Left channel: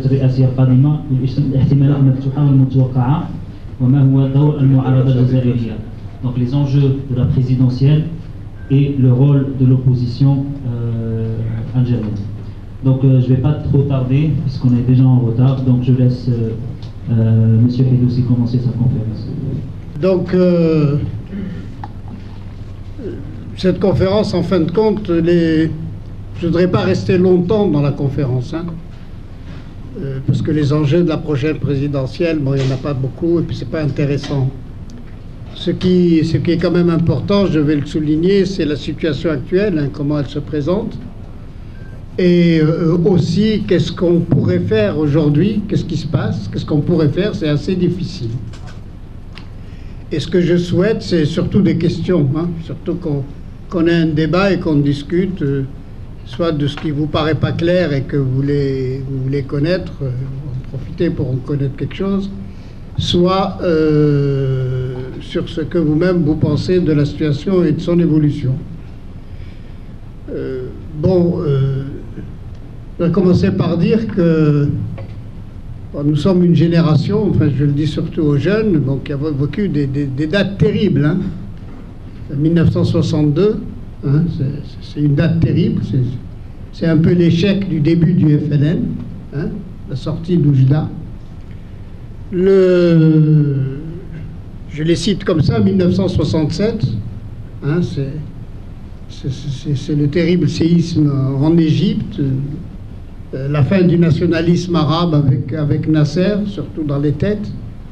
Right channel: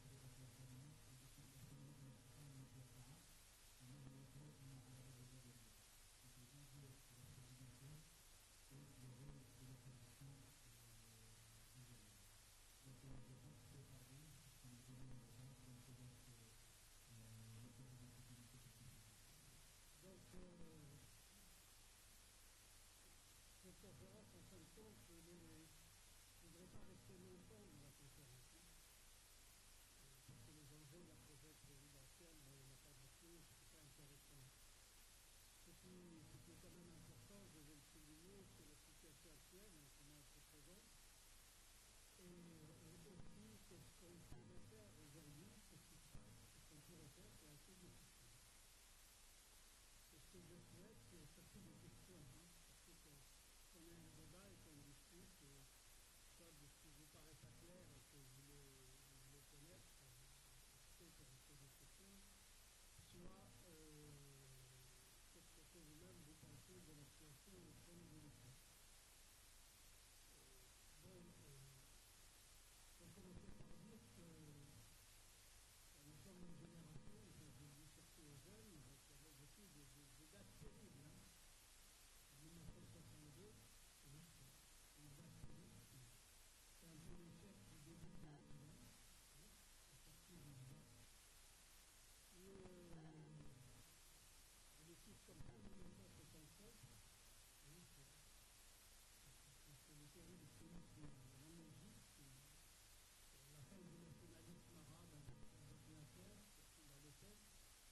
الانتخابات الرئاسية القادمة والاحتمالات المفتوحة والمتوقعة وما هو دور المعارضة الجزائرية. Donc les enjeux de la présidentielle et le rôle de l'opposition algérienne. Donc je ne vais pas trop tarder puisqu'on est déjà en retard, donc je laisse Monsieur Hidoussi commencer sa conférence. Donc cette conférence, en fin de compte, je ne voudrais pas rester longtemps dans la conférence, hein, parce que les enjeux de la prochaine présidentielle, bon, il n'y en a pas beaucoup et puis c'est pas intéressant. Ce qui est quand même important, je vais le souligner, c'est la situation actuelle, hein, comment elle se présente, et aussi qu'est-ce qu'on pourrait faire aujourd'hui, qu'est-ce qui se passe, qu'est-ce qu'on pourrait faire, c'est assez difficile. Et ce que je souhaite, c'est surtout des questions, hein, surtout qu'on ait un débat et qu'on discute, soit de ce qui vous paraît pas clair et que vous voulez connaître, en profiter pour en connaître quelque chose, soit sur ce que vous-même vous pensez de la situation et de son évolution. Je vais commencer par dire que nous sommes une génération, enfin je le dis surtout aux jeunes, donc, qui a vécu des dates terribles. Hein. 1962, hein, c'est une date terrible, c'est un peu l'échec du début du FLN, hein, la sortie d'Oujda. Je les cite comme ça, 1967, hein, c'est le terrible séisme en Égypte, la fin du nationalisme arabe avec Nasser, surtout dans les têtes.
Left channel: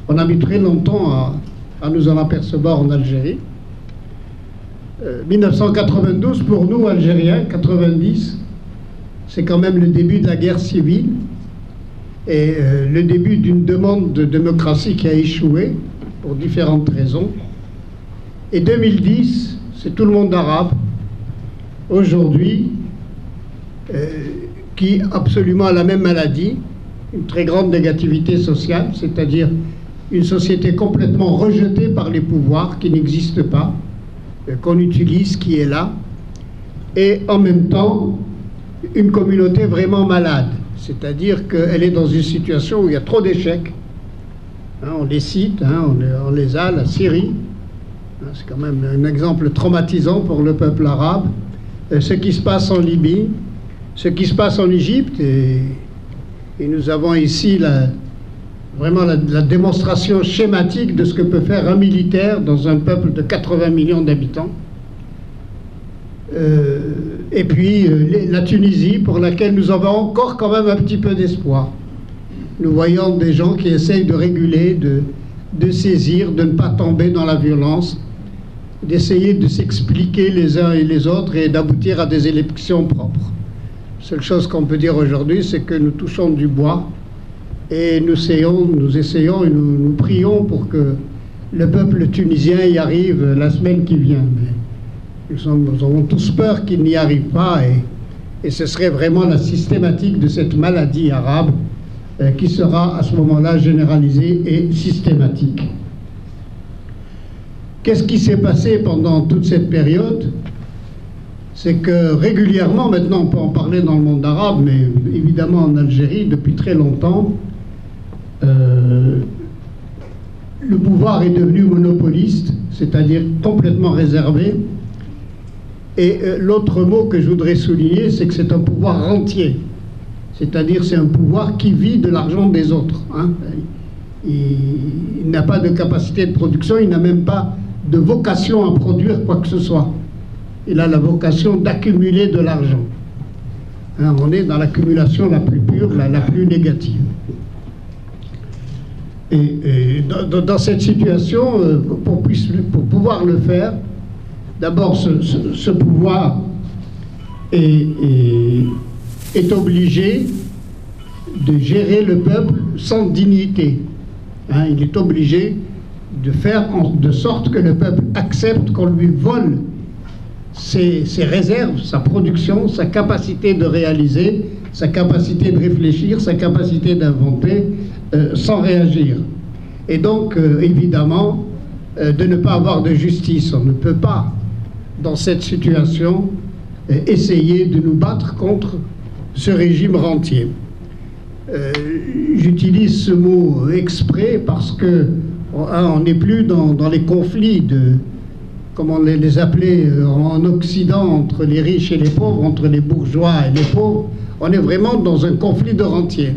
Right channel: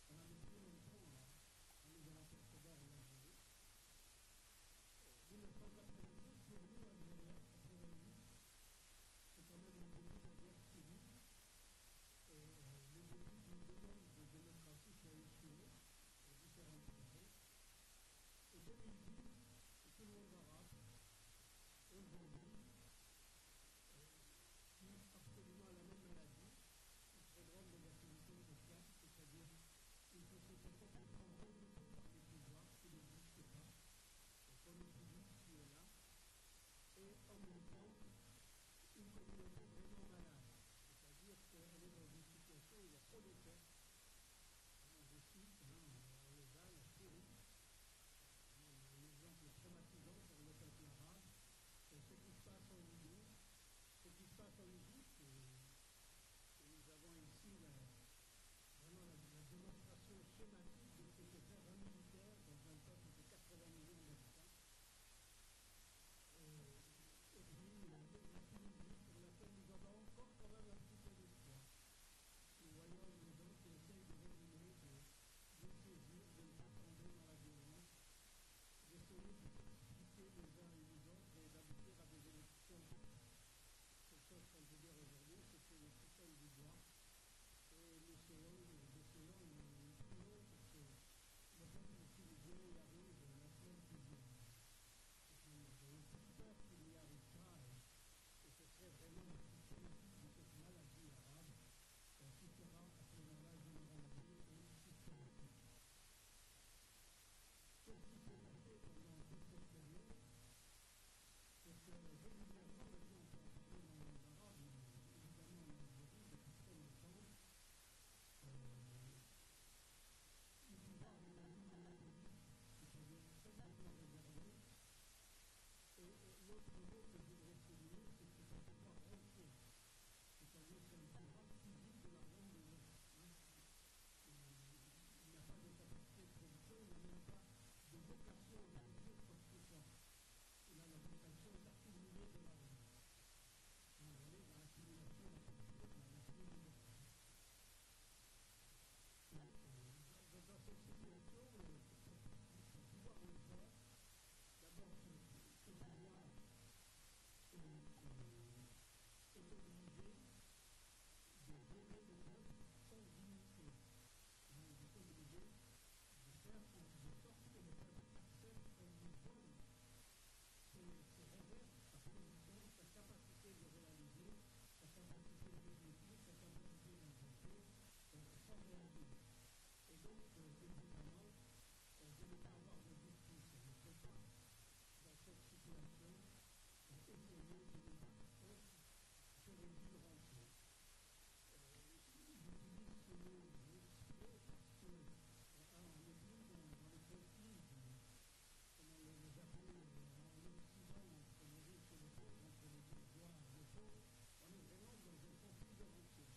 On a mis très longtemps à nous en apercevoir en Algérie. 1992, pour nous, Algériens, 90, c'est quand même le début de la guerre civile et le début d'une demande de démocratie qui a échoué pour différentes raisons. Et 2010, c'est tout le monde arabe, aujourd'hui, qui absolument a la même maladie, une très grande négativité sociale, c'est-à-dire une société complètement rejetée par les pouvoirs qui n'existent pas, qu'on utilise, qui est là, et en même temps, une communauté vraiment malade, c'est-à-dire qu'elle est dans une situation où il y a trop d'échecs. Hein, on les cite, hein, on les a, la Syrie, hein, c'est quand même un exemple traumatisant pour le peuple arabe, ce qui se passe en Libye, ce qui se passe en Égypte, et nous avons ici vraiment la démonstration schématique de ce que peut faire un militaire dans un peuple de 80 millions d'habitants. Et puis la Tunisie, pour laquelle nous avons encore quand même un petit peu d'espoir. Nous voyons des gens qui essayent de réguler, de saisir, de ne pas tomber dans la violence, d'essayer de s'expliquer les uns et les autres et d'aboutir à des élections propres. La seule chose qu'on peut dire aujourd'hui, c'est que nous touchons du bois et nous essayons et nous prions pour que le peuple tunisien y arrive la semaine qui vient. Mais nous avons tous peur qu'il n'y arrive pas et ce serait vraiment la systématique de cette maladie arabe qui sera à ce moment-là généralisée et systématique. Qu'est-ce qui s'est passé pendant toute cette période? C'est que régulièrement, maintenant on peut en parler dans le monde arabe, mais évidemment en Algérie, depuis très longtemps, le pouvoir est devenu monopoliste, c'est-à-dire complètement réservé. Et l'autre mot que je voudrais souligner, c'est que c'est un pouvoir rentier. C'est-à-dire c'est un pouvoir qui vit de l'argent des autres. Hein. Il n'a pas de capacité de production, il n'a même pas de vocation à produire quoi que ce soit. Il a la vocation d'accumuler de l'argent. Hein, on est dans l'accumulation la plus pure, la plus négative. Et dans cette situation, pour pouvoir le faire, d'abord ce pouvoir est obligé de gérer le peuple sans dignité. Hein, il est obligé de faire de sorte que le peuple accepte qu'on lui vole ses réserves, sa production, sa capacité de réaliser, sa capacité de réfléchir, sa capacité d'inventer, sans réagir. Et donc, évidemment, de ne pas avoir de justice. On ne peut pas, dans cette situation, essayer de nous battre contre ce régime rentier. J'utilise ce mot exprès parce que on n'est plus dans les conflits comme on les appelait en Occident, entre les riches et les pauvres, entre les bourgeois et les pauvres. On est vraiment dans un conflit de rentiers.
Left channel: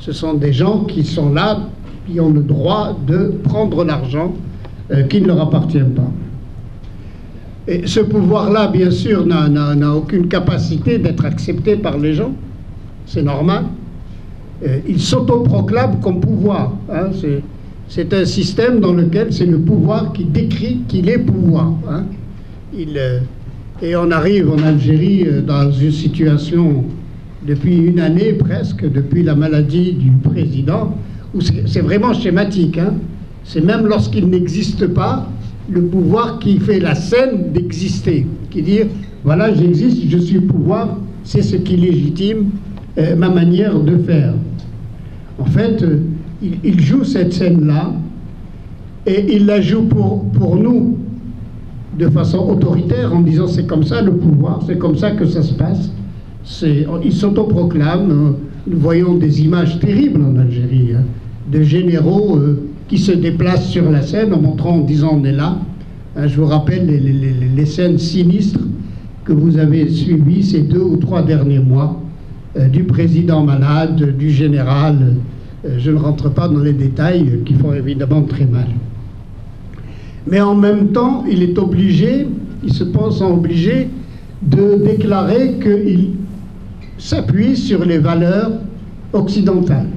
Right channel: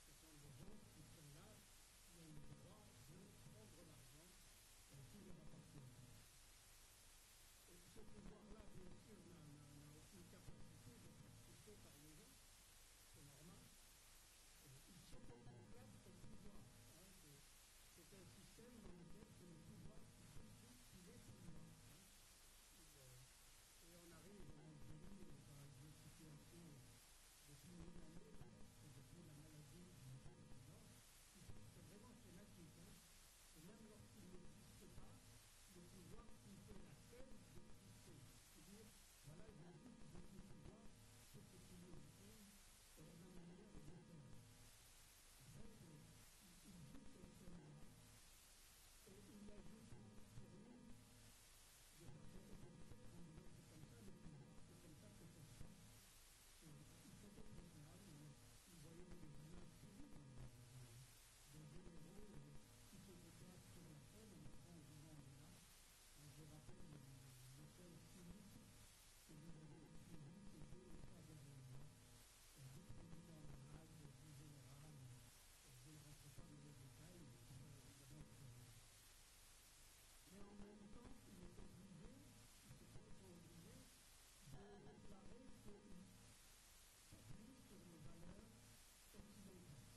Ce sont des gens qui sont là, qui ont le droit de prendre l'argent qui ne leur appartient pas. Et ce pouvoir-là, bien sûr, n'a aucune capacité d'être accepté par les gens. C'est normal. Il s'autoproclame comme pouvoir. Hein. C'est un système dans lequel c'est le pouvoir qui décrit qu'il est pouvoir. Hein. Et on arrive en Algérie dans une situation, depuis une année presque, depuis la maladie du président, où c'est vraiment schématique. Hein. C'est même lorsqu'il n'existe pas, le pouvoir qui fait la scène d'exister, qui dit voilà, j'existe, je suis pouvoir, c'est ce qui légitime ma manière de faire. En fait, il joue cette scène-là et il la joue pour nous de façon autoritaire en disant c'est comme ça le pouvoir, c'est comme ça que ça se passe. Il s'autoproclame. Nous voyons des images terribles en Algérie, hein, de généraux qui se déplacent sur la scène en montrant, en disant on est là. Hein, je vous rappelle les scènes sinistres que vous avez suivies ces 2 ou 3 derniers mois, du président malade, du général. Je ne rentre pas dans les détails qui font évidemment très mal. Mais en même temps, il est obligé, il se pense obligé de déclarer qu'il s'appuie sur les valeurs occidentales,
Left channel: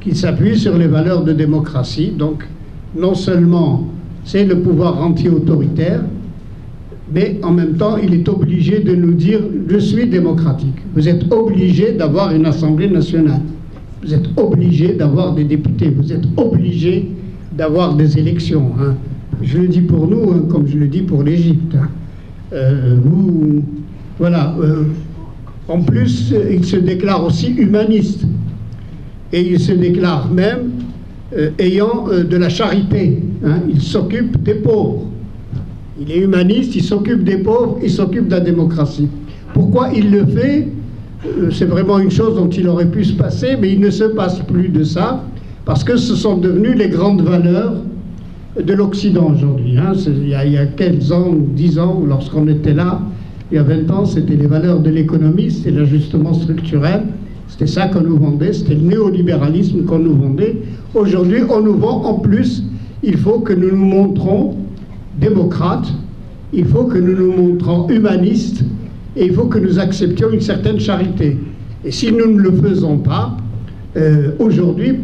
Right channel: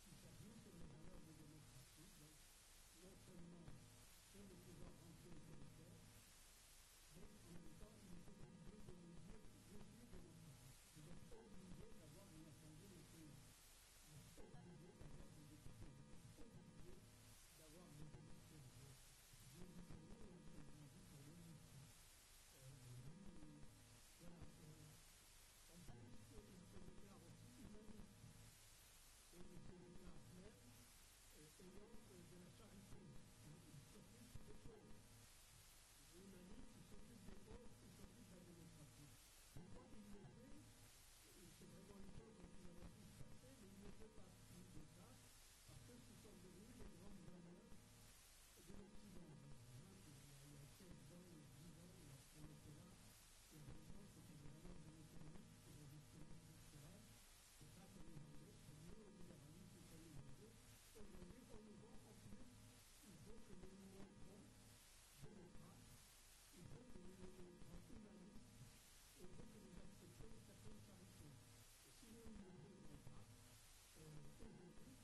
qu'il s'appuie sur les valeurs de démocratie. Donc, non seulement c'est le pouvoir anti-autoritaire, mais en même temps, il est obligé de nous dire « je suis démocratique ». Vous êtes obligé d'avoir une Assemblée nationale. Vous êtes obligé d'avoir des députés. Vous êtes obligé d'avoir des élections. Hein. Je le dis pour nous, hein, comme je le dis pour l'Égypte. Hein. Voilà. En plus, il se déclare aussi humaniste. Et il se déclare même ayant de la charité. Hein. Il s'occupe des pauvres. Il est humaniste, il s'occupe des pauvres, il s'occupe de la démocratie. Pourquoi il le fait? C'est vraiment une chose dont il aurait pu se passer, mais il ne se passe plus de ça, parce que ce sont devenues les grandes valeurs de l'Occident aujourd'hui. Hein. Il y a 15 ans ou 10 ans, lorsqu'on était là, il y a 20 ans, c'était les valeurs de l'économie, c'était l'ajustement structurel, c'était ça qu'on nous vendait, c'était le néolibéralisme qu'on nous vendait. Aujourd'hui, on nous vend en plus, il faut que nous nous montrons démocrates, il faut que nous nous montrons humanistes, et il faut que nous acceptions une certaine charité. Et si nous ne le faisons pas, aujourd'hui,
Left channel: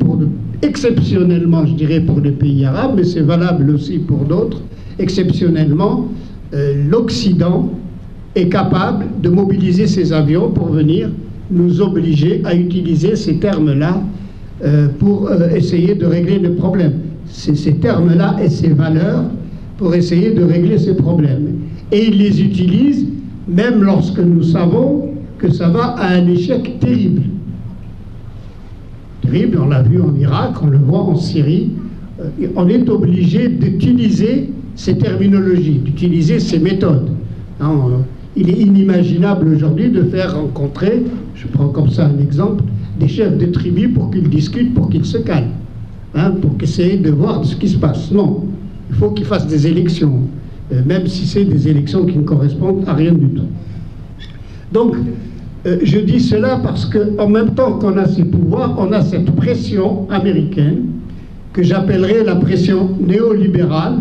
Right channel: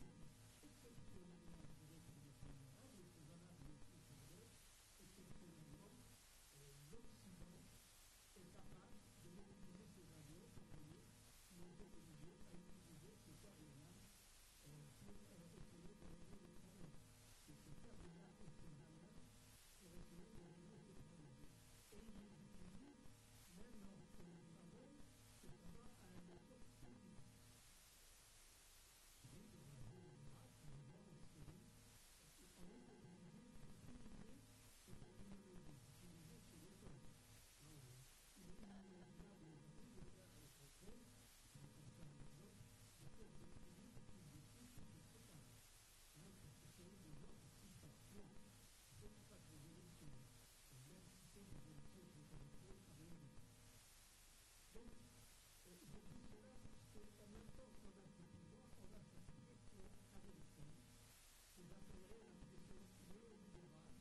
exceptionnellement, je dirais pour les pays arabes, mais c'est valable aussi pour d'autres, exceptionnellement, l'Occident est capable de mobiliser ses avions pour venir nous obliger à utiliser ces termes-là pour essayer de régler le problème. C'est ces termes-là et ces valeurs pour essayer de régler ces problèmes. Et ils les utilisent même lorsque nous savons que ça va à un échec terrible. Terrible, on l'a vu en Irak, on le voit en Syrie. On est obligé d'utiliser ces terminologies, d'utiliser ces méthodes. Il est inimaginable aujourd'hui de faire rencontrer, je prends comme ça un exemple, des chefs de tribus pour qu'ils discutent, pour qu'ils se calment, hein, pour essayer de voir ce qui se passe. Non, il faut qu'ils fassent des élections. Même si c'est des élections qui ne correspondent à rien du tout. Donc, je dis cela parce qu'en même temps qu'on a ces pouvoirs, on a cette pression américaine que j'appellerais la pression néolibérale,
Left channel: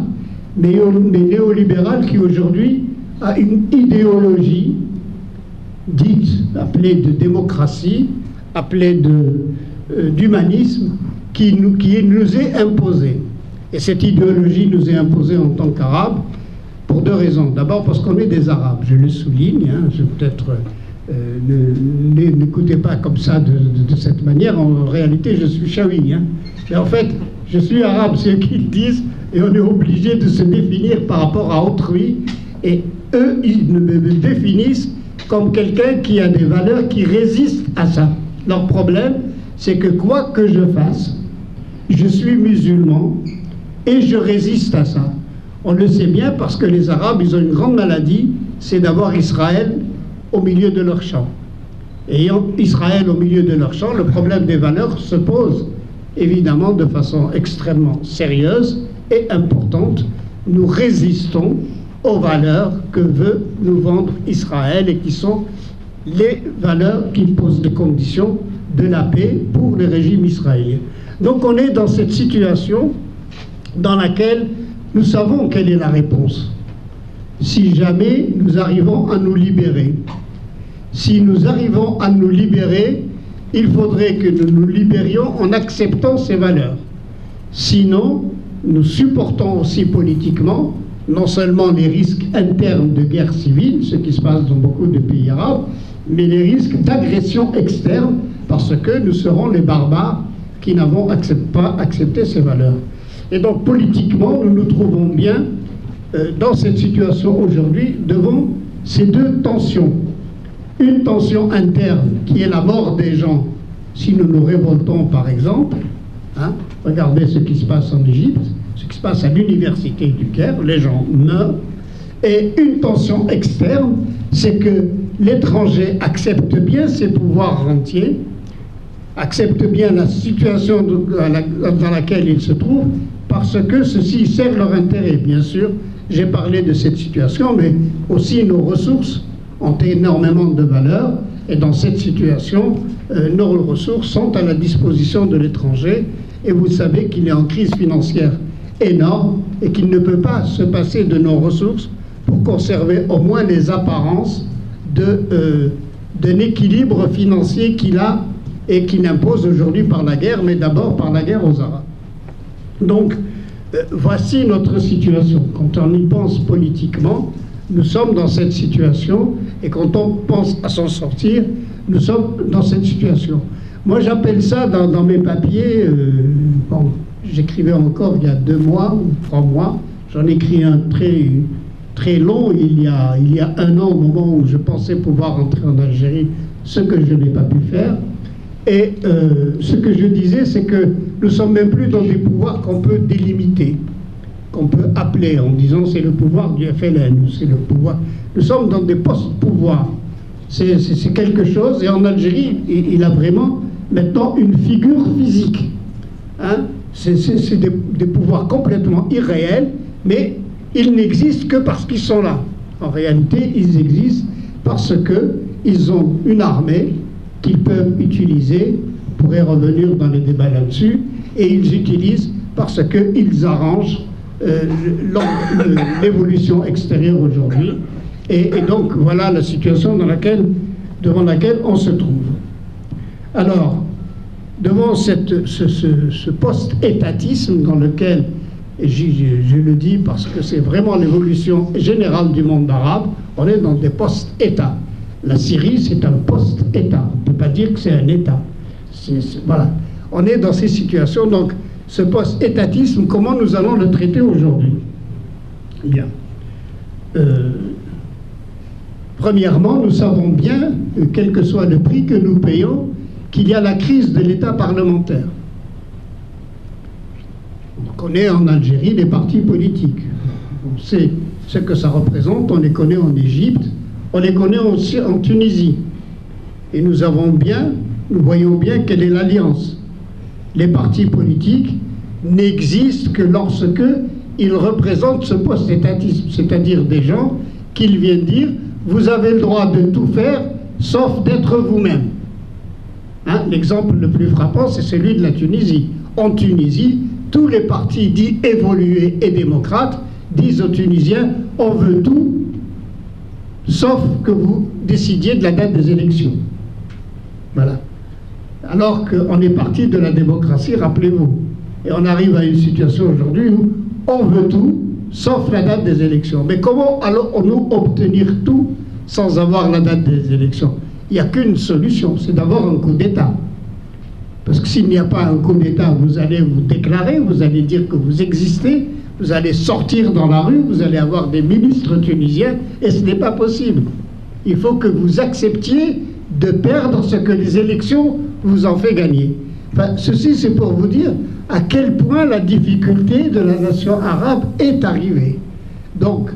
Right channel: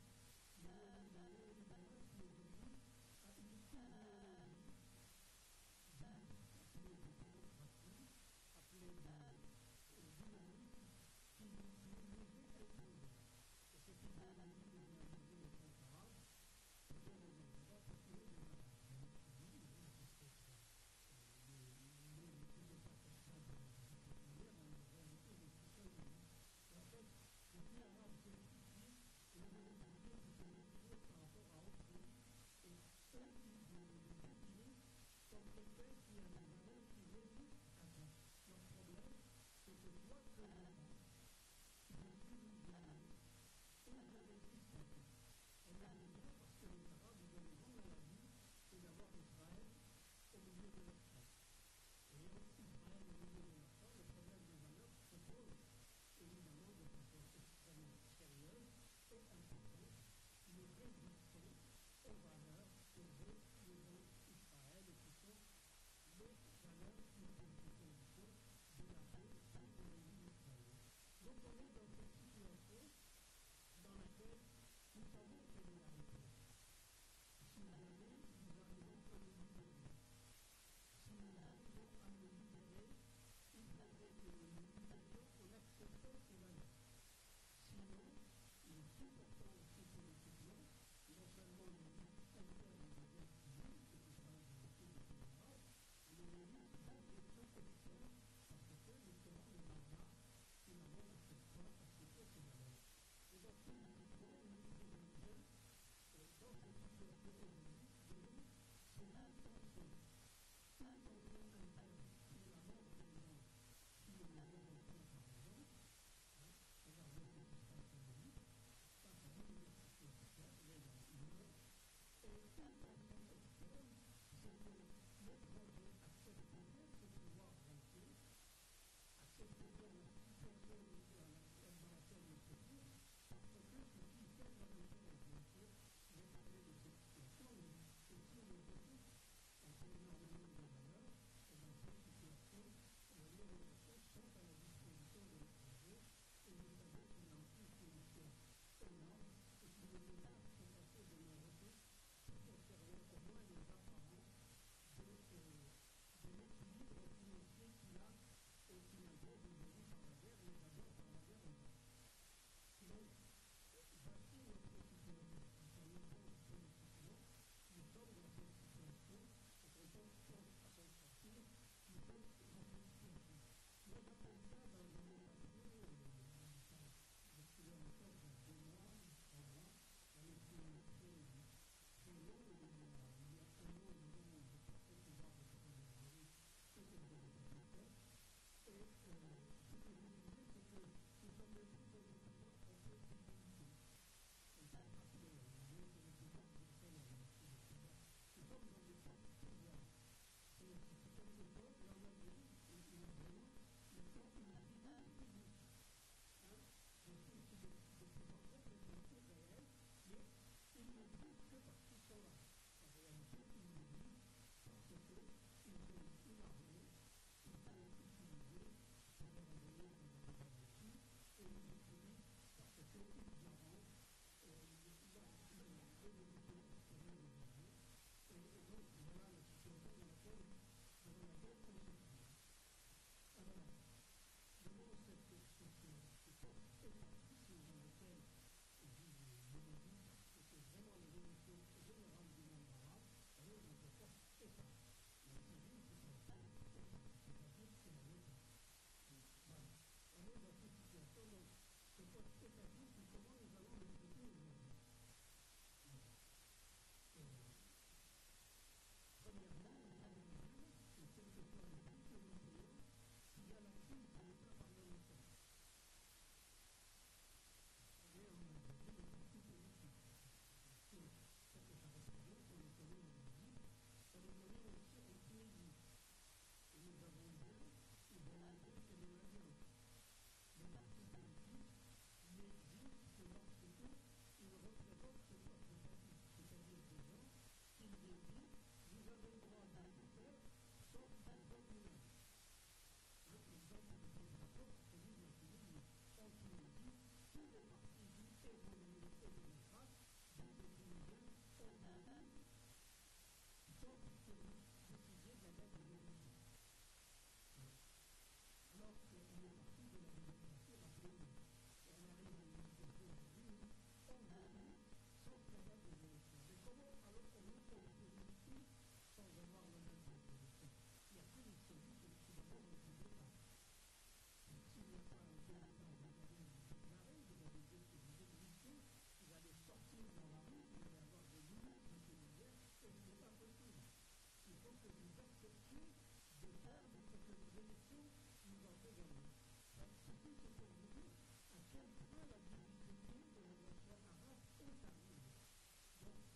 mais néolibérale qui aujourd'hui a une idéologie dite, appelée de démocratie, appelée d'humanisme, qui nous est imposée. Et cette idéologie nous est imposée en tant qu'Arabes, pour 2 raisons. D'abord parce qu'on est des Arabes, je le souligne, hein, peut-être n'écoutez pas comme ça de cette manière, en réalité je suis chaoui. Hein. Mais en fait, je suis arabe, c'est eux qui le disent, et on est obligé de se définir par rapport à autrui, et eux, ils me définissent comme quelqu'un qui a des valeurs qui résistent à ça. Leur problème, c'est que quoi que je fasse, je suis musulman, et je résiste à ça. On le sait bien parce que les Arabes, ils ont une grande maladie, c'est d'avoir Israël au milieu de leur champ. Ayant Israël au milieu de leur champ, le problème des valeurs se pose évidemment de façon extrêmement sérieuse et importante. Nous résistons aux valeurs que veut nous vendre Israël et qui sont les valeurs qui posent les conditions de la paix pour le régime israélien. Donc on est dans cette situation dans laquelle nous savons quelle est la réponse. Si jamais nous arrivons à nous libérer, si nous arrivons à nous libérer, il faudrait que nous nous libérions en acceptant ces valeurs. Sinon, nous supportons aussi politiquement non seulement les risques internes de guerre civile, ce qui se passe dans beaucoup de pays arabes, mais les risques d'agression externe, parce que nous serons les barbares qui n'avons pas accepté ces valeurs. Et donc politiquement, nous nous trouvons bien dans cette situation aujourd'hui devant ces deux tensions. Une tension interne qui est la mort des gens si nous nous révoltons par exemple. Regardez ce qui se passe en Égypte, ce qui se passe à l'université du Caire, les gens meurent. Et une tension externe, c'est que l'étranger accepte bien ses pouvoirs rentiers, accepte bien la situation dans laquelle il se trouve, parce que ceci sert leur intérêt. Bien sûr, j'ai parlé de cette situation, mais aussi nos ressources ont énormément de valeur, et dans cette situation, nos ressources sont à la disposition de l'étranger, et vous savez qu'il est en crise financière énorme, et qu'il ne peut pas se passer de nos ressources pour conserver au moins les apparences d'un équilibre financier qu'il a et qu'il impose aujourd'hui par la guerre, mais d'abord par la guerre aux Arabes. Donc, voici notre situation. Quand on y pense politiquement, nous sommes dans cette situation, et quand on pense à s'en sortir, nous sommes dans cette situation. Moi, j'appelle ça dans mes papiers, bon, j'écrivais encore il y a 2 mois ou 3 mois, j'en ai écrit un très long il y a 1 an, au moment où je pensais pouvoir entrer en Algérie, ce que je n'ai pas pu faire. Et ce que je disais, c'est que nous ne sommes même plus dans des pouvoirs qu'on peut délimiter, qu'on peut appeler en disant c'est le pouvoir du FLN, c'est le pouvoir. Nous sommes dans des post-pouvoirs. C'est quelque chose, et en Algérie, il a vraiment maintenant une figure physique. C'est des pouvoirs complètement irréels, mais ils n'existent que parce qu'ils sont là. En réalité, ils existent parce qu'ils ont une armée qu'ils peuvent utiliser, on pourrait revenir dans les débats là-dessus, et ils utilisent parce qu'ils arrangent l'évolution extérieure aujourd'hui. Et donc, voilà la situation devant laquelle on se trouve. Alors, devant ce post-étatisme dans lequel, et je le dis parce que c'est vraiment l'évolution générale du monde arabe, on est dans des post-États. La Syrie, c'est un post-État. On ne peut pas dire que c'est un État. Voilà. On est dans ces situations. Donc, ce post-étatisme, comment nous allons le traiter aujourd'hui? Bien. Premièrement, nous savons bien, quel que soit le prix que nous payons, qu'il y a la crise de l'État parlementaire. On connaît en Algérie les partis politiques. On sait ce que ça représente, on les connaît en Égypte, on les connaît aussi en Tunisie. Et nous voyons bien quelle est l'alliance. Les partis politiques n'existent que lorsque ils représentent ce post-étatisme, c'est-à-dire des gens qui viennent dire « vous avez le droit de tout faire, sauf d'être vous-même ». L'exemple le plus frappant, c'est celui de la Tunisie. En Tunisie, tous les partis dits évolués et démocrates disent aux Tunisiens « on veut tout, sauf que vous décidiez de la date des élections ». Voilà. Alors qu'on est parti de la démocratie, rappelez-vous. Et on arrive à une situation aujourd'hui où on veut tout, sauf la date des élections. Mais comment allons-nous obtenir tout sans avoir la date des élections? Il n'y a qu'une solution, c'est d'avoir un coup d'État. Parce que s'il n'y a pas un coup d'État, vous allez vous déclarer, vous allez dire que vous existez, vous allez sortir dans la rue, vous allez avoir des ministres tunisiens, et ce n'est pas possible. Il faut que vous acceptiez de perdre ce que les élections vous ont fait gagner. Enfin, ceci, c'est pour vous dire à quel point la difficulté de la nation arabe est arrivée. Donc,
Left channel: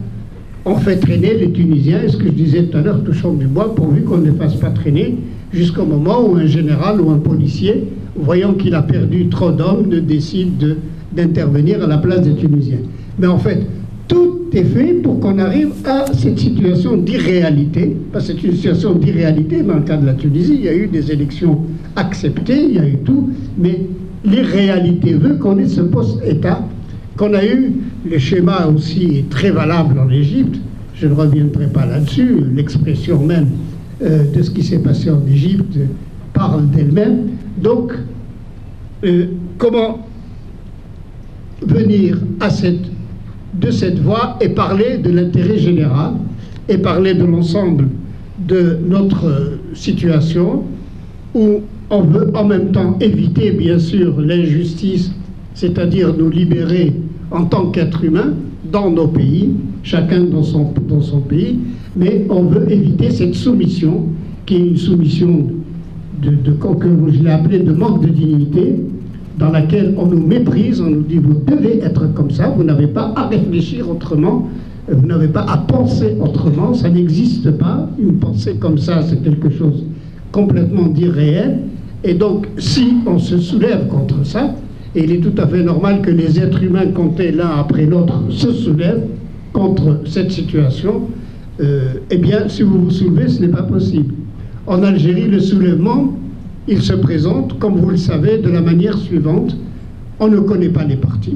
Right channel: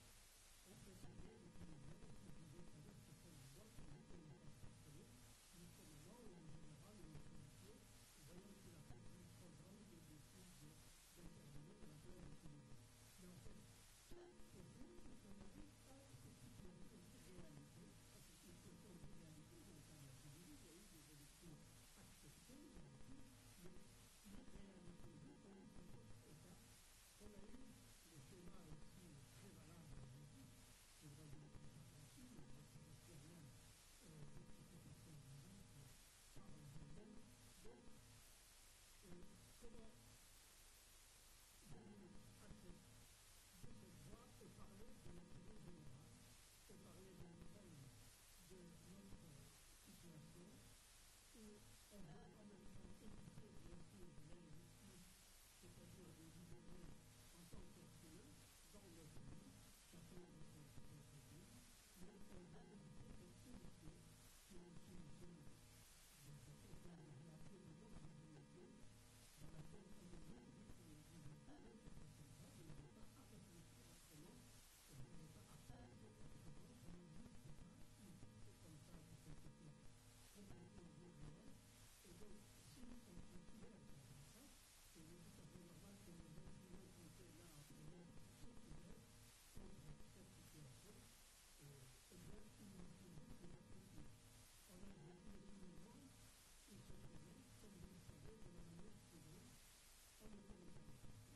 on fait traîner les Tunisiens, et ce que je disais tout à l'heure, touchant du bois, pourvu qu'on ne les fasse pas traîner jusqu'au moment où un général ou un policier, voyant qu'il a perdu trop d'hommes, décide d'intervenir à la place des Tunisiens. Mais en fait, tout est fait pour qu'on arrive à cette situation d'irréalité. Parce que c'est une situation d'irréalité dans le cas de la Tunisie. Il y a eu des élections acceptées, il y a eu tout, mais l'irréalité veut qu'on ait ce post-État, qu'on a eu. Le schéma aussi est très valable en Égypte. Je ne reviendrai pas là-dessus. L'expression même de ce qui s'est passé en Égypte parle d'elle-même. Donc, comment venir de cette voie et parler de l'intérêt général et parler de l'ensemble de notre situation où on veut en même temps éviter bien sûr l'injustice, c'est-à-dire nous libérer en tant qu'être humain dans nos pays, chacun dans son pays, mais on veut éviter cette soumission qui est une soumission que je l'ai appelée de manque de dignité, dans laquelle on nous méprise, on nous dit vous devez être comme ça, vous n'avez pas à réfléchir autrement, vous n'avez pas à penser autrement, ça n'existe pas, une pensée comme ça c'est quelque chose complètement d'irréel, et donc si on se soulève contre ça, et il est tout à fait normal que les êtres humains comptés l'un après l'autre se soulèvent contre cette situation, eh bien si vous vous soulevez ce n'est pas possible. En Algérie le soulèvement il se présente, comme vous le savez, de la manière suivante. On ne connaît pas les partis.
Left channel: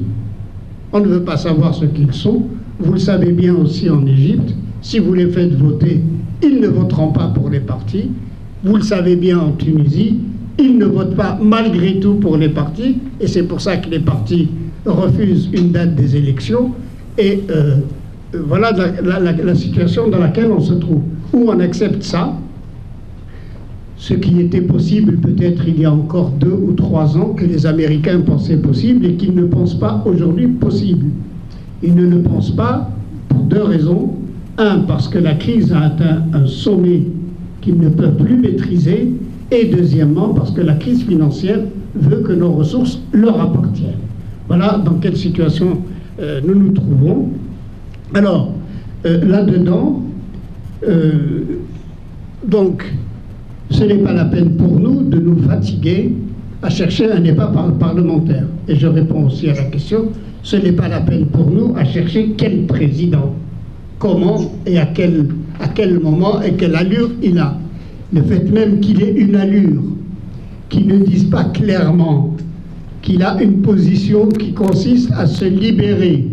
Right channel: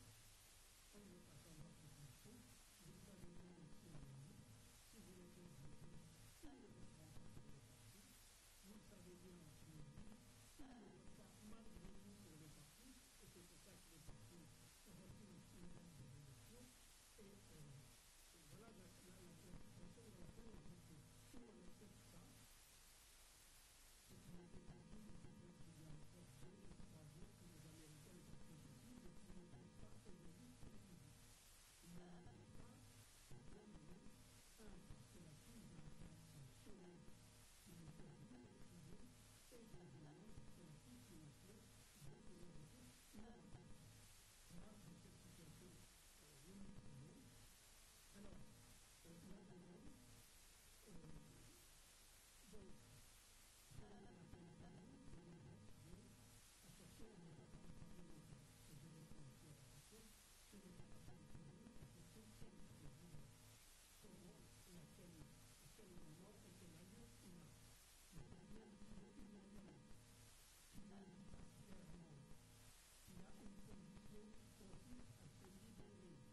On ne veut pas savoir ce qu'ils sont. Vous le savez bien aussi en Égypte. Si vous les faites voter, ils ne voteront pas pour les partis. Vous le savez bien en Tunisie. Ils ne votent pas malgré tout pour les partis. Et c'est pour ça que les partis refusent une date des élections. Et voilà la situation dans laquelle on se trouve. Où on accepte ça, ce qui était possible peut-être il y a encore 2 ou 3 ans, que les Américains pensaient possible et qu'ils ne pensent pas aujourd'hui possible. Ils ne le pensent pas pour 2 raisons. 1, parce que la crise a atteint un sommet qu'ils ne peuvent plus maîtriser, et deuxièmement, parce que la crise financière veut que nos ressources leur appartiennent. Voilà dans quelle situation nous nous trouvons. Alors, là-dedans, donc, ce n'est pas la peine pour nous de nous fatiguer à chercher un débat parlementaire. Et je réponds aussi à la question, ce n'est pas la peine pour nous à chercher quel président, comment et à quel moment et quelle allure il a. Le fait même qu'il ait une allure, qu'il ne dise pas clairement qu'il a une position qui consiste à se libérer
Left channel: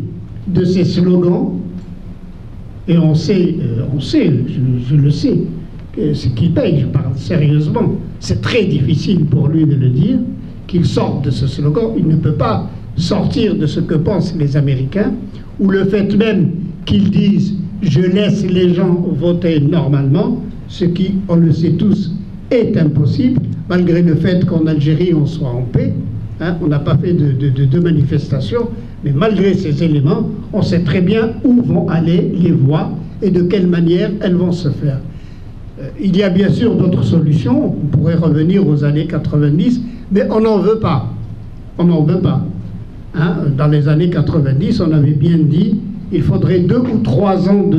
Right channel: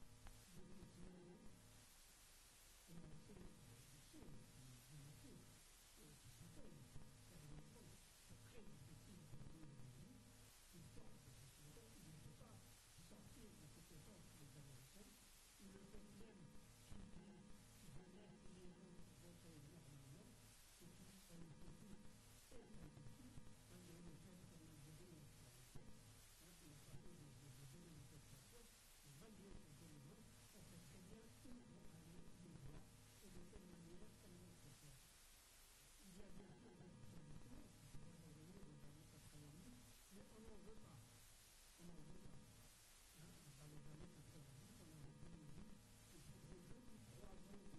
de ses slogans, et on sait, je le sais, ce qui paye, je parle sérieusement, c'est très difficile pour lui de le dire, qu'il sorte de ce slogan. Il ne peut pas sortir de ce que pensent les Américains, ou le fait même qu'ils disent « je laisse les gens voter normalement », ce qui, on le sait tous, est impossible, malgré le fait qu'en Algérie on soit en paix, hein, on n'a pas fait de manifestation, mais malgré ces éléments, on sait très bien où vont aller les voix et de quelle manière elles vont se faire. Il y a bien sûr d'autres solutions, on pourrait revenir aux années 90, mais on n'en veut pas. On n'en veut pas. Hein? Dans les années 90, on avait bien dit, il faudrait 2 ou 3 ans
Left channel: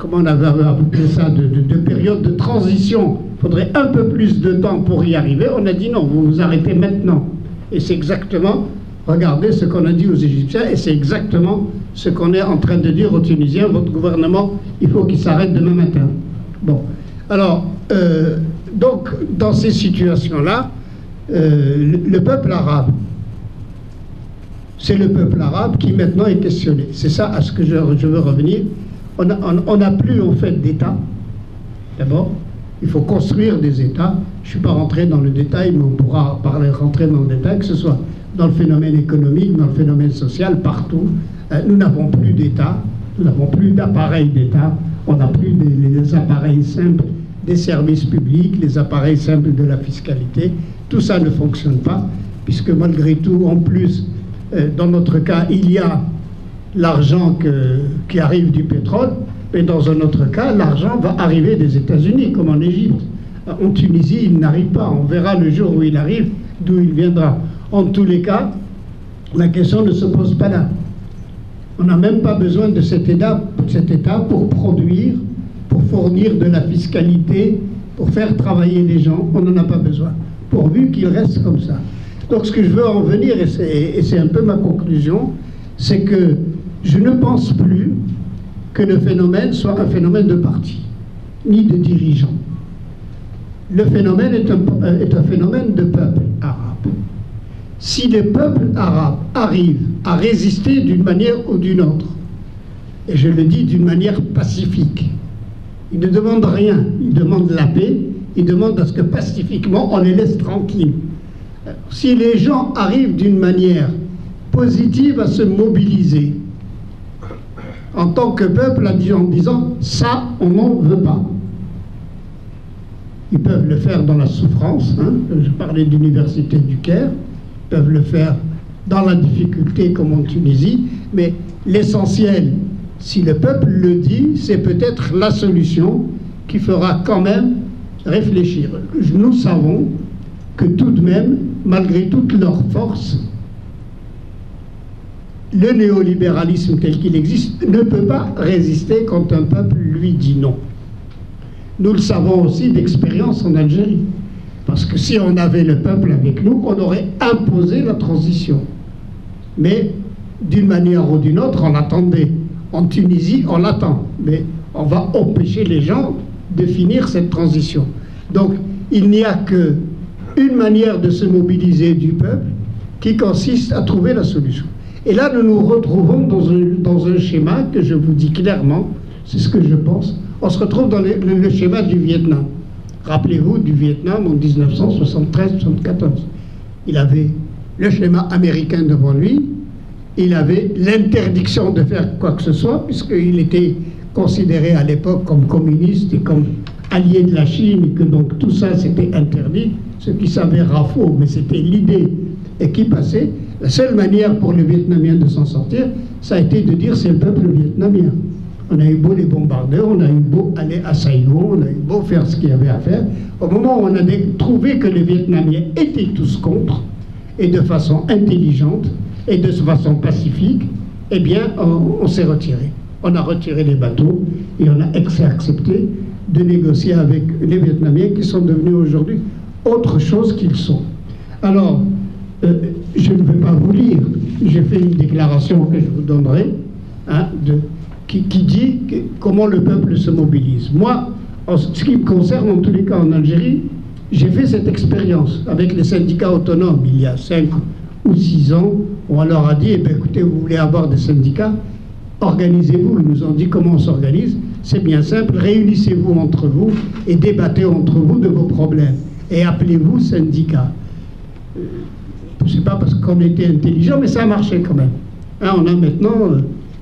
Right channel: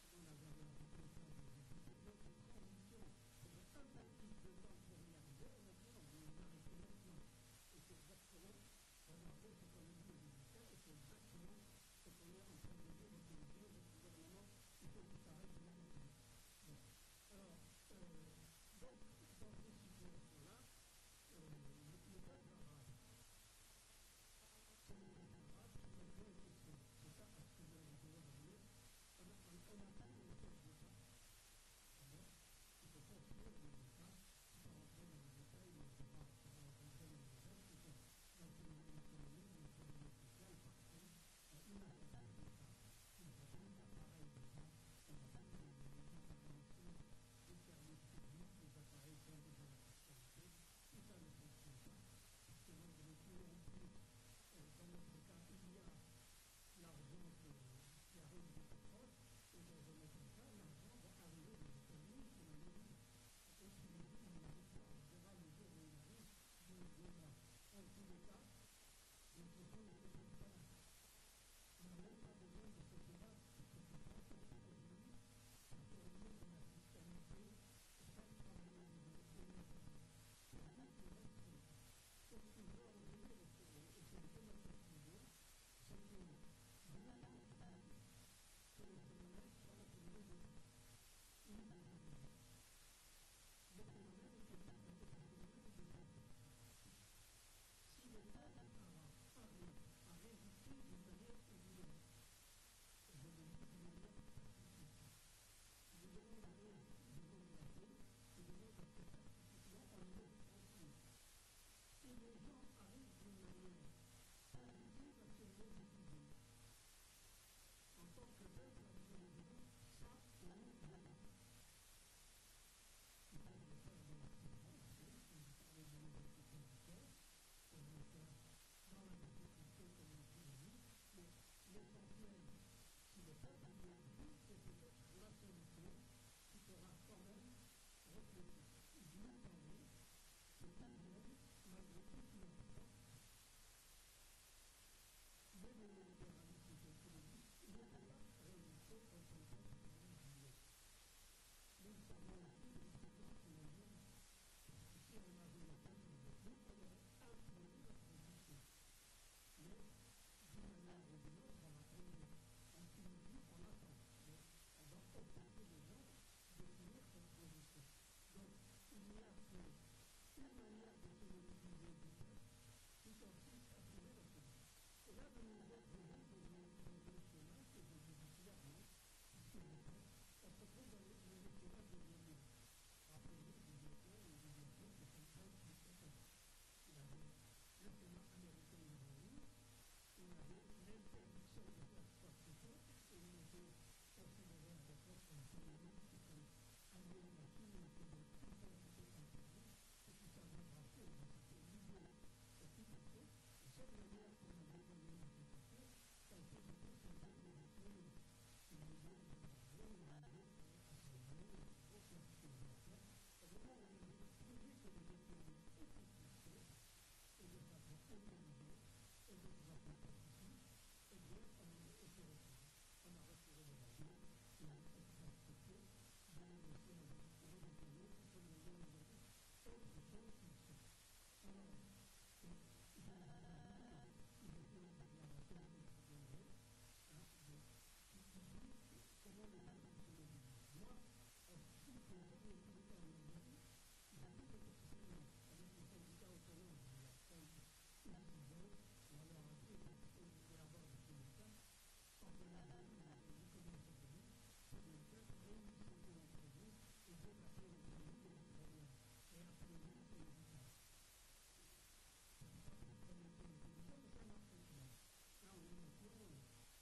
comment on avait appelé ça, de période de transition. Il faudrait un peu plus de temps pour y arriver. On a dit non, vous vous arrêtez maintenant. Et c'est exactement, regardez ce qu'on a dit aux Égyptiens, et c'est exactement ce qu'on est en train de dire aux Tunisiens. Votre gouvernement, il faut qu'il s'arrête demain matin. Bon, alors, donc, dans ces situations-là, le peuple arabe, c'est le peuple arabe qui maintenant est questionné. C'est ça à ce que je veux revenir. On n'a plus en fait d'État. D'abord, il faut construire des États. Je ne suis pas rentré dans le détail, mais on pourra rentrer dans le détail, que ce soit dans le phénomène économique, dans le phénomène social, partout. Nous n'avons plus d'État, nous n'avons plus d'appareils d'État. On n'a plus les appareils simples des services publics, les appareils simples de la fiscalité. Tout ça ne fonctionne pas, puisque malgré tout, en plus, dans notre cas, il y a l'argent qui arrive du pétrole, mais dans un autre cas, l'argent va arriver des États-Unis, comme en Égypte. En Tunisie, il n'arrive pas. On verra le jour où il arrive, d'où il viendra. En tous les cas, la question ne se pose pas là. On n'a même pas besoin de cet État pour produire, pour fournir de la fiscalité, pour faire travailler les gens. On n'en a pas besoin, pourvu qu'il reste comme ça. Donc ce que je veux en venir, et c'est un peu ma conclusion, c'est que je ne pense plus que le phénomène soit un phénomène de parti, ni de dirigeants. Le phénomène est un phénomène de peuple arabe. Si les peuples arabes arrivent à résister d'une manière ou d'une autre, et je le dis d'une manière pacifique, ils ne demandent rien, ils demandent la paix, ils demandent à ce que pacifiquement on les laisse tranquilles. Si les gens arrivent d'une manière positive à se mobiliser en tant que peuple en disant « ça, on n'en veut pas », ils peuvent le faire dans la souffrance, hein. Je parlais d'Université du Caire, ils peuvent le faire dans la difficulté comme en Tunisie, mais l'essentiel, si le peuple le dit, c'est peut-être la solution qui fera quand même réfléchir. Nous savons que tout de même, malgré toute leur force, le néolibéralisme tel qu'il existe ne peut pas résister quand un peuple lui dit non. Nous le savons aussi d'expérience en Algérie, parce que si on avait le peuple avec nous, on aurait imposé la transition. Mais d'une manière ou d'une autre, on l'attendait. En Tunisie, on l'attend, mais on va empêcher les gens de finir cette transition. Donc, il n'y a qu'une manière de se mobiliser du peuple qui consiste à trouver la solution. Et là, nous nous retrouvons dans un schéma que je vous dis clairement, c'est ce que je pense. On se retrouve dans le schéma du Vietnam. Rappelez-vous du Vietnam en 1973-74. Il avait le schéma américain devant lui, il avait l'interdiction de faire quoi que ce soit, puisqu'il était considéré à l'époque comme communiste et comme allié de la Chine, et que donc tout ça c'était interdit, ce qui s'avéra faux, mais c'était l'idée et qui passait. La seule manière pour les Vietnamiens de s'en sortir, ça a été de dire c'est le peuple vietnamien. On a eu beau les bombarder, on a eu beau aller à Saigon, on a eu beau faire ce qu'il y avait à faire. Au moment où on a trouvé que les Vietnamiens étaient tous contre, et de façon intelligente, et de façon pacifique, eh bien, on s'est retiré. On a retiré les bateaux, et on a accepté de négocier avec les Vietnamiens qui sont devenus aujourd'hui autre chose qu'ils sont. Alors, je ne vais pas vous lire, j'ai fait une déclaration que je vous donnerai, hein, qui dit comment le peuple se mobilise. Moi, en ce qui me concerne, en tous les cas en Algérie, j'ai fait cette expérience avec les syndicats autonomes il y a 5 ou 6 ans, où on leur a dit, eh bien, écoutez, vous voulez avoir des syndicats, organisez-vous. Ils nous ont dit comment on s'organise. C'est bien simple, réunissez-vous entre vous et débattez entre vous de vos problèmes. Et appelez-vous syndicats. Je ne sais pas parce qu'on était intelligents, mais ça a marché quand même. Hein, on a maintenant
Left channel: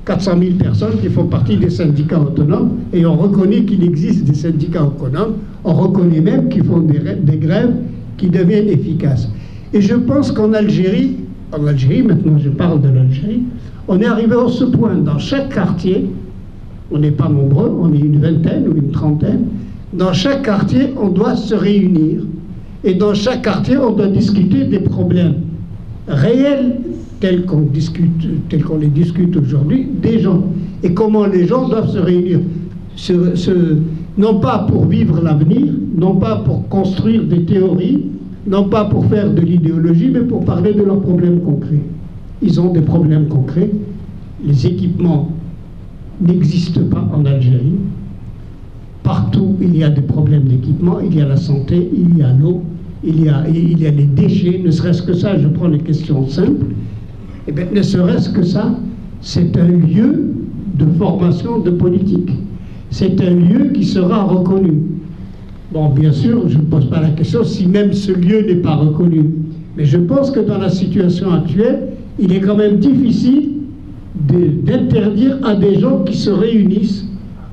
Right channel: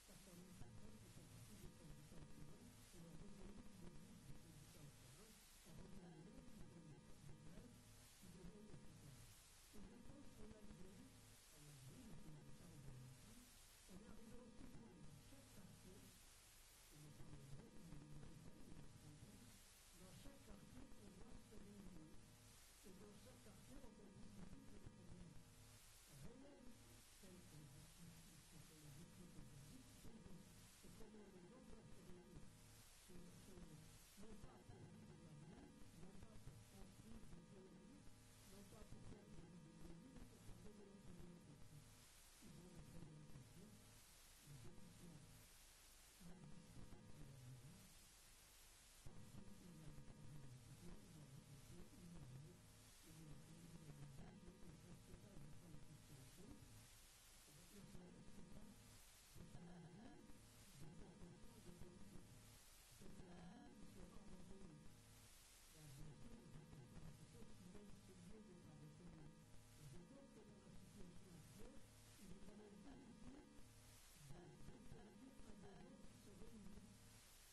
400 000 personnes qui font partie des syndicats autonomes, et on reconnaît qu'il existe des syndicats autonomes, on reconnaît même qu'ils font des grèves qui deviennent efficaces. Et je pense qu'en Algérie, maintenant je parle de l'Algérie, on est arrivé à ce point, dans chaque quartier, on n'est pas nombreux, on est une vingtaine ou une trentaine, dans chaque quartier on doit se réunir, et dans chaque quartier on doit discuter des problèmes réels tels qu'on les discute aujourd'hui, des gens, et comment les gens doivent se réunir, non pas pour vivre l'avenir, non pas pour construire des théories, non pas pour faire de l'idéologie, mais pour parler de leurs problèmes concrets. Ils ont des problèmes concrets. Les équipements n'existent pas en Algérie. Partout, il y a des problèmes d'équipement. Il y a la santé, il y a l'eau, il y a les déchets. Ne serait-ce que ça, je prends les questions simples. Eh bien, ne serait-ce que ça, c'est un lieu de formation de politique. C'est un lieu qui sera reconnu. Bon, bien sûr, je ne pose pas la question si même ce lieu n'est pas reconnu. Mais je pense que dans la situation actuelle, il est quand même difficile d'interdire à des gens qui se réunissent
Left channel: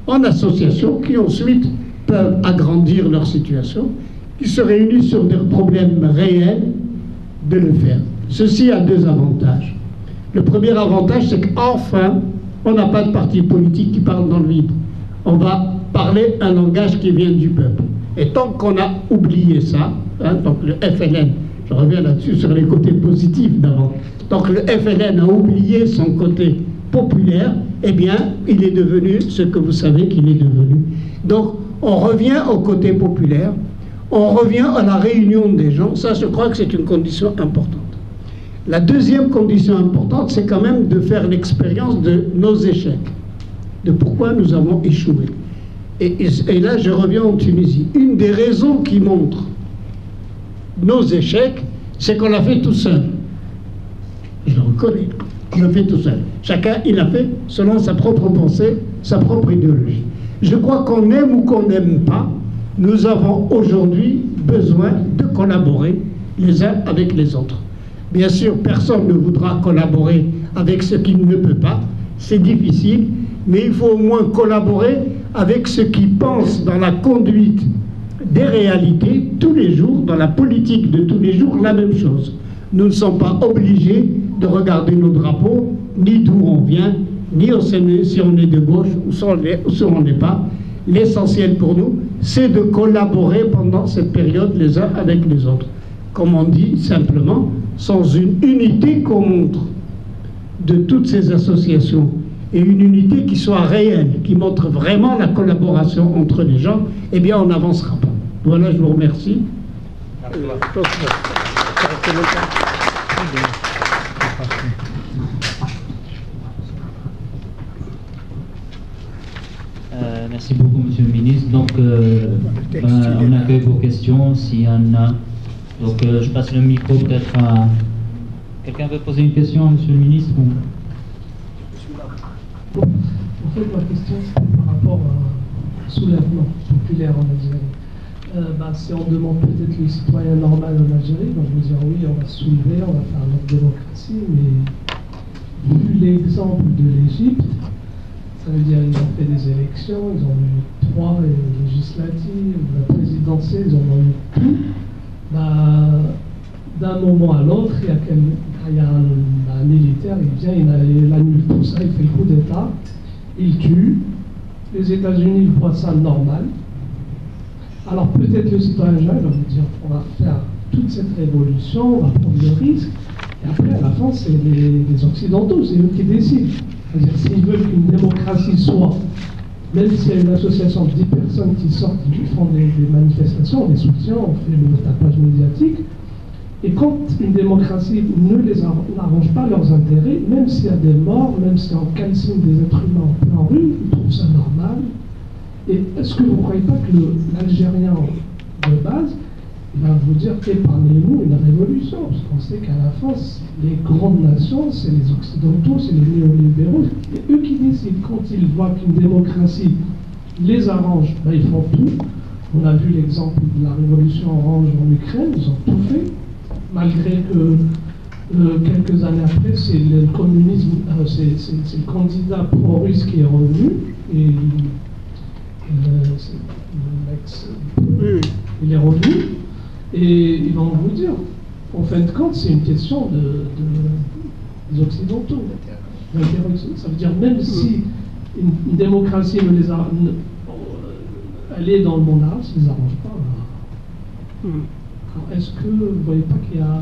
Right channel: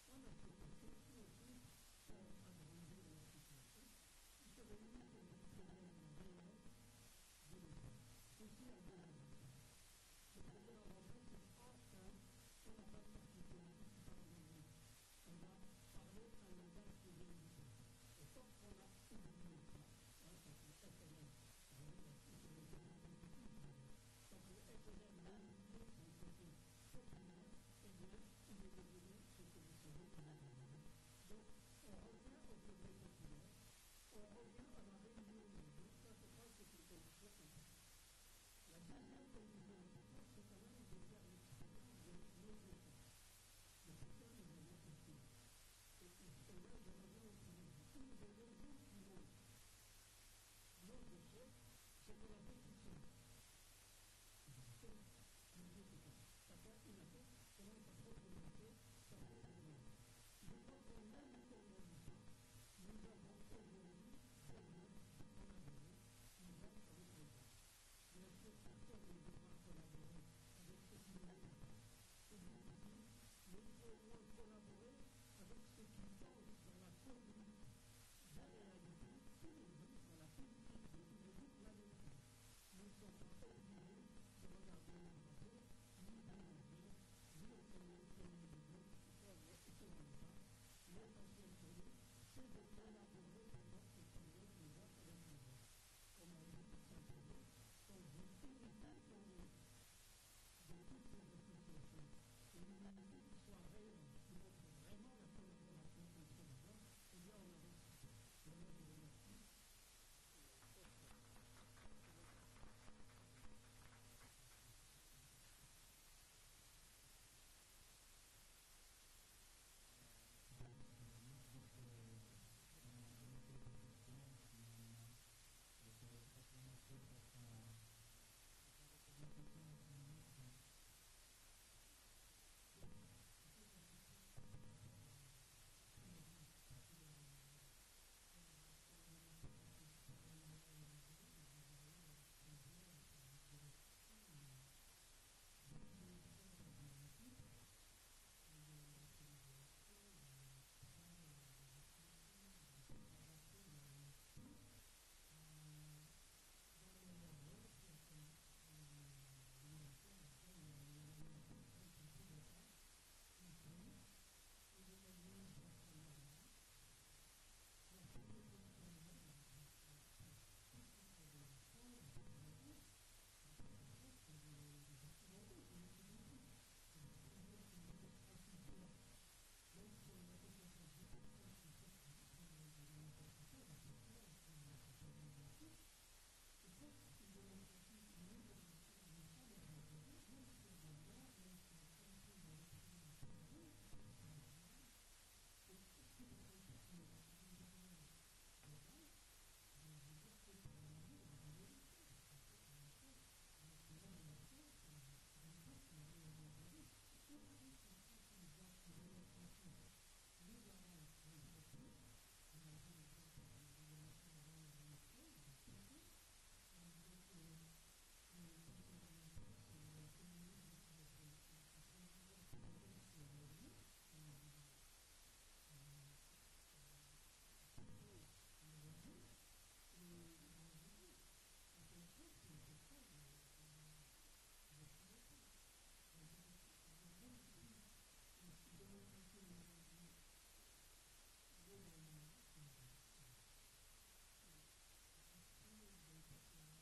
en association, qui ensuite peuvent agrandir leur situation, qui se réunissent sur des problèmes réels, de le faire. Ceci a 2 avantages. Le premier avantage, c'est qu'enfin, on n'a pas de parti politique qui parle dans le vide. On va parler un langage qui vient du peuple. Et tant qu'on a oublié ça, hein, donc le FLN, je reviens là-dessus sur les côtés positifs d'avant, tant que le FLN a oublié son côté populaire, eh bien, il est devenu ce que vous savez qu'il est devenu. Donc, on revient au côté populaire, on revient à la réunion des gens. Ça, je crois que c'est une condition importante. La deuxième condition importante, c'est quand même de faire l'expérience de nos échecs, de pourquoi nous avons échoué. Et là, je reviens en Tunisie. Une des raisons qui montre nos échecs, c'est qu'on l'a fait tout seul. Et je le reconnais, on l'a fait tout seul. Chacun, il l'a fait selon sa propre pensée, sa propre idéologie. Je crois qu'on aime ou qu'on n'aime pas, nous avons aujourd'hui besoin de collaborer les uns avec les autres. Bien sûr, personne ne voudra collaborer avec ce qui ne peut pas, c'est difficile, mais il faut au moins collaborer avec ceux qui pensent dans la conduite des réalités tous les jours, dans la politique de tous les jours, la même chose. Nous ne sommes pas obligés de regarder nos drapeaux, ni d'où on vient, ni si on est de gauche ou si on n'est pas. L'essentiel pour nous, c'est de collaborer pendant cette période les uns avec les autres. Comme on dit simplement, sans une unité qu'on montre de toutes ces associations, et une unité qui soit réelle, qui montre vraiment la collaboration entre les gens, eh bien on n'avancera pas. Voilà, je vous remercie. Merci beaucoup, Monsieur le Ministre. Donc, on accueille vos questions, s'il y en a. Donc, je passe le micro peut-être à... Quelqu'un veut poser une question à Monsieur le Ministre ou... En fait, ma question, c'était par rapport au soulèvement populaire en Algérie. Si on demande peut-être le citoyen normal en Algérie, donc je veux dire oui, on va se soulever, on va faire notre démocratie, mais vu l'exemple de l'Égypte, ça veut dire qu'ils ont fait des élections, ils ont eu 3 législatives, la présidentielle, ils en ont eu tout. D'un moment à l'autre, il y a un militaire, il vient, il annule tout ça, il fait le coup d'État, il tue. Les États-Unis voient ça normal. Alors peut-être le citoyen va vous dire, on va faire toute cette révolution, on va prendre le risque, et après à la fin c'est les Occidentaux, c'est eux qui décident. C'est-à-dire s'ils veulent qu'une démocratie soit, même s'il y a une association de 10 personnes qui sortent, qui font des manifestations, on les soutient, on fait le tapage médiatique, et quand une démocratie n'arrange pas leurs intérêts, même s'il y a des morts, même si on calcine des êtres humains en plein rue, ils trouvent ça normal. Et est-ce que vous ne croyez pas que l'Algérien de base, il va vous dire épargnez-nous une révolution, parce qu'on sait qu'à la fin, les grandes nations, c'est les Occidentaux, c'est les néolibéraux, c'est eux qui décident. Quand ils voient qu'une démocratie les arrange, ils font tout. On a vu l'exemple de la révolution orange en Ukraine, ils ont tout fait, malgré que quelques années après, c'est le communisme, c'est le candidat pro-russe qui est revenu, et il est revenu, et ils vont vous dire, en fin de compte, c'est une question des Occidentaux. Ça veut dire, même si une démocratie elle est dans le monde arabe, ça ne les arrange pas. Alors, est-ce que vous ne voyez pas qu'il y a...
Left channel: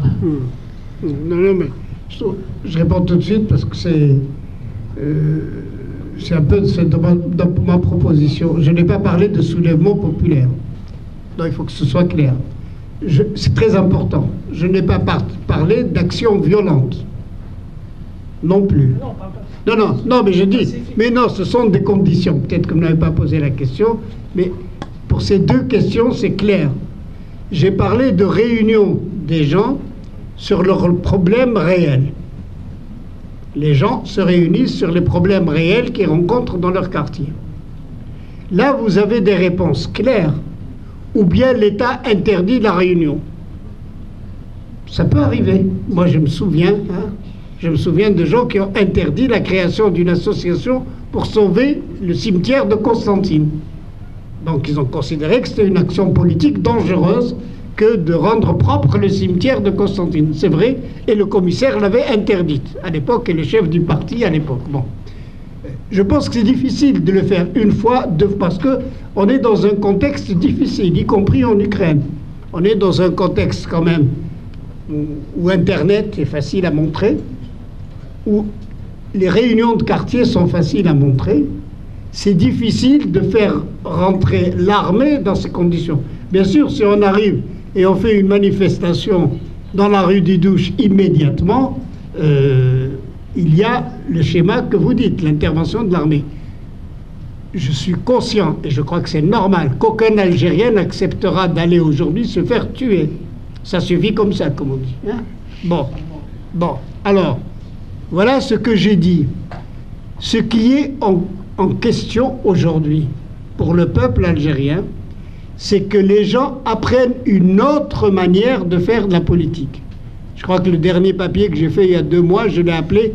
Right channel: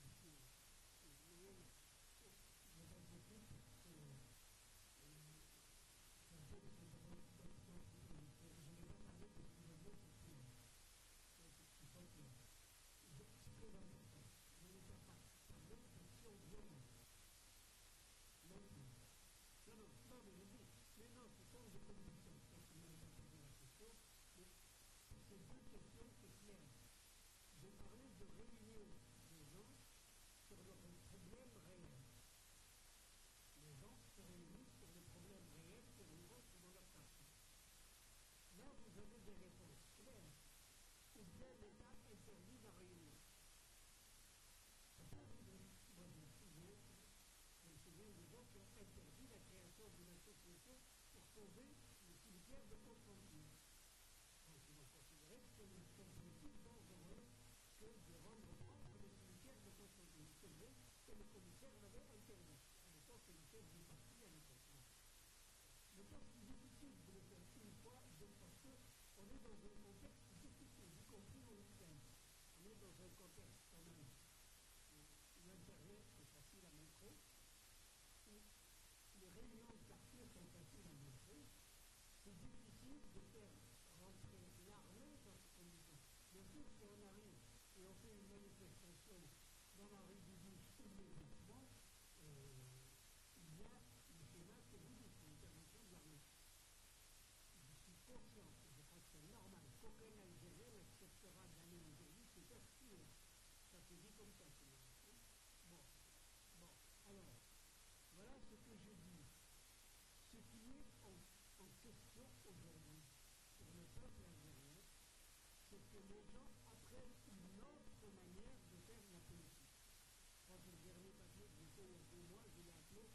Non, mais je réponds tout de suite parce que c'est un peu dans ma proposition. Je n'ai pas parlé de soulèvement populaire. Non, il faut que ce soit clair. C'est très important. Je n'ai pas parlé d'action violente. Non plus. Non, mais je dis... Mais non, ce sont des conditions. Peut-être que vous n'avez pas posé la question, mais pour ces deux questions, c'est clair. J'ai parlé de réunion des gens sur leurs problèmes réels. Les gens se réunissent sur les problèmes réels qu'ils rencontrent dans leur quartier. Là, vous avez des réponses claires. Ou bien l'État interdit la réunion. Ça peut arriver. Moi, je me souviens de gens qui ont interdit la création d'une association pour sauver le cimetière de Constantine. Donc, ils ont considéré que c'était une action politique dangereuse que de rendre propre le cimetière de Constantine. C'est vrai, et le commissaire l'avait interdite à l'époque, et le chef du parti à l'époque. Bon. Je pense que c'est difficile de le faire une fois, parce qu'on est dans un contexte difficile, y compris en Ukraine. On est dans un contexte quand même où Internet est facile à montrer, où les réunions de quartier sont faciles à montrer. C'est difficile de faire rentrer l'armée dans ces conditions. Bien sûr, si on arrive et on fait une manifestation dans la rue des Douches immédiatement, il y a le schéma que vous dites, l'intervention de l'armée. Je suis conscient, et je crois que c'est normal, qu'aucun Algérien n'acceptera d'aller aujourd'hui se faire tuer. Ça suffit comme ça, comme on dit. Hein? Bon, alors, voilà ce que j'ai dit. Ce qui est en question aujourd'hui pour le peuple algérien, c'est que les gens apprennent une autre manière de faire de la politique. Je crois que le dernier papier que j'ai fait il y a 2 mois, je l'ai appelé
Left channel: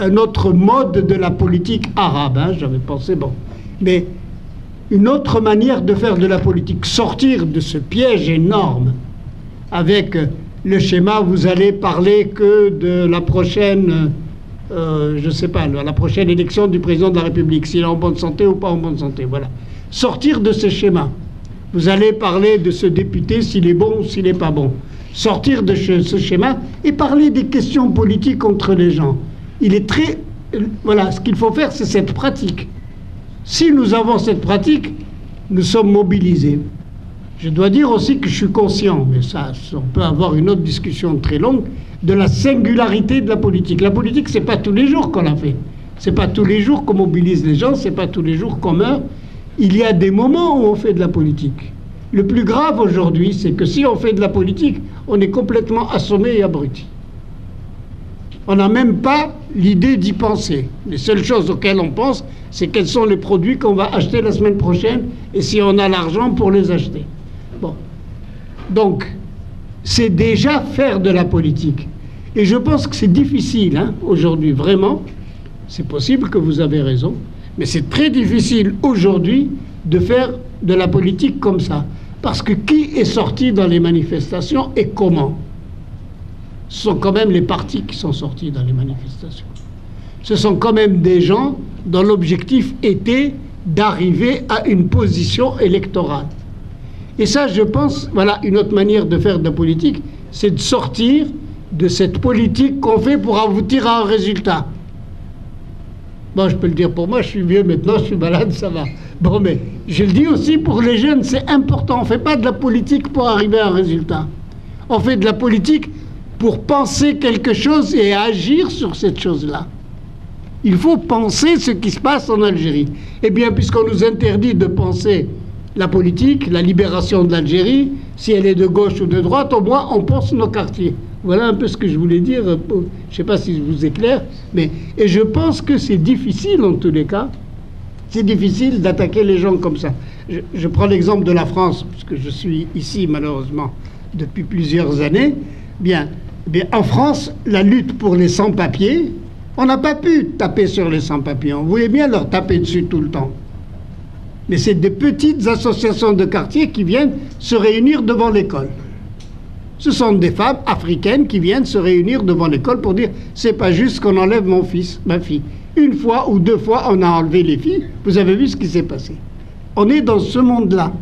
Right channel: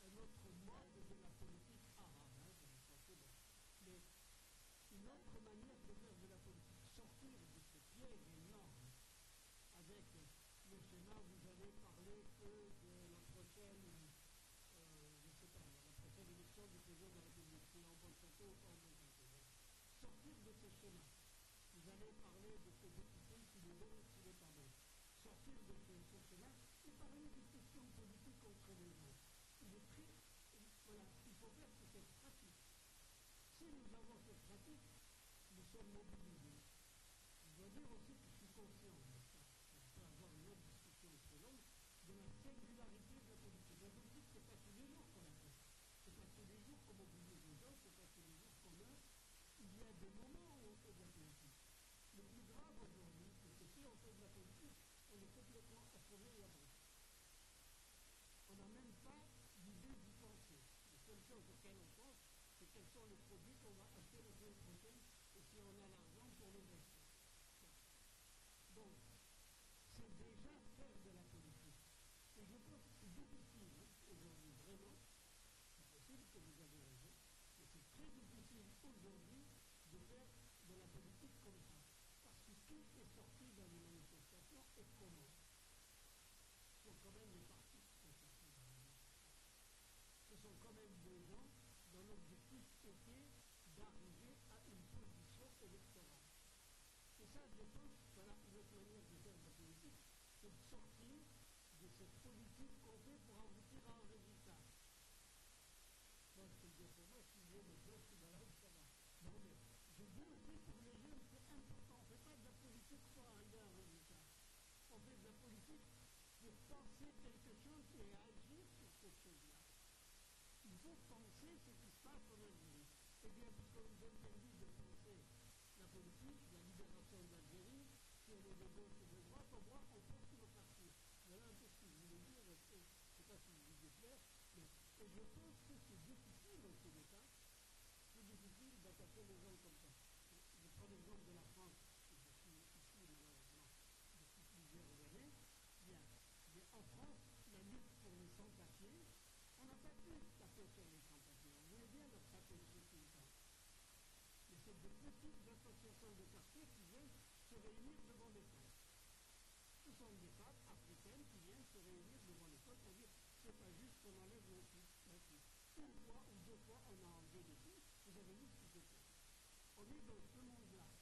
un autre mode de la politique arabe. Hein, j'avais pensé, bon. Mais une autre manière de faire de la politique, sortir de ce piège énorme avec le schéma, vous allez parler que de la prochaine, je ne sais pas, la prochaine élection du président de la République, s'il est en bonne santé ou pas en bonne santé, voilà. Sortir de ce schéma. Vous allez parler de ce député, s'il est bon ou s'il n'est pas bon. Sortir de ce schéma et parler des questions politiques entre les gens. Il est très... Voilà, ce qu'il faut faire, c'est cette pratique. Si nous avons cette pratique, nous sommes mobilisés. Je dois dire aussi que je suis conscient, mais ça, on peut avoir une autre discussion très longue, de la singularité de la politique. La politique, c'est pas tous les jours qu'on la fait. C'est pas tous les jours qu'on mobilise les gens, c'est pas tous les jours qu'on meurt. Il y a des moments où on fait de la politique. Le plus grave aujourd'hui, c'est que si on fait de la politique, on est complètement assommé et abruti. On n'a même pas l'idée d'y penser. Les seules choses auxquelles on pense, c'est quels sont les produits qu'on va acheter la semaine prochaine et si on a l'argent pour les acheter. Bon. Donc, c'est déjà faire de la politique. Et je pense que c'est difficile, hein, aujourd'hui, vraiment. C'est possible que vous avez raison, mais c'est très difficile aujourd'hui de faire de la politique comme ça. Parce que qui est sorti dans les manifestations et comment ? Ce sont quand même les partis qui sont sortis dans les manifestations. Ce sont quand même des gens dont l'objectif était d'arriver à une position électorale. Et ça, je pense, voilà, une autre manière de faire de la politique, c'est de sortir de cette politique qu'on fait pour aboutir à un résultat. Bon, je peux le dire pour moi, je suis vieux maintenant, je suis malade, ça va. Bon, mais je le dis aussi pour les jeunes, c'est important. On ne fait pas de la politique pour arriver à un résultat. On fait de la politique pour penser quelque chose et agir sur cette chose-là. Il faut penser ce qui se passe en Algérie. Eh bien, puisqu'on nous interdit de penser la politique, la libération de l'Algérie, si elle est de gauche ou de droite, au moins on pense nos quartiers. Voilà un peu ce que je voulais dire. Je ne sais pas si je vous éclaire, mais et je pense que c'est difficile en tous les cas. C'est difficile d'attaquer les gens comme ça. Je prends l'exemple de la France, parce que je suis ici malheureusement depuis plusieurs années. Bien, en France, la lutte pour les sans-papiers, on n'a pas pu taper sur les sans-papiers. On voulait bien leur taper dessus tout le temps. Mais c'est des petites associations de quartier qui viennent se réunir devant l'école. Ce sont des femmes africaines qui viennent se réunir devant l'école pour dire « c'est pas juste qu'on enlève mon fils, ma fille ». Une fois ou 2 fois, on a enlevé les filles. Vous avez vu ce qui s'est passé. On est dans ce monde-là.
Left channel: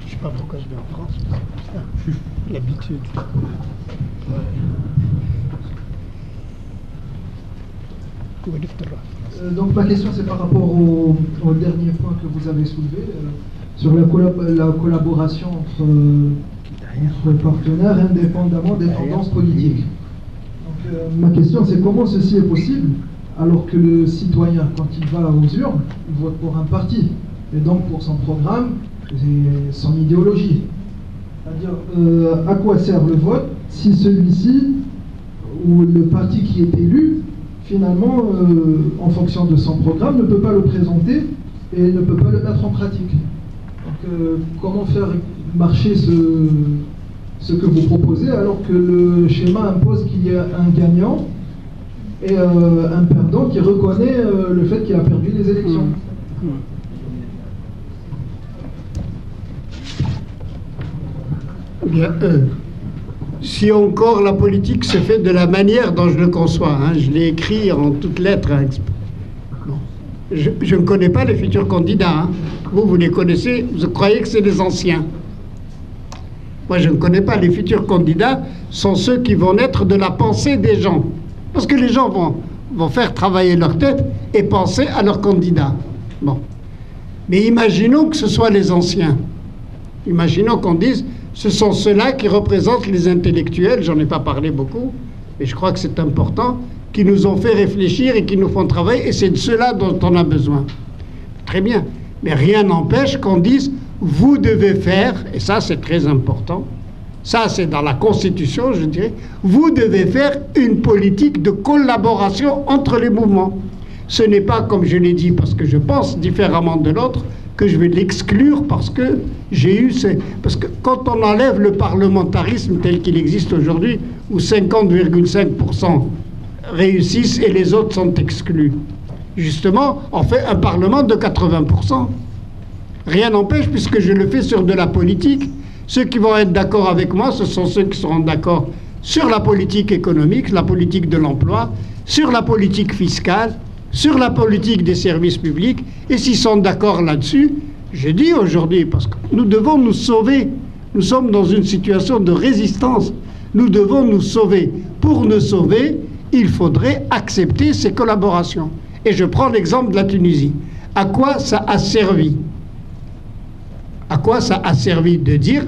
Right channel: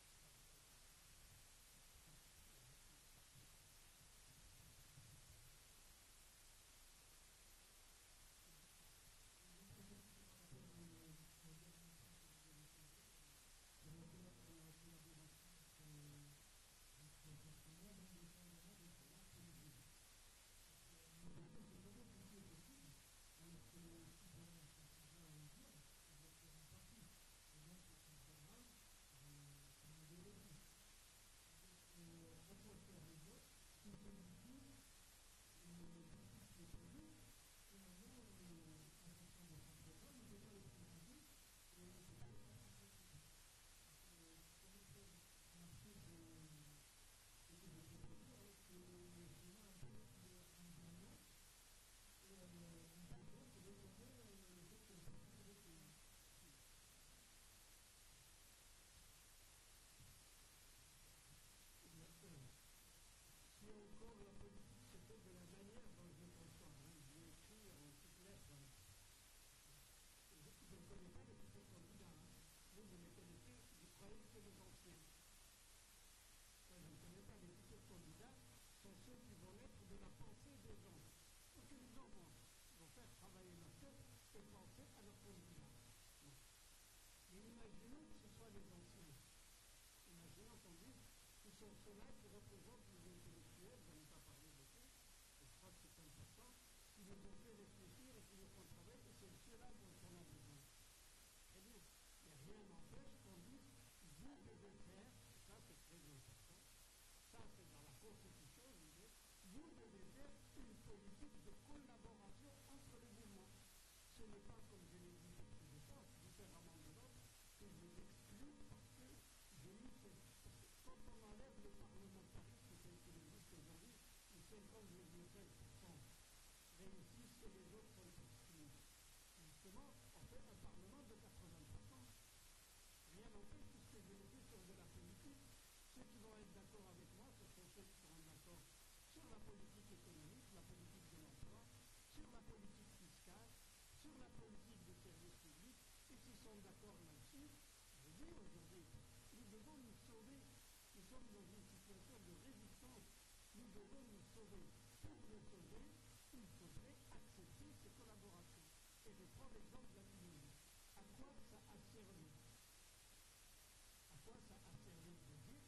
Je ne sais pas pourquoi je vais en France. L'habitude. Donc ma question, c'est par rapport au dernier point que vous avez soulevé, sur la collaboration entre partenaires indépendamment des tendances politiques. Donc, ma question, c'est comment ceci est possible alors que le citoyen, quand il va aux urnes, il vote pour un parti, et donc pour son programme et son idéologie. C'est-à-dire, à quoi sert le vote si celui-ci, ou le parti qui est élu, finalement, en fonction de son programme, ne peut pas le présenter et ne peut pas le mettre en pratique. Donc, comment faire marcher ce que vous proposez alors que le schéma impose qu'il y ait un gagnant et un perdant qui reconnaît le fait qu'il a perdu les élections. Bien, si encore la politique se fait de la manière dont je le conçois, hein, je l'ai écrit en toutes lettres. Hein. Bon. Je ne connais pas les futurs candidats. Hein. Vous les connaissez, vous croyez que c'est les anciens. Moi, je ne connais pas. Les futurs candidats sont ceux qui vont naître de la pensée des gens. Parce que les gens vont faire travailler leur tête et penser à leurs candidats. Bon. Mais imaginons que ce soit les anciens. Imaginons qu'on dise, ce sont ceux-là qui représentent les intellectuels, j'en ai pas parlé beaucoup, mais je crois que c'est important, qui nous ont fait réfléchir et qui nous font travailler, et c'est de ceux-là dont on a besoin. Très bien. Mais rien n'empêche qu'on dise, vous devez faire, et ça c'est très important, ça c'est dans la Constitution, je dirais, vous devez faire une politique de collaboration entre les mouvements. Ce n'est pas, comme je l'ai dit, parce que je pense différemment de l'autre, que je vais l'exclure parce que j'ai eu... Parce que quand on enlève le parlementarisme tel qu'il existe aujourd'hui, où 50,5% réussissent et les autres sont exclus, justement, on fait un parlement de 80%. Rien n'empêche, puisque je le fais sur de la politique. Ceux qui vont être d'accord avec moi, ce sont ceux qui seront d'accord sur la politique économique, la politique de l'emploi, sur la politique fiscale, sur la politique des services publics. Et s'ils sont d'accord là-dessus, je dis aujourd'hui, parce que nous devons nous sauver. Nous sommes dans une situation de résistance. Nous devons nous sauver. Pour nous sauver, il faudrait accepter ces collaborations. Et je prends l'exemple de la Tunisie. À quoi ça a servi ? À quoi ça a servi de dire,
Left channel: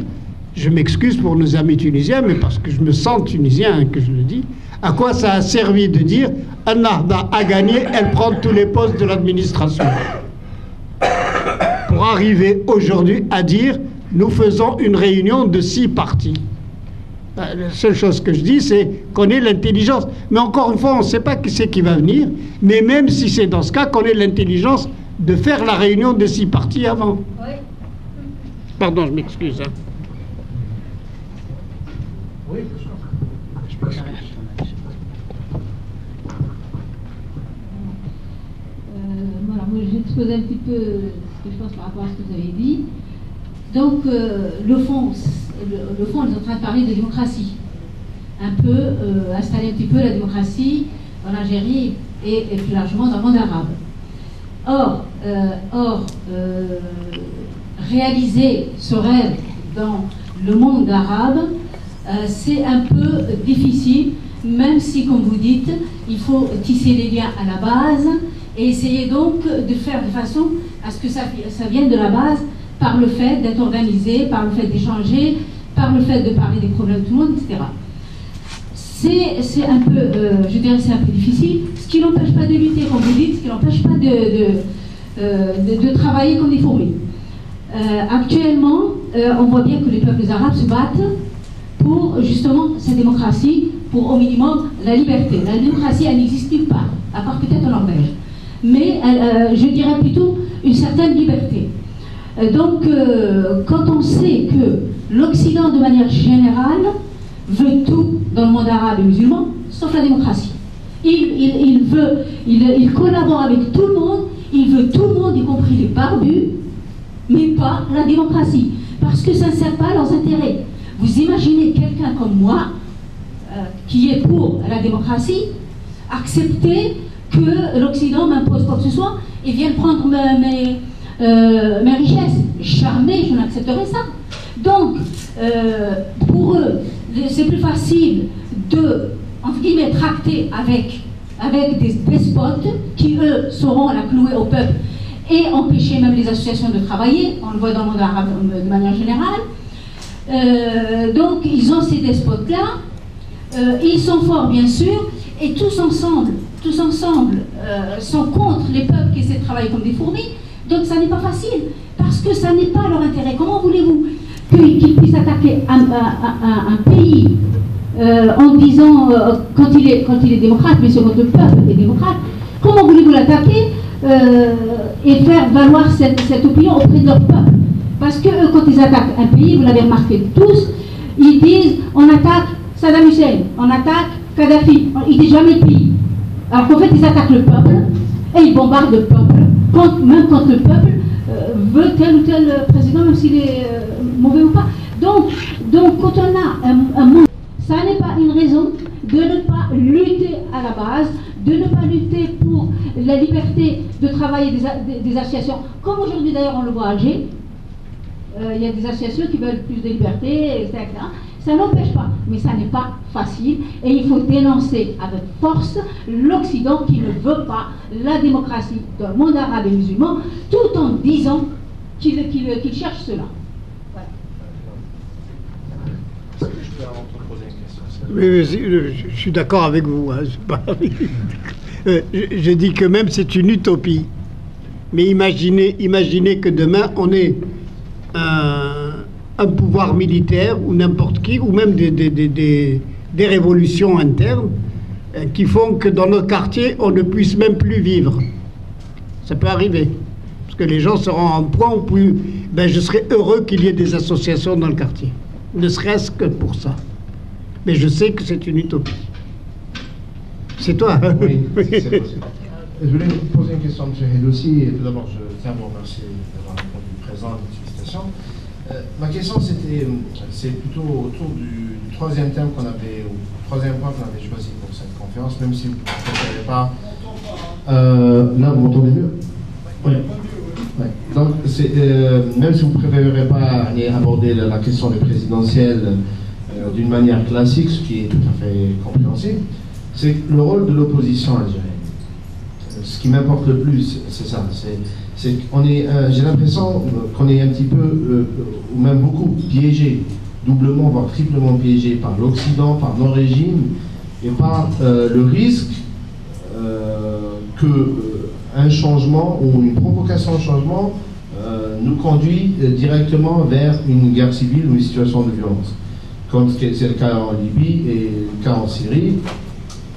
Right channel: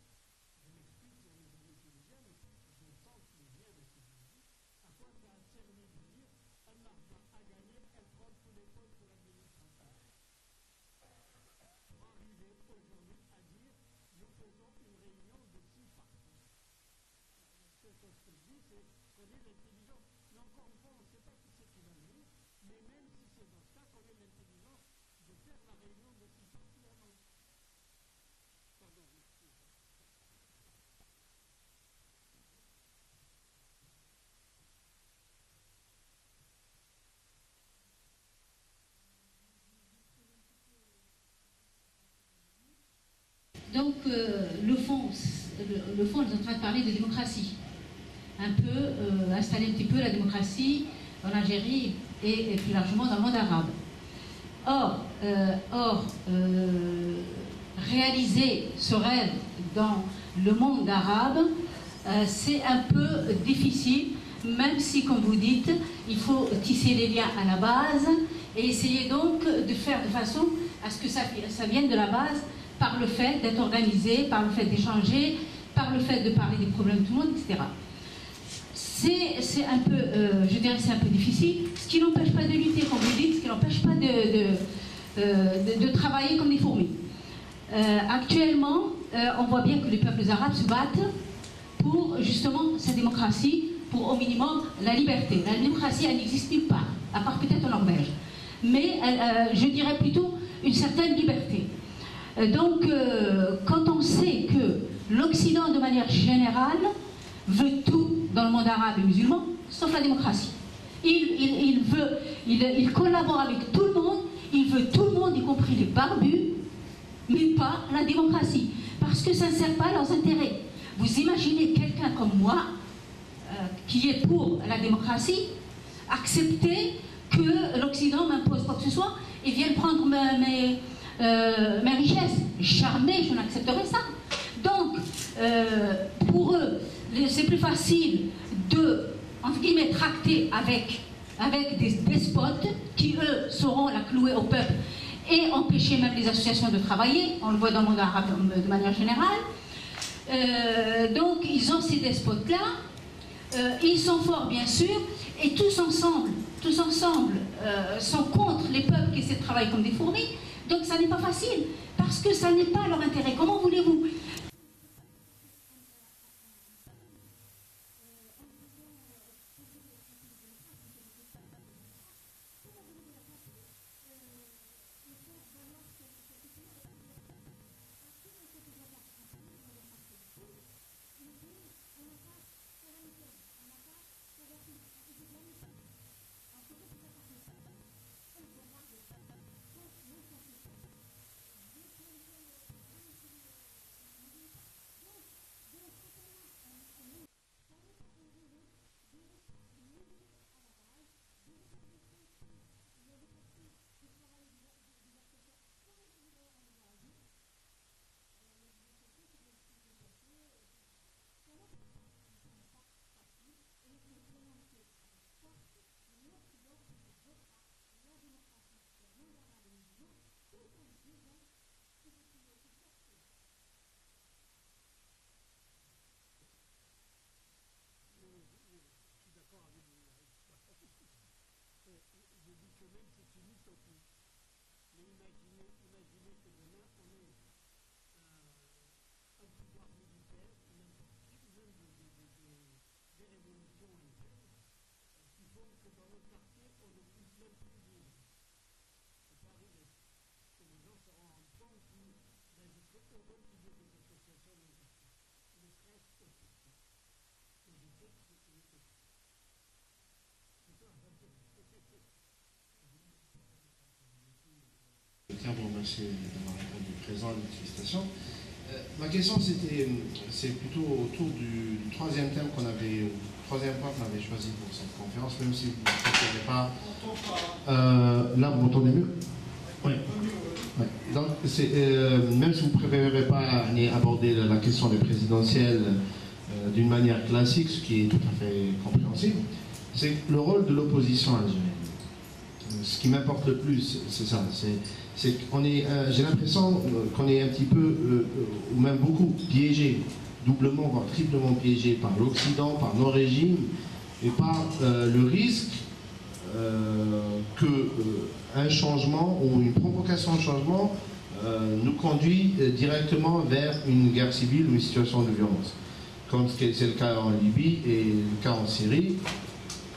je m'excuse pour nos amis tunisiens, mais parce que je me sens tunisien que je le dis, à quoi ça a servi de dire, Ennahda a gagné, elle prend tous les postes de l'administration. Pour arriver aujourd'hui à dire, nous faisons une réunion de 6 partis. La seule chose que je dis, c'est qu'on ait l'intelligence. Mais encore une fois, on ne sait pas qui c'est qui va venir, mais même si c'est dans ce cas, qu'on ait l'intelligence de faire la réunion de 6 partis avant. Oui. Pardon, je m'excuse. Hein. Oui, je m'excuse. Voilà, moi j'ai exposé un petit peu ce que je pense par rapport à ce que vous avez dit. Donc, le fond, on est en train de parler de démocratie. Un peu, installer un petit peu la démocratie en Algérie et plus largement dans le monde arabe. Or, réaliser ce rêve dans le monde arabe, c'est un peu difficile, même si, comme vous dites, il faut tisser les liens à la base et essayer donc de faire de façon à ce que ça vienne de la base par le fait d'être organisé, par le fait d'échanger, par le fait de parler des problèmes de tout le monde, etc. C'est un peu, je dirais, c'est un peu difficile, ce qui n'empêche pas de lutter, comme vous dites, ce qui n'empêche pas de travailler comme des fourmis. Actuellement, on voit bien que les peuples arabes se battent pour justement cette démocratie, pour au minimum la liberté. La démocratie, elle n'existe nulle part, à part peut-être en Norvège. Mais je dirais plutôt une certaine liberté. Donc, quand on sait que l'Occident, de manière générale, veut tout dans le monde arabe et musulman, sauf la démocratie. Il collabore avec tout le monde, il veut tout le monde, y compris les barbus, mais pas la démocratie, parce que ça ne sert pas à leurs intérêts. Vous imaginez quelqu'un comme moi, qui est pour la démocratie, accepter que l'Occident m'impose quoi que ce soit et vienne prendre mes richesses. Jamais je n'accepterai ça. Donc, pour eux, c'est plus facile de, entre guillemets, tracter avec des despotes qui, eux, sauront la clouer au peuple et empêcher même les associations de travailler. On le voit dans le monde arabe de manière générale. Donc, ils ont ces despotes-là. Ils sont forts, bien sûr, et tous ensemble sont contre les peuples qui essaient de travailler comme des fourmis. Donc ça n'est pas facile, parce que ça n'est pas leur intérêt. Comment voulez-vous qu'ils puissent attaquer un pays en disant, quand il est démocrate, mais sur votre peuple est démocrate, comment voulez-vous l'attaquer et faire valoir cette opinion auprès de leur peuple? Parce que eux, quand ils attaquent un pays, vous l'avez remarqué tous, ils disent, on attaque Saddam Hussein, on attaque Kadhafi, ils disent jamais le pays. Alors qu'en fait, ils attaquent le peuple et ils bombardent le peuple, même quand le peuple veut tel ou tel président, même s'il est mauvais ou pas. Donc quand on a un monde, ça n'est pas une raison de ne pas lutter à la base, de ne pas lutter pour la liberté de travailler des associations, comme aujourd'hui d'ailleurs on le voit à Alger. il y a des associations qui veulent plus de liberté, etc. Ça n'empêche pas, mais ça n'est pas facile et il faut dénoncer avec force l'Occident qui ne veut pas la démocratie dans le monde arabe et musulman, tout en disant qu'il cherche cela. Voilà. Est-ce que je peux poser une question? Oui, je suis d'accord avec vous. Hein, je dis que même c'est une utopie. Mais imaginez que demain on ait un pouvoir militaire ou n'importe qui, ou même des révolutions internes qui font que dans nos quartiers on ne puisse même plus vivre. Ça peut arriver. Parce que les gens seront à un point où je serais heureux qu'il y ait des associations dans le quartier. Ne serait-ce que pour ça. Mais je sais que c'est une utopie. C'est toi. Oui, c'est possible. Je voulais vous poser une question, M. Hedossi. Tout d'abord, je tiens à vous remercier d'avoir répondu présent à votre félicitations. Ma question, c'est plutôt autour du troisième thème qu'on avait, ou troisième point qu'on avait choisi pour cette conférence, même si vous ne préférez pas. Là, vous m'entendez mieux? Oui. Ouais. Donc, même si vous ne préférez pas aller aborder la question des présidentielles d'une manière classique, ce qui est tout à fait compréhensible, c'est le rôle de l'opposition algérienne. Ce qui m'importe le plus, c'est ça. J'ai l'impression qu'on est un petit peu, ou même beaucoup, piégé, doublement, voire triplement piégé par l'Occident, par nos régimes, et par le risque qu'un changement ou une provocation de changement nous conduit directement vers une guerre civile ou une situation de violence. Comme c'est le cas en Libye et le cas en Syrie.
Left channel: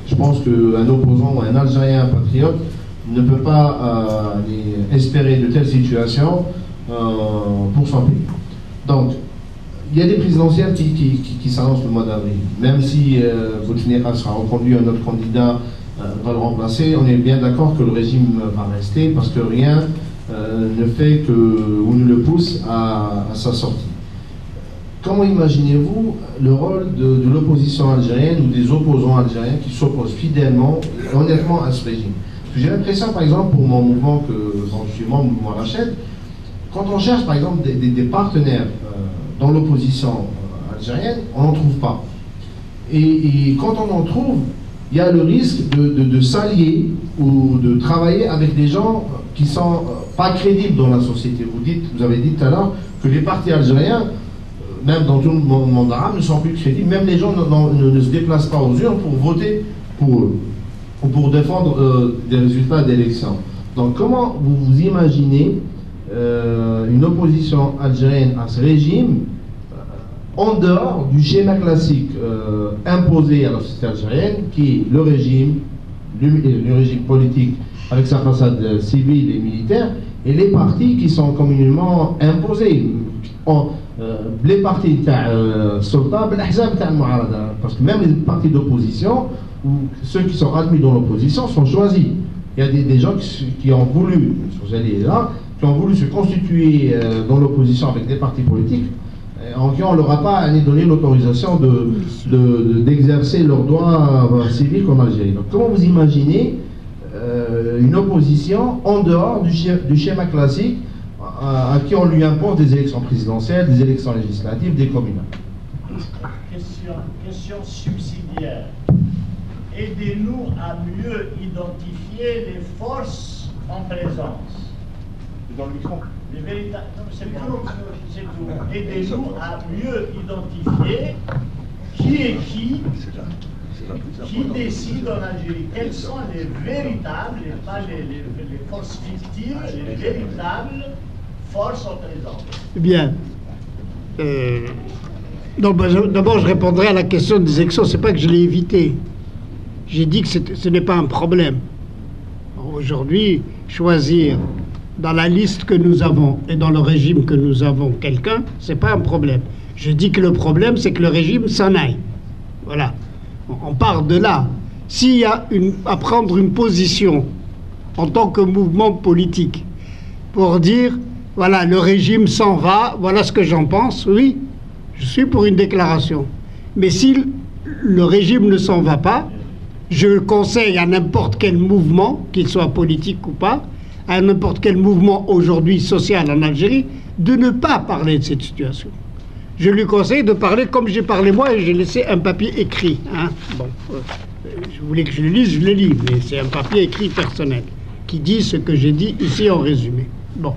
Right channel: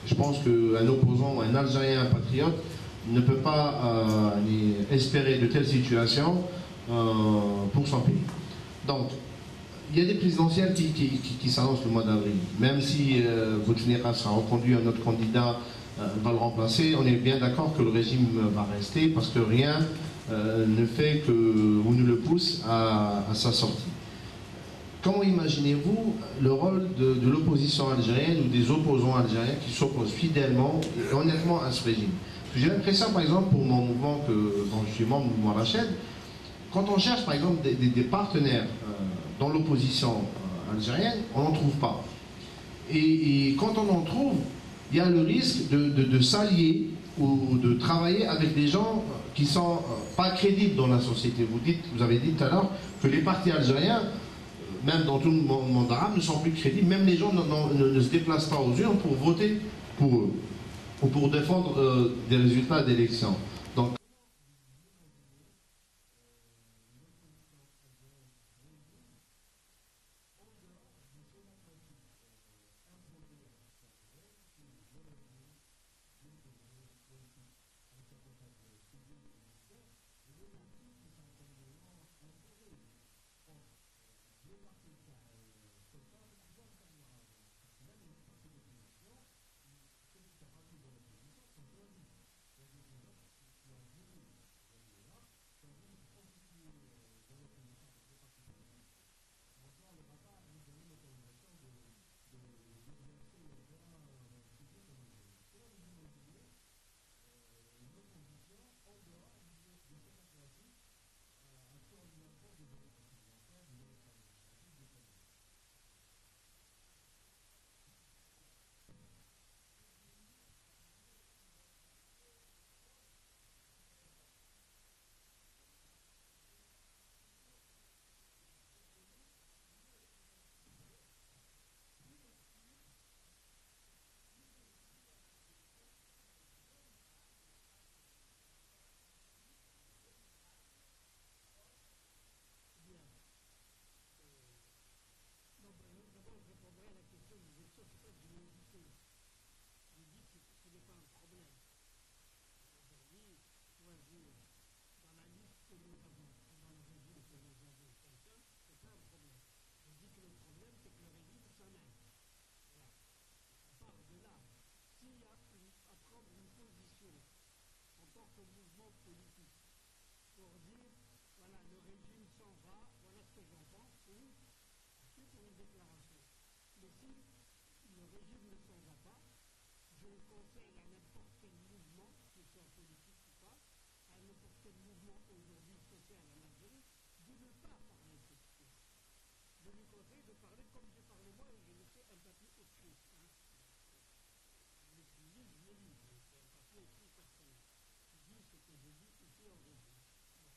Je pense qu'un opposant ou un Algérien patriote ne peut pas espérer de telles situations pour son pays. Donc, il y a des présidentielles qui s'annoncent le mois d'avril. Même si Bouteflika sera reconduit, un autre candidat va le remplacer, on est bien d'accord que le régime va rester parce que rien ne fait ou ne le pousse à sa sortie. Comment imaginez-vous le rôle de l'opposition algérienne ou des opposants algériens qui s'opposent fidèlement et honnêtement à ce régime? J'ai l'impression, par exemple, pour mon mouvement dont je suis membre, le mouvement Rachid, quand on cherche, par exemple, des partenaires dans l'opposition algérienne, on n'en trouve pas. Et quand on en trouve, il y a le risque de s'allier ou de travailler avec des gens qui ne sont pas crédibles dans la société. Vous avez dit tout à l'heure que les partis algériens, même dans tout le monde arabe, ne sont plus crédibles. Même les gens ne se déplacent pas aux urnes pour voter pour eux ou pour défendre des résultats d'élections. Donc comment vous imaginez une opposition algérienne à ce régime en dehors du schéma classique imposé à la société algérienne, qui est le régime politique avec sa façade civile et militaire, et les partis qui sont communément imposés. Les partis sultan, parce que même les partis d'opposition, ou ceux qui sont admis dans l'opposition, sont choisis. Il y a des gens qui ont voulu, vous allez là, qui ont voulu se constituer dans l'opposition avec des partis politiques, en qui on ne leur a pas donné l'autorisation d'exercer leurs droits civiques en Algérie. Donc comment vous imaginez une opposition en dehors du schéma classique à qui on lui impose des élections présidentielles, des élections législatives, des communales? Question subsidiaire. Aidez-nous à mieux identifier les forces en présence. Dans le micro. Les véritables. C'est tout. Aidez-nous à mieux identifier qui est qui décide en Algérie. Quelles sont les véritables, et pas les forces fictives, les véritables forces en présence? Bien. D'abord, je répondrai à la question des élections. C'est pas que je l'ai évité. J'ai dit que ce n'est pas un problème. Aujourd'hui, choisir dans la liste que nous avons et dans le régime que nous avons quelqu'un, c'est pas un problème. Je dis que le problème, c'est que le régime s'en aille. Voilà. On part de là. S'il y a à prendre une position en tant que mouvement politique pour dire, voilà, le régime s'en va, voilà ce que j'en pense, oui, je suis pour une déclaration. Mais si le régime ne s'en va pas, je conseille à n'importe quel mouvement, qu'il soit politique ou pas, à n'importe quel mouvement aujourd'hui social en Algérie de ne pas parler de cette situation. Je lui conseille de parler comme j'ai parlé moi, et j'ai laissé un papier écrit. Hein. Bon, je voulais que je le lise, je le lis, mais c'est un papier écrit personnel qui dit ce que j'ai dit ici en résumé. Bon,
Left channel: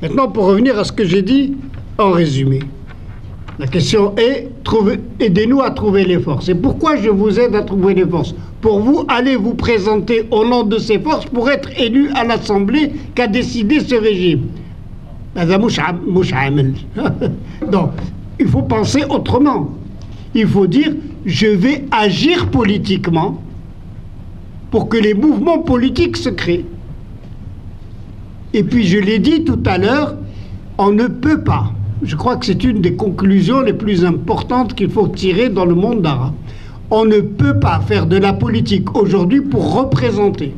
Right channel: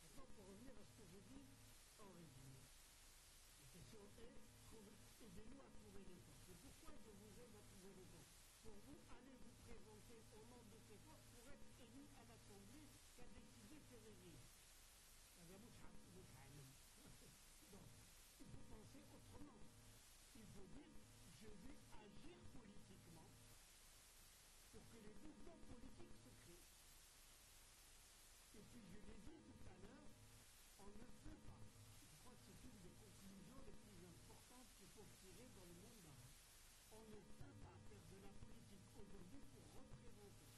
maintenant pour revenir à ce que j'ai dit en résumé. La question est, aidez-nous à trouver les forces. Et pourquoi je vous aide à trouver les forces? Pour vous, allez vous présenter au nom de ces forces pour être élu à l'Assemblée qu'a décidé ce régime. Donc, il faut penser autrement. Il faut dire, je vais agir politiquement pour que les mouvements politiques se créent. Et puis, je l'ai dit tout à l'heure, on ne peut pas. Je crois que c'est une des conclusions les plus importantes qu'il faut tirer dans le monde arabe. On ne peut pas faire de la politique aujourd'hui pour représenter,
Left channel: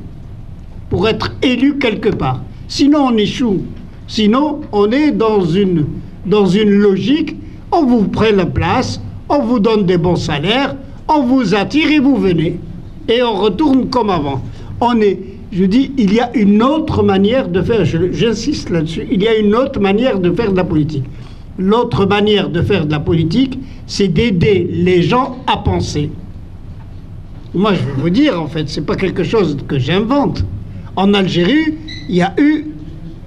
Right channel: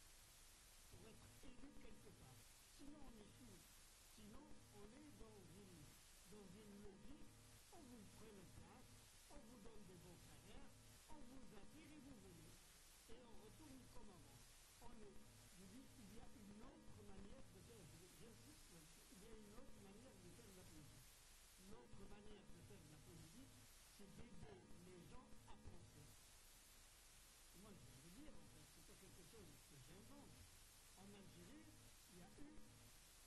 pour être élu quelque part. Sinon, on échoue. Sinon, on est dans une logique, on vous prend la place, on vous donne des bons salaires, on vous attire et vous venez. Et on retourne comme avant. Je dis, il y a une autre manière de faire, j'insiste là-dessus, il y a une autre manière de faire de la politique. L'autre manière de faire de la politique, c'est d'aider les gens à penser. Moi, je vais vous dire, en fait, c'est pas quelque chose que j'invente. En Algérie, il y a eu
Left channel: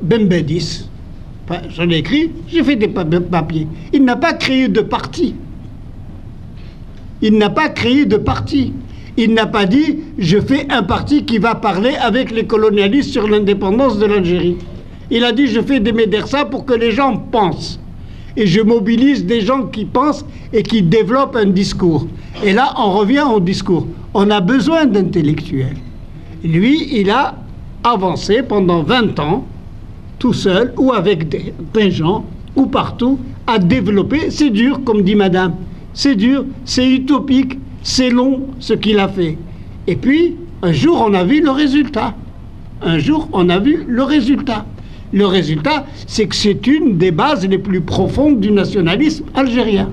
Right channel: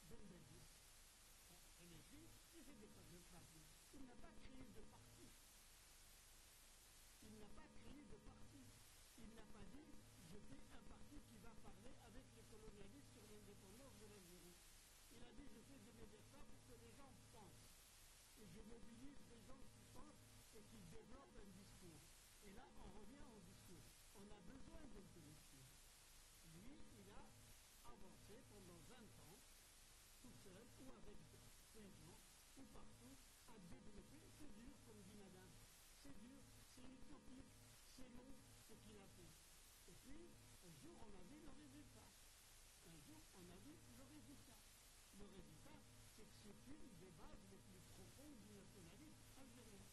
Ben Bedis. Enfin, j'en ai écrit, j'ai fait des papiers. Il n'a pas créé de parti. Il n'a pas créé de parti. Il n'a pas dit, je fais un parti qui va parler avec les colonialistes sur l'indépendance de l'Algérie. Il a dit, je fais des médersas pour que les gens pensent. Et je mobilise des gens qui pensent et qui développent un discours. Et là, on revient au discours. On a besoin d'intellectuels. Lui, il a avancé pendant 20 ans, tout seul, ou avec des gens, ou partout, à développer. C'est dur, comme dit madame. C'est dur, c'est utopique, c'est long, ce qu'il a fait. Et puis, un jour, on a vu le résultat. Un jour, on a vu le résultat. Le résultat, c'est que c'est une des bases les plus profondes du nationalisme algérien.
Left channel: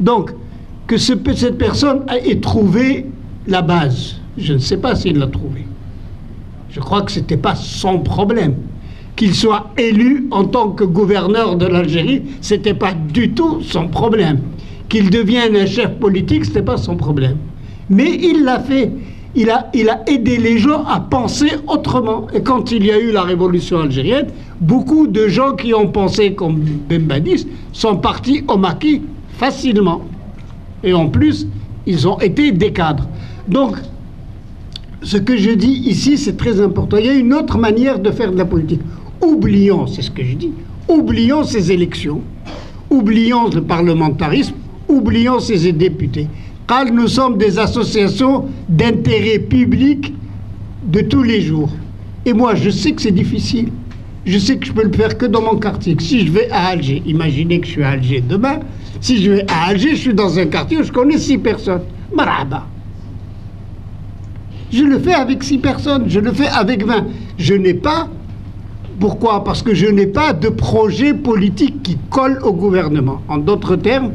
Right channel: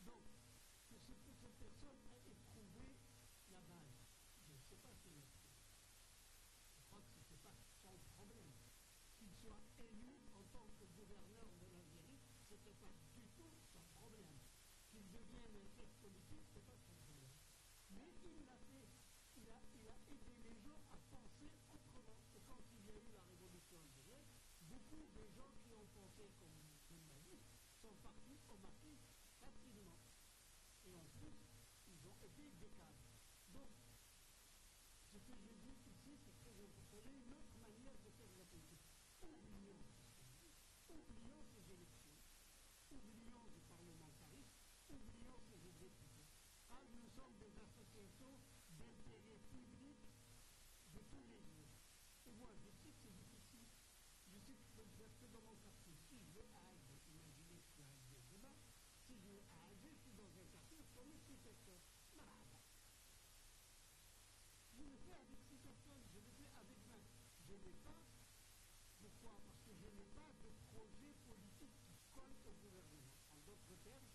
Donc, que cette personne ait trouvé la base, je ne sais pas s'il l'a trouvée. Je crois que ce n'était pas son problème. Qu'il soit élu en tant que gouverneur de l'Algérie, ce n'était pas du tout son problème. Qu'il devienne un chef politique, ce n'était pas son problème. Mais il l'a fait. Il a aidé les gens à penser autrement. Et quand il y a eu la révolution algérienne, beaucoup de gens qui ont pensé comme Ben Badis sont partis au maquis facilement. Et en plus, ils ont été des cadres. Donc, ce que je dis ici, c'est très important. Il y a une autre manière de faire de la politique. Oublions, c'est ce que je dis, oublions ces élections, oublions le parlementarisme, oublions ces députés. Car nous sommes des associations d'intérêt public de tous les jours. Et moi, je sais que c'est difficile. Je sais que je peux le faire que dans mon quartier. Si je vais à Alger, imaginez que je suis à Alger demain, si je vais à Alger, je suis dans un quartier où je connais 6 personnes. Marhaba. Je le fais avec 6 personnes, je le fais avec 20. Je n'ai pas... Pourquoi? Parce que je n'ai pas de projet politique qui colle au gouvernement. En d'autres termes,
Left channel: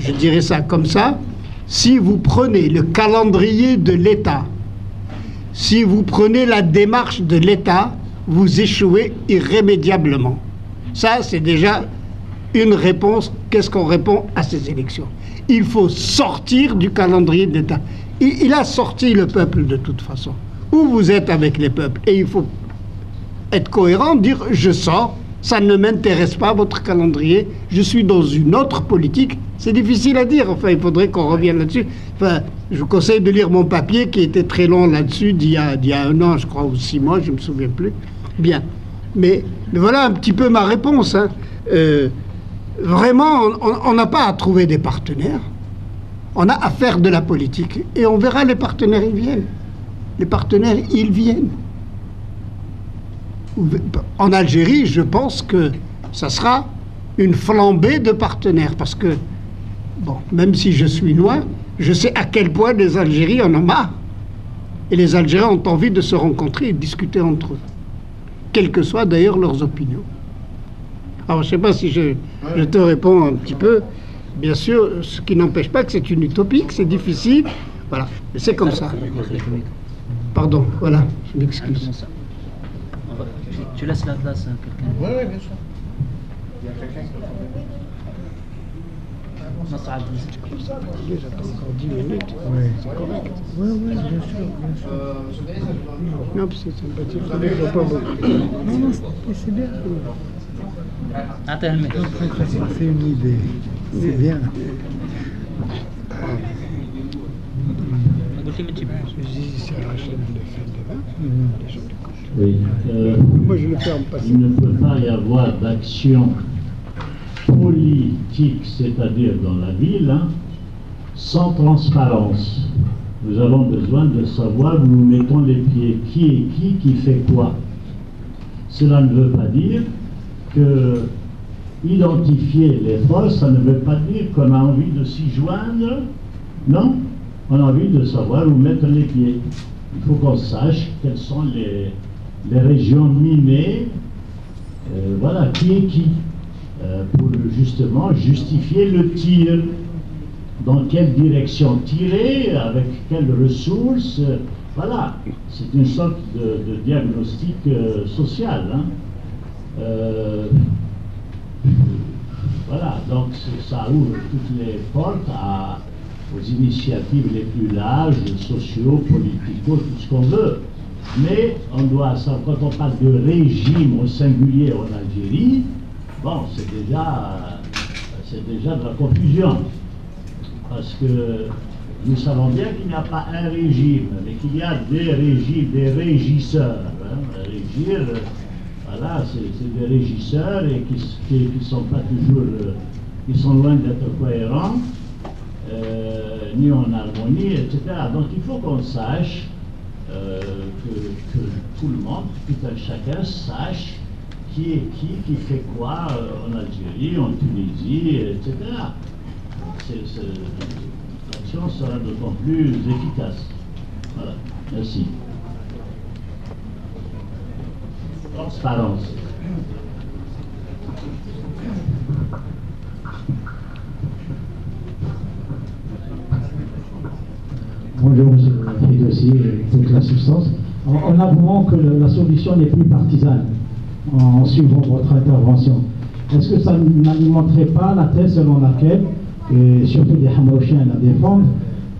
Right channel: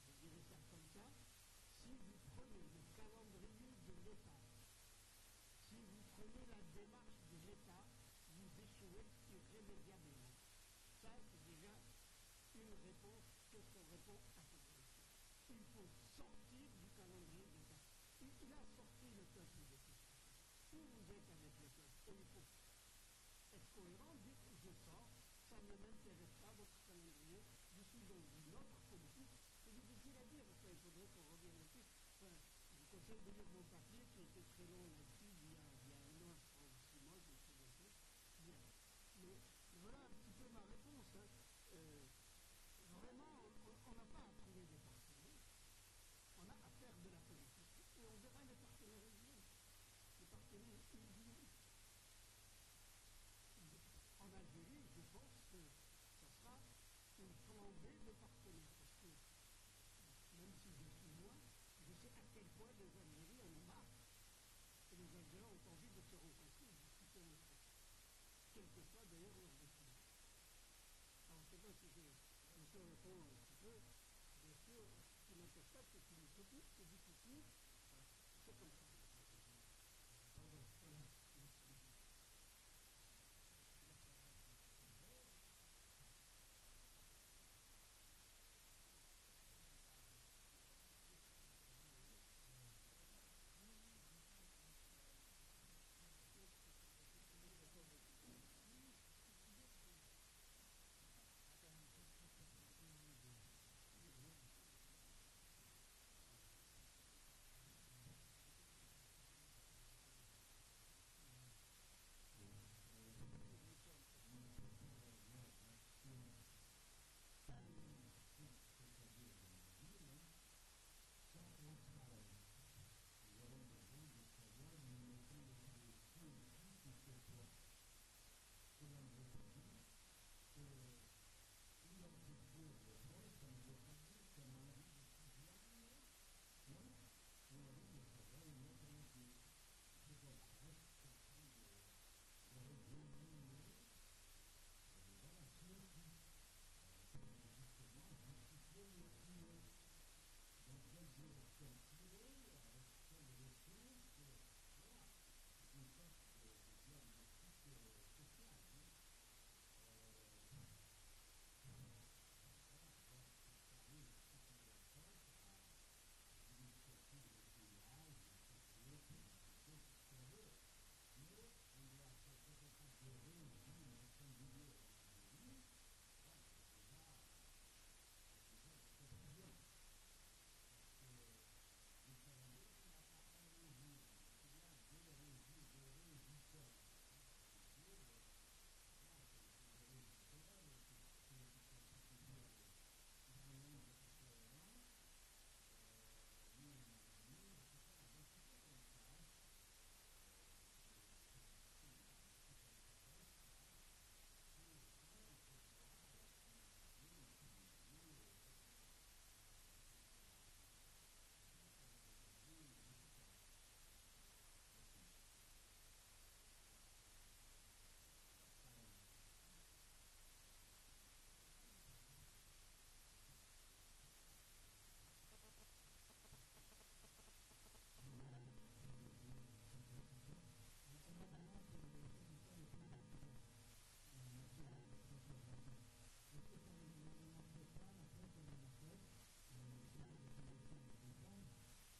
je dirais ça comme ça, si vous prenez le calendrier de l'État, si vous prenez la démarche de l'État, vous échouez irrémédiablement. Ça, c'est déjà une réponse. Qu'est-ce qu'on répond à ces élections? Il faut sortir du calendrier de l'État. Il a sorti le peuple de toute façon. Ou vous êtes avec les peuples, et il faut être cohérent, dire je sors, ça ne m'intéresse pas votre calendrier, je suis dans une autre politique. C'est difficile à dire, enfin il faudrait qu'on revienne là-dessus. Enfin, je vous conseille de lire mon papier qui était très long là-dessus, d'il y a 1 an, je crois, ou 6 mois, je ne me souviens plus. Bien. Mais voilà un petit peu ma réponse. Hein. Vraiment, on n'a pas à trouver des partenaires. On a à faire de la politique. Et on verra les partenaires, ils viennent. Les partenaires, ils viennent. En Algérie, je pense que ça sera une flambée de partenaires. Parce que, bon, même si je suis loin, je sais à quel point les Algériens en ont marre. Et les Algériens ont envie de se rencontrer et de discuter entre eux. Quelles que soient d'ailleurs leurs opinions. Alors, je ne sais pas si je te réponds un petit peu. Bien sûr, ce qui n'empêche pas que c'est une utopie, que c'est difficile. Voilà, mais c'est comme ça. Pardon, voilà, je m'excuse. Tu laisses la place à quelqu'un. Oui, bien sûr. Il y a quelqu'un qui J'attends encore 10 minutes. Oui, c'est correct. Oui, bien sûr. Non, parce que c'est sympathique. Je ne vois pas beaucoup. Non, c'est bien. Attends, mais. C'est une idée. C'est bien. Oui. Moi, je le ferme pas. Il ne peut pas y avoir d'action politique, c'est-à-dire dans la ville, sans transparence. Nous avons besoin de savoir où nous mettons les pieds, qui est qui fait quoi. Cela ne veut pas dire que identifier les forces, ça ne veut pas dire qu'on a envie de s'y joindre. Non, on a envie de savoir où mettre les pieds. Il faut qu'on sache quelles sont les régions minées, voilà, qui est qui, pour justement justifier le tir. Dans quelle direction tirer, avec quelles ressources, voilà, c'est une sorte de diagnostic social. Voilà, donc ça ouvre toutes les portes aux initiatives les plus larges, sociaux, politico, tout ce qu'on veut. Mais on doit savoir, quand on parle de régime au singulier en Algérie, bon, c'est déjà de la confusion. Parce que nous savons bien qu'il n'y a pas un régime, mais qu'il y a des régimes, des régisseurs. Régir, voilà, c'est des régisseurs et qui sont pas toujours, qui sont loin d'être cohérents, ni en harmonie, etc. Donc il faut qu'on sache que tout le monde, tout un chacun sache qui est qui fait quoi en Algérie, en Tunisie, etc. L'action sera d'autant plus efficace. Voilà, merci. Transparence. Bonjour, M. Fidossi, toute l'assistance. En avouant que la solution n'est plus partisane, en suivant votre intervention, est-ce que ça n'alimenterait pas la thèse selon laquelle, et surtout des Hamaouchiens à défendre,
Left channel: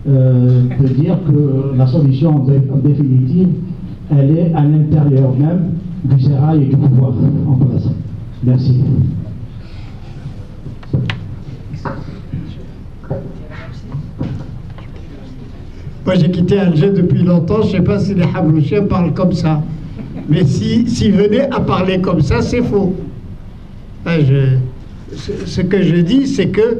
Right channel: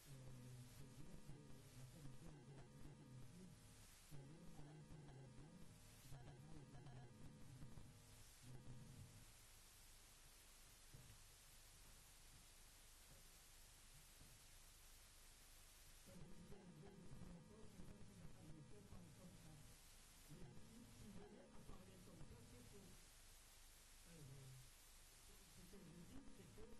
de dire que la solution en définitive, elle est à l'intérieur même du sérail et du pouvoir en place? Merci. Moi, j'ai quitté Alger depuis longtemps. Je ne sais pas si les Hamaouchiens parlent comme ça. Mais s'ils venaient à parler comme ça, c'est faux. Ce que je dis, c'est que,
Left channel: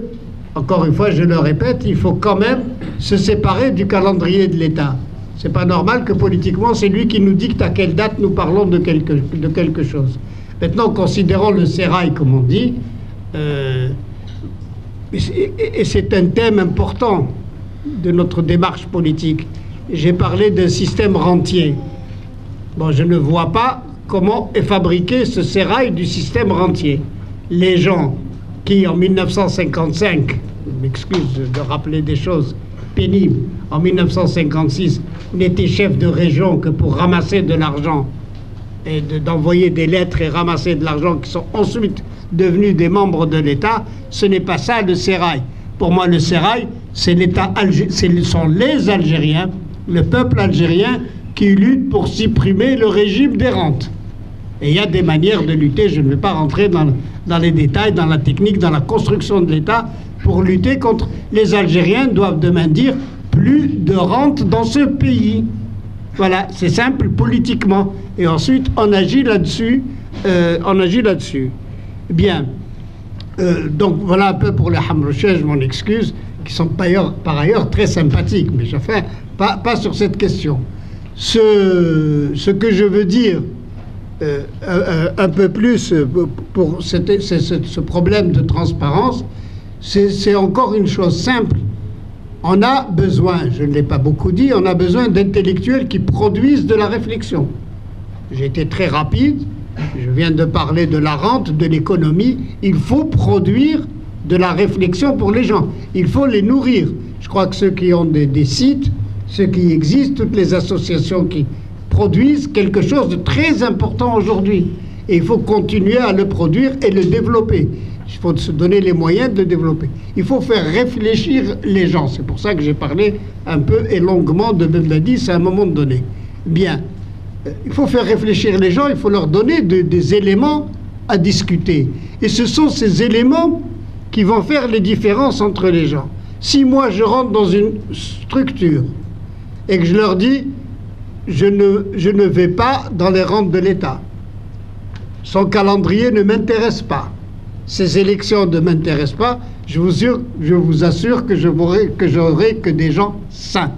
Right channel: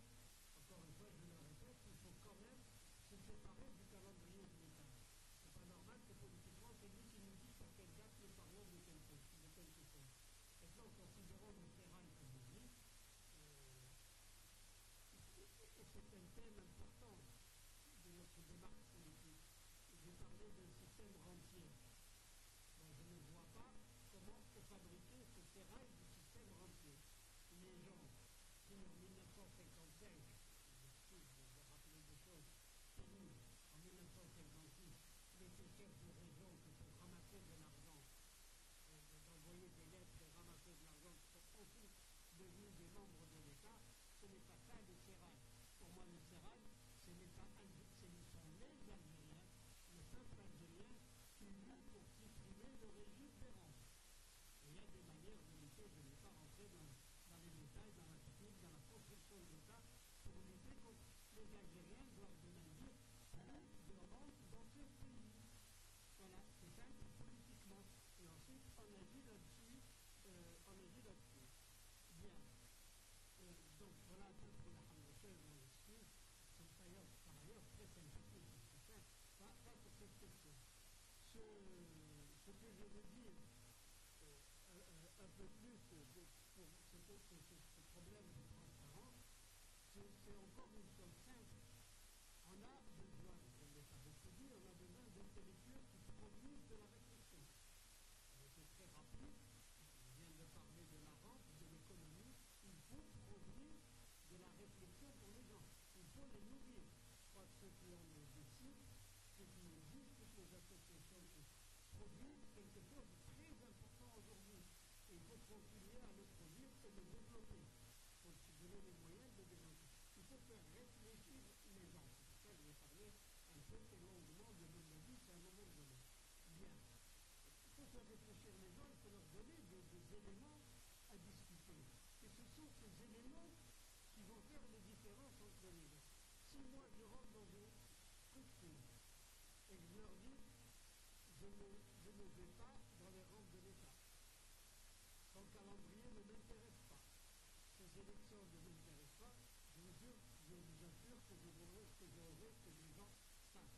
encore une fois, je le répète, il faut quand même se séparer du calendrier de l'État. C'est pas normal que politiquement, c'est lui qui nous dicte à quelle date nous parlons de quelque chose. Maintenant, considérons le sérail, comme on dit, et c'est un thème important de notre démarche politique. J'ai parlé d'un système rentier. Bon, je ne vois pas comment est fabriqué ce sérail du système rentier. Les gens qui, en 1955, je m'excuse de rappeler des choses pénibles, en 1956, n'étaient chefs de région que pour ramasser de l'argent et d'envoyer des lettres et ramasser de l'argent, qui sont ensuite devenus des membres de l'État, ce n'est pas ça le sérail. Pour moi, le sérail, c'est l'État, ce sont les Algériens, le peuple algérien qui lutte pour supprimer le régime des rentes. Et il y a des manières de lutter, je ne vais pas rentrer dans les détails, dans la technique, dans la construction de l'État, pour lutter contre... Les Algériens doivent demain dire plus de rente dans ce pays. Voilà, c'est simple politiquement. Et ensuite, on agit là-dessus. Bien. Donc voilà un peu pour les Hamaouchiens, je m'en excuse, qui sont par ailleurs très sympathiques, mais enfin, pas sur cette question. Ce que je veux dire un peu plus pour ce problème de transparence, c'est encore une chose simple. On a besoin, je ne l'ai pas beaucoup dit, on a besoin d'intellectuels qui produisent de la réflexion. J'ai été très rapide, je viens de parler de la rente, de l'économie. Il faut produire de la réflexion pour les gens. Il faut les nourrir. Je crois que ceux qui ont des sites, ceux qui existent, toutes les associations qui produisent quelque chose de très important aujourd'hui. Et il faut continuer à le produire et le développer. Il faut se donner les moyens de le développer. Il faut faire réfléchir les gens. C'est pour ça que j'ai parlé un peu et longuement de Bembadis à un moment donné. Bien, il faut faire réfléchir les gens, il faut leur donner des éléments à discuter. Et ce sont ces éléments qui vont faire les différences entre les gens. Si moi je rentre dans une structure et que je leur dis je ne vais pas dans les rangs de l'État, son calendrier ne m'intéresse pas, ces élections ne m'intéressent pas, je vous assure que j'aurai que des gens sains,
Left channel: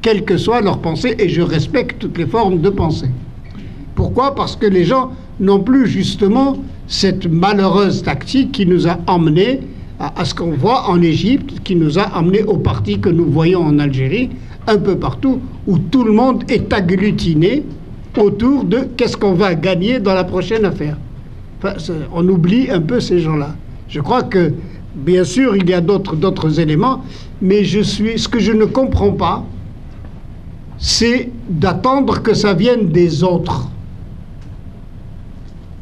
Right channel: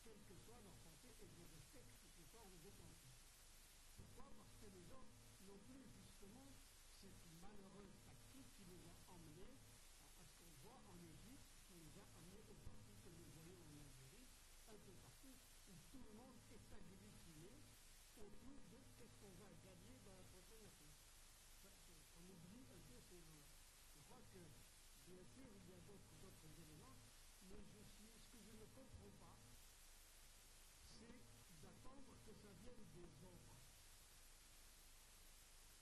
quelle que soit leur pensée, et je respecte toutes les formes de pensée. Pourquoi? Parce que les gens n'ont plus justement cette malheureuse tactique qui nous a emmenés à ce qu'on voit en Égypte, qui nous a amenés au parti que nous voyons en Algérie, un peu partout, où tout le monde est agglutiné autour de qu'est-ce qu'on va gagner dans la prochaine affaire. Enfin, on oublie un peu ces gens-là. Je crois que, bien sûr, il y a d'autres éléments, mais ce que je ne comprends pas, c'est d'attendre que ça vienne des autres.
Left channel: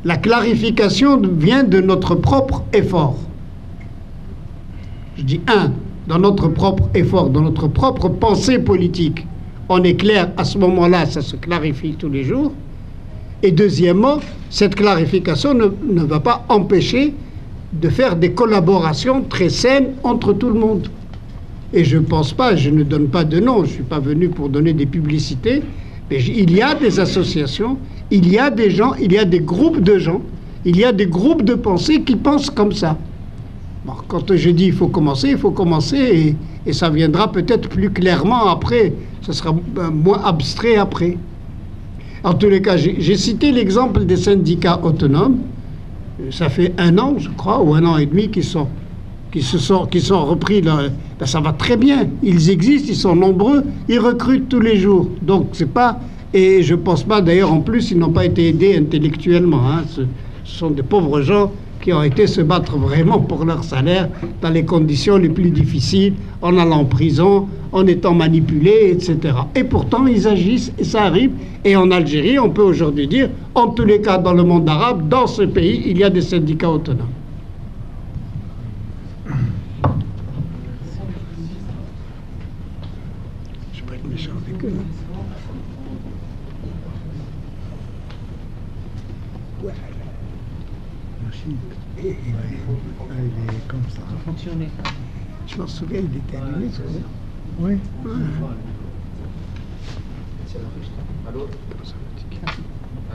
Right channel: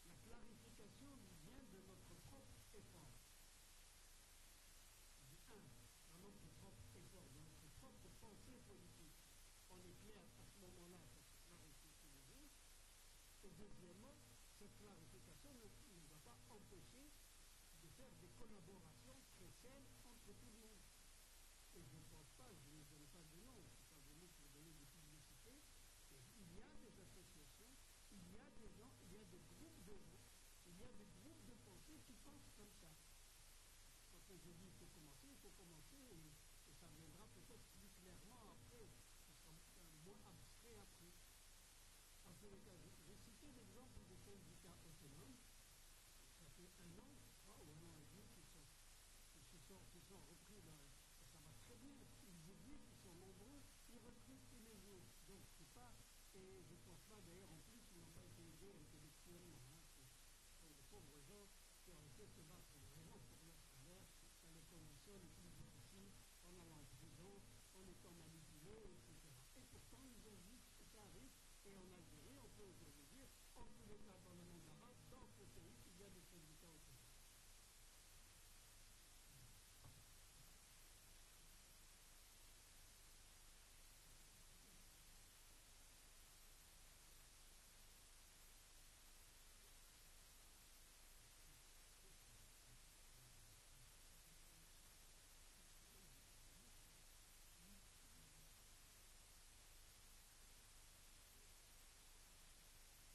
La clarification vient de notre propre effort. Je dis dans notre propre effort, dans notre propre pensée politique. On est clair, à ce moment-là, ça se clarifie tous les jours. Et deuxièmement, cette clarification ne va pas empêcher de faire des collaborations très saines entre tout le monde. Et je ne pense pas, je ne donne pas de nom, je ne suis pas venu pour donner des publicités, mais il y a des associations, il y a des gens, il y a des groupes de gens, il y a des groupes de pensée qui pensent comme ça. Bon, quand je dis il faut commencer et ça viendra peut-être plus clairement après, ça sera moins abstrait après. En tous les cas, j'ai cité l'exemple des syndicats autonomes. Ça fait 1 an, je crois, ou 1 an et demi qui sont repris. Là. Ben, ça va très bien. Ils existent, ils sont nombreux, ils recrutent tous les jours. Donc c'est pas... Et je pense pas, d'ailleurs, en plus, ils n'ont pas été aidés intellectuellement. Hein. Ce sont des pauvres gens qui ont été se battre vraiment pour leur salaire dans les conditions les plus difficiles, en allant en prison, en étant manipulés, etc. Et pourtant, ils agissent et ça arrive. Et en Algérie, on peut aujourd'hui dire, en tous les cas, dans le monde arabe, dans ce pays, il y a des syndicats autonomes. Je ne vais pas être méchant avec eux. Il est comme ça. Fonctionner. Je m'en souviens, il était allumé, ce que oui. Allô?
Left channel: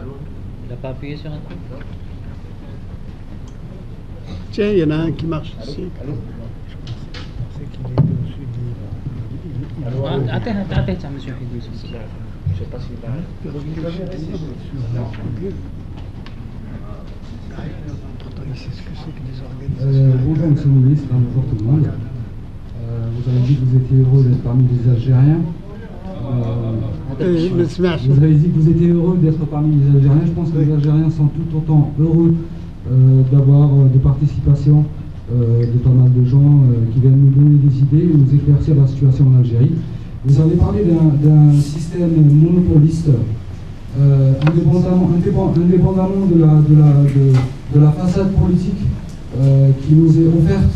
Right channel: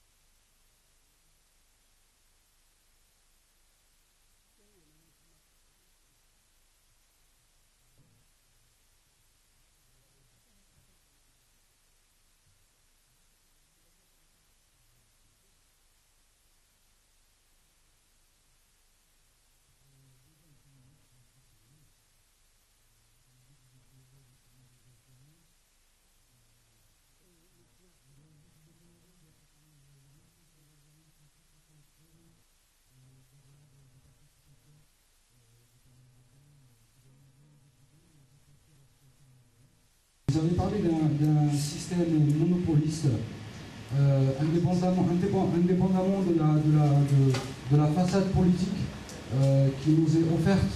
Allô? Il n'a pas appuyé sur un truc? Tiens, il y en a un qui marche ici. Allô? Je pensais qu'il était au-dessus du... Attends, monsieur Fidoussi. Je ne sais pas s'il va... Bonjour Monsieur le ministre, bonjour tout le monde. Vous avez dit que vous étiez heureux d'être parmi les Algériens. Vous avez dit que vous étiez heureux d'être parmi les Algériens. Je pense que les Algériens sont tout autant heureux d'avoir de participation de pas mal de gens qui viennent nous donner des idées et nous éclaircir la situation en Algérie. Vous avez parlé d'un système monopoliste. Indépendamment de la façade politique qui nous est offerte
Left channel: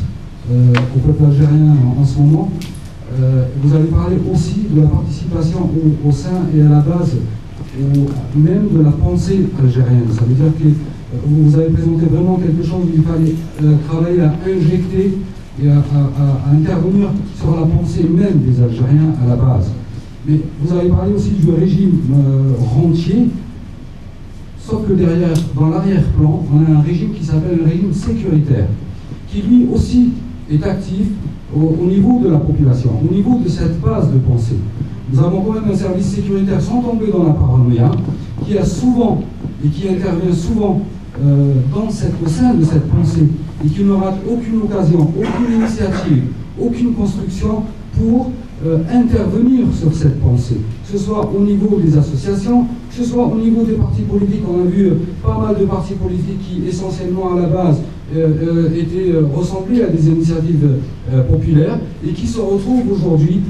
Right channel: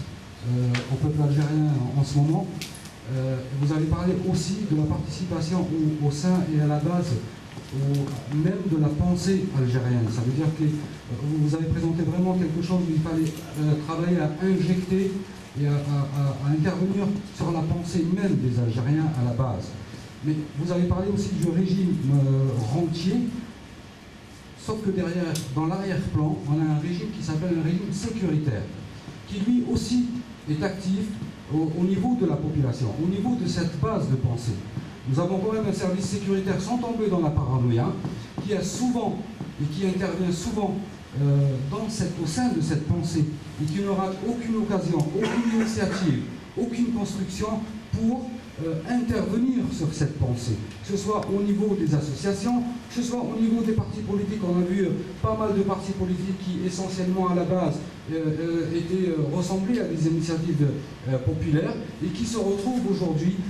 au peuple algérien en ce moment, vous avez parlé aussi de la participation au sein et à la base, même de la pensée algérienne. Ça veut dire que vous avez présenté vraiment quelque chose où il fallait travailler à injecter et à intervenir sur la pensée même des Algériens à la base. Mais vous avez parlé aussi du régime rentier, sauf que derrière, dans l'arrière-plan, on a un régime qui s'appelle le régime sécuritaire, qui lui aussi est actif au niveau de la population, au niveau de cette base de pensée. Nous avons quand même un service sécuritaire sans tomber dans la paranoïa, qui a souvent et qui intervient souvent au sein de cette pensée, et qui n'aura aucune occasion, aucune initiative, aucune construction pour intervenir sur cette pensée, que ce soit au niveau des associations, que ce soit au niveau des partis politiques. On a vu pas mal de partis politiques qui, essentiellement à la base, étaient ressemblés à des initiatives populaires et qui se retrouvent aujourd'hui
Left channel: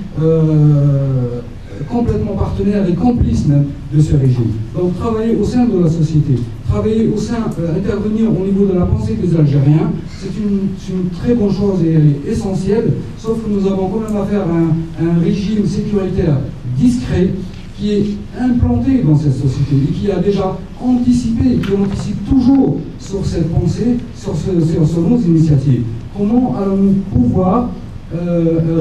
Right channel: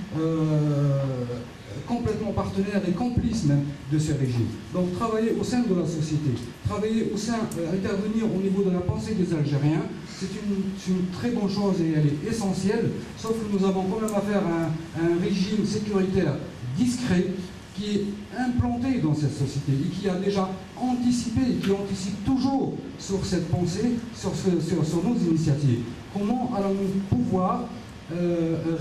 complètement partenaires et complices même de ce régime. Donc travailler au sein de la société, travailler au sein, intervenir au niveau de la pensée des Algériens, c'est une très bonne chose et elle est essentielle, sauf que nous avons quand même affaire à un régime sécuritaire discret qui est implanté dans cette société et qui a déjà anticipé, qui anticipe toujours sur cette pensée, sur nos initiatives. Comment allons-nous pouvoir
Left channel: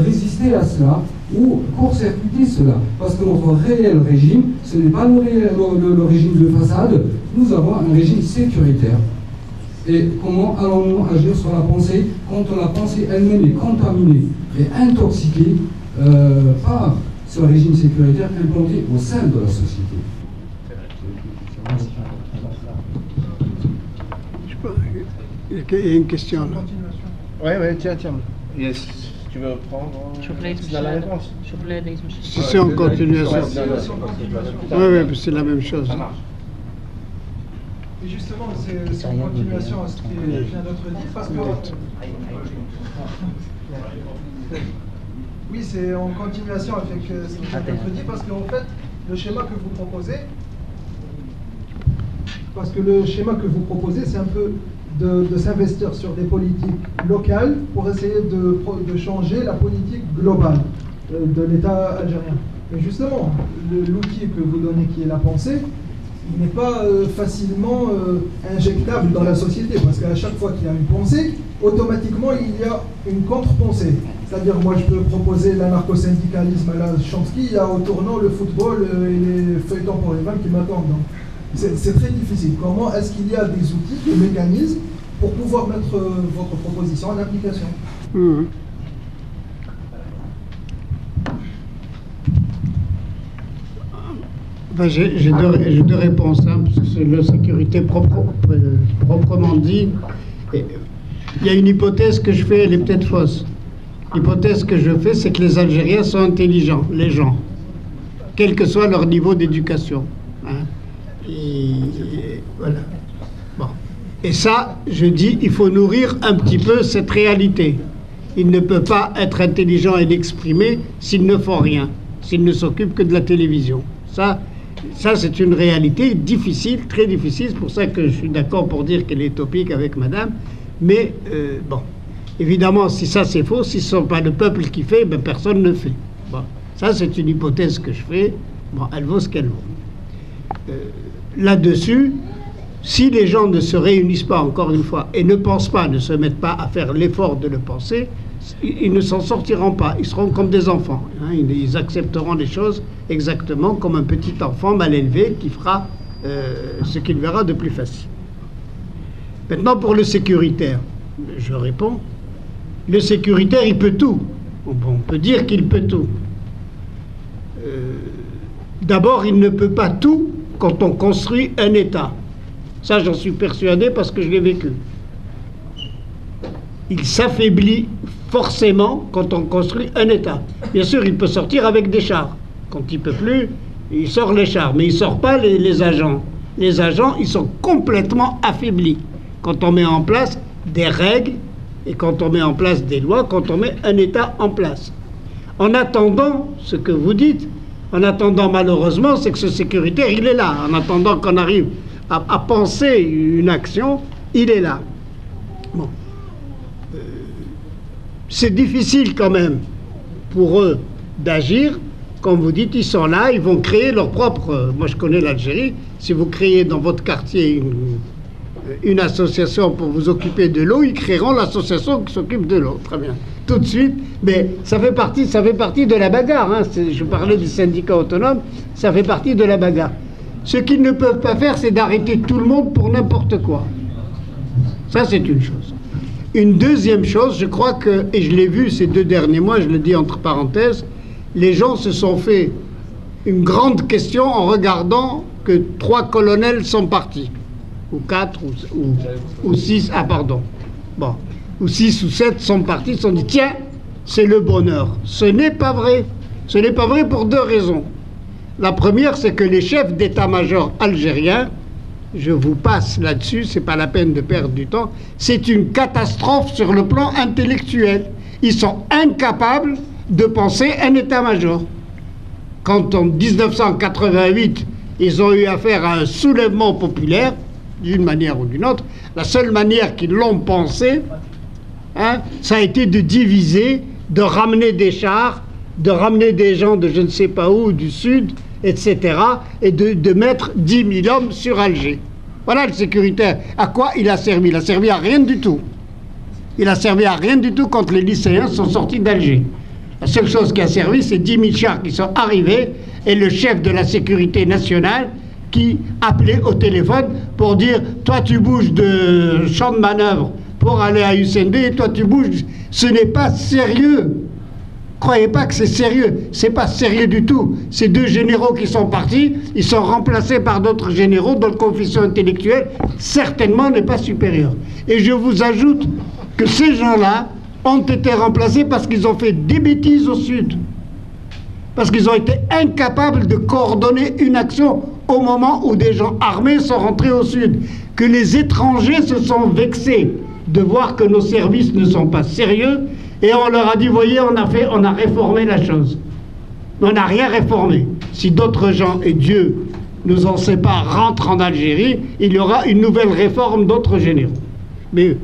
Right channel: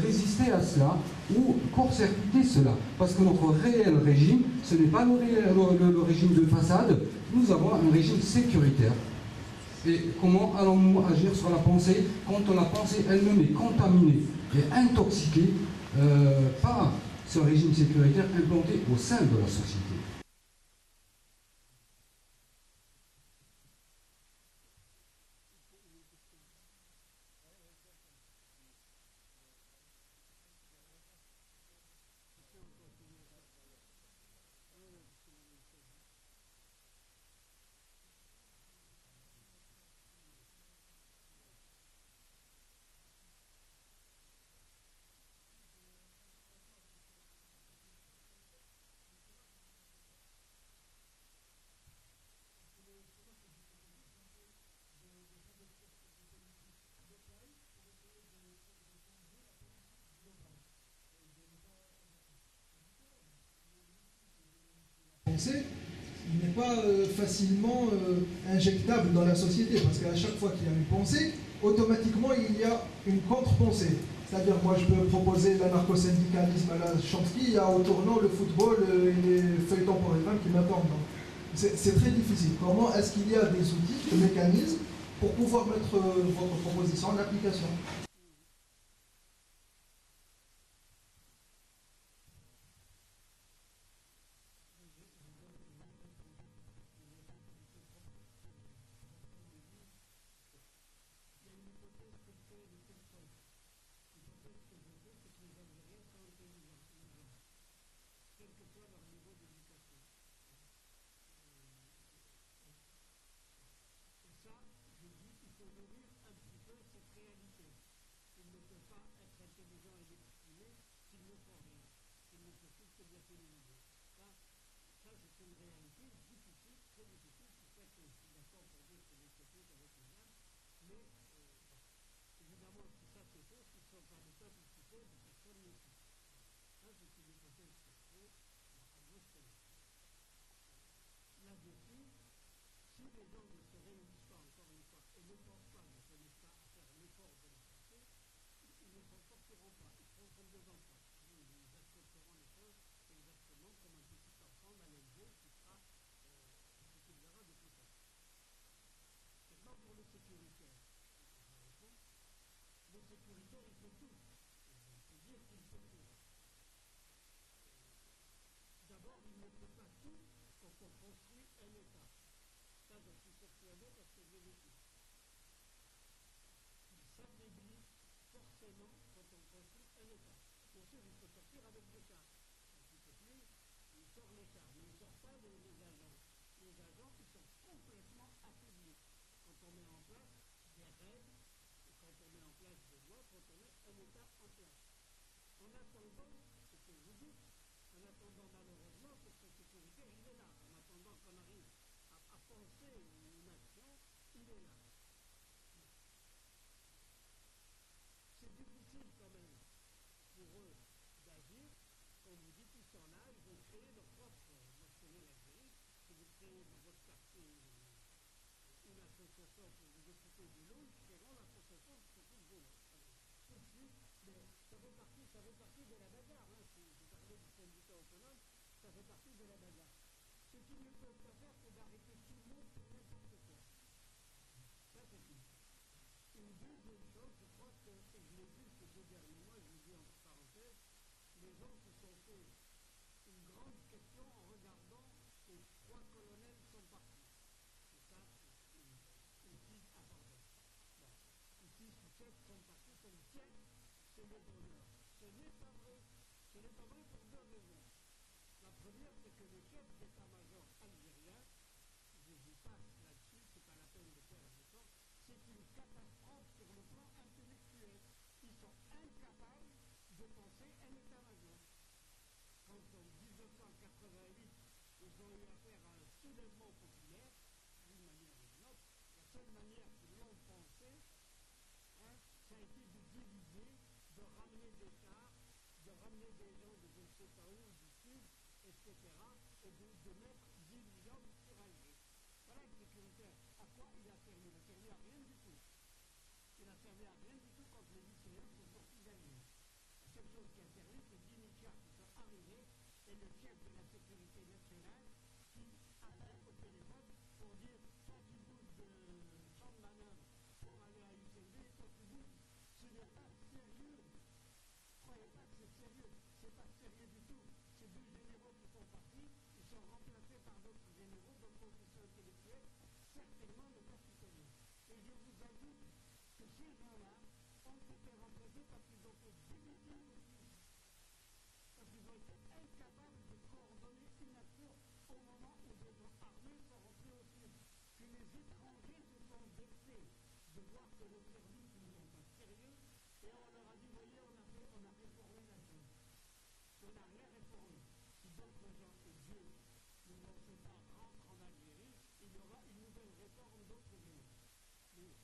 résister à cela ou court-circuiter cela? Parce que notre réel régime, ce n'est pas le régime de façade, nous avons un régime sécuritaire. Et comment allons-nous agir sur la pensée quand la pensée elle-même est contaminée et intoxiquée par ce régime sécuritaire implanté au sein de la société? Il y a une question là. Oui, tiens. Yes. Tu veux prendre la réponse? Si c'est en continuation. Oui, c'est la même chose. Ça marche. Et justement, c'est en continuation à ce qui vient d'être dit, parce que... Oui, c'est en continuation avec ce qui vient d'être dit, parce qu'en fait, le schéma que vous proposez, c'est un peu de s'investir sur des politiques locales pour essayer de changer la politique globale de l'État algérien. Mais justement, l'outil que vous donnez, qui est la pensée, il n'est pas facilement injectable dans la société, parce qu'à chaque fois qu'il y a une pensée, automatiquement il y a une contre-pensée. C'est-à-dire, moi je peux proposer l'anarcho-syndicalisme à la Chomsky, il y a au tournant le football et les feuilletons pour les femmes qui m'attendent. C'est très difficile. Comment est-ce qu'il y a des outils, des mécanismes pour pouvoir mettre votre proposition en application? Ben, j'ai deux réponses, hein, parce que c'est la sécurité proprement dit. Il y a une hypothèse que je fais, elle est peut-être fausse. L'hypothèse que je fais, c'est que les Algériens sont intelligents, les gens, quel que soit leur niveau d'éducation. Hein. Et voilà. Bon. Et ça, je dis, il faut nourrir un petit peu cette réalité. Il ne peut pas être intelligent et l'exprimer s'il ne font rien, s'il ne s'occupe que de la télévision. Ça, c'est une réalité difficile, très difficile. C'est pour ça que je suis d'accord pour dire qu'elle est utopique avec madame. Mais, bon, évidemment, si ça c'est faux, si ce n'est pas le peuple qui fait, ben, personne ne fait. Bon, ça, c'est une hypothèse que je fais. Bon, elle vaut ce qu'elle vaut. Là-dessus, si les gens ne se réunissent pas, encore une fois, et ne pensent pas, ne se mettent pas à faire l'effort de le penser, ils ne s'en sortiront pas. Ils seront comme des enfants. Hein. Ils accepteront les choses exactement comme un petit enfant mal élevé qui fera ce qu'il verra de plus facile. Maintenant, pour le sécuritaire, je réponds, le sécuritaire, il peut tout. On peut dire qu'il peut tout. D'abord, il ne peut pas tout quand on construit un État. Ça, j'en suis persuadé parce que je l'ai vécu. Il s'affaiblit forcément quand on construit un État. Bien sûr, il peut sortir avec des chars. Quand il ne peut plus, il sort les chars. Mais il ne sort pas les agents. Les agents, ils sont complètement affaiblis. Quand on met en place des règles et quand on met en place des lois, quand on met un État en place. En attendant, ce que vous dites, en attendant malheureusement, c'est que ce sécuritaire, il est là. En attendant qu'on arrive à penser une action, il est là. Bon. C'est difficile quand même pour eux d'agir. Comme vous dites, ils sont là, ils vont créer leur propre... Moi, je connais l'Algérie. Si vous créez dans votre quartier une association pour vous occuper de l'eau, ils créeront l'association qui s'occupe de l'eau. Très bien. Tout de suite. Mais ça fait partie de la bagarre. Hein. Je parlais du syndicat autonome. Ça fait partie de la bagarre. Ce qu'ils ne peuvent pas faire, c'est d'arrêter tout le monde pour n'importe quoi. Ça, c'est une chose. Une deuxième chose, je crois que, et je l'ai vu ces 2 derniers mois, je le dis entre parenthèses, les gens se sont fait une grande question en regardant que 3 colonels sont partis. Ou 4, ou 6, ah pardon. Bon, ou 6 ou 7 sont partis, ils se sont dit, tiens, c'est le bonheur. Ce n'est pas vrai. Ce n'est pas vrai pour 2 raisons. La première, c'est que les chefs d'état-major algériens, je vous passe là-dessus, c'est pas la peine de perdre du temps, c'est une catastrophe sur le plan intellectuel. Ils sont incapables de penser un état-major. quand en 1988, ils ont eu affaire à un soulèvement populaire, d'une manière ou d'une autre, la seule manière qu'ils l'ont pensé, hein, ça a été de diviser, de ramener des chars, de ramener des gens de je ne sais pas où, du sud, etc., et de mettre 10 000 hommes sur Alger. Voilà le sécuritaire. À quoi il a servi? Il a servi à rien du tout. Il a servi à rien du tout quand les lycéens sont sortis d'Alger. La seule chose qui a servi, c'est 10 000 chars qui sont arrivés et le chef de la sécurité nationale qui appelait au téléphone pour dire « Toi, tu bouges de champ de manœuvre pour aller à UCND et toi, tu bouges. » Ce n'est pas sérieux. Croyez pas que c'est sérieux. C'est pas sérieux du tout. Ces deux généraux qui sont partis, ils sont remplacés par d'autres généraux dont le coefficient intellectuel certainement n'est pas supérieur. Et je vous ajoute que ces gens-là ont été remplacés parce qu'ils ont fait des bêtises au sud. Parce qu'ils ont été incapables de coordonner une action au moment où des gens armés sont rentrés au sud. Que les étrangers se sont vexés de voir que nos services ne sont pas sérieux et on leur a dit, voyez, on a réformé la chose. On n'a rien réformé. Si d'autres gens, et Dieu nous en sépare, rentrent en Algérie, il y aura une nouvelle réforme d'autres généraux. Mais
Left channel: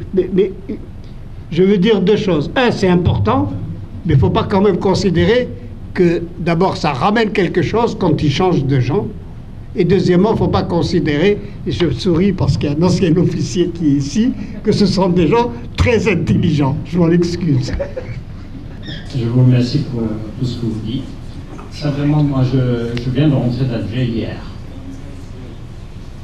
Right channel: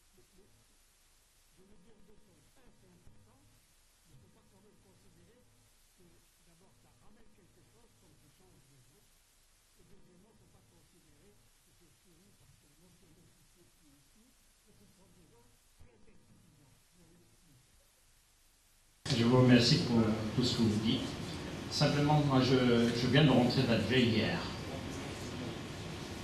je veux dire deux choses. Un, c'est important, mais il ne faut pas quand même considérer que d'abord ça ramène quelque chose quand ils changent de gens. Et deuxièmement, il ne faut pas considérer, et je souris parce qu'il y a un ancien officier qui est ici, que ce sont des gens très intelligents. Je m'en excuse. Je vous remercie pour tout ce que vous dites. Simplement, moi, je viens de rentrer d'Alger hier.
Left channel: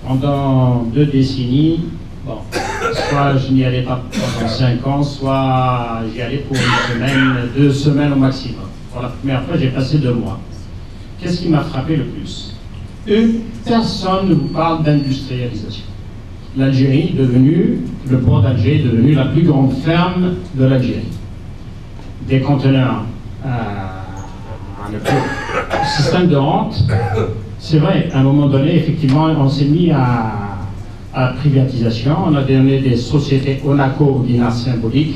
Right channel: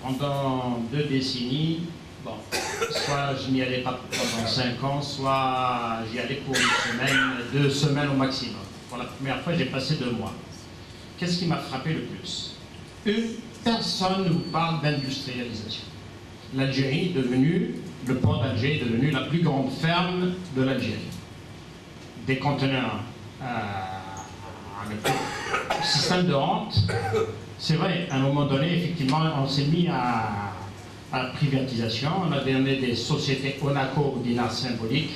Pendant 2 décennies, bon, soit je n'y allais pas pendant 5 ans, soit j'y allais pour 1 semaine, 2 semaines au maximum. Pour la première fois, j'ai passé 2 mois. Qu'est-ce qui m'a frappé le plus? Personne ne vous parle d'industrialisation. L'Algérie est devenue, le port d'Alger est devenu la plus grande ferme de l'Algérie. Des conteneurs, le système de rente, c'est vrai, à un moment donné, effectivement, on s'est mis à la privatisation, on a donné des sociétés Onaco au dinar symbolique,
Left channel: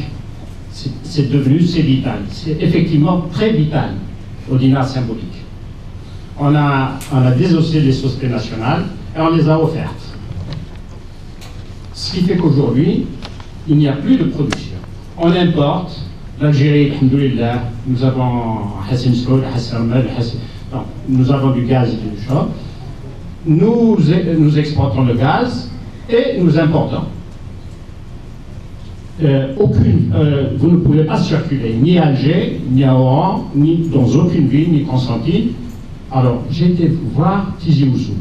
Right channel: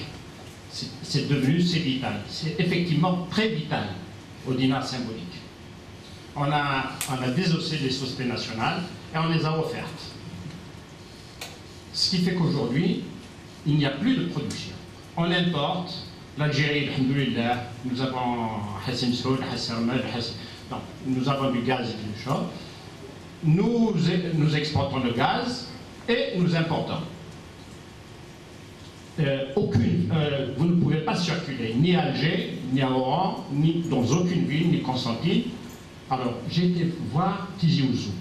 c'est devenu, c'est vital, c'est effectivement très vital au dinar symbolique. On a désossé les sociétés nationales et on les a offertes. Ce qui fait qu'aujourd'hui, il n'y a plus de production. On importe. L'Algérie, alhamdoulilah, nous avons Hassan Soud, Hassan Ahmed, nous avons du gaz et du chaud. Nous exportons le gaz et nous importons. Vous ne pouvez pas circuler ni à Alger, ni à Oran, ni dans aucune ville, ni Constantine. Alors, j'ai été voir Tizi Ouzou.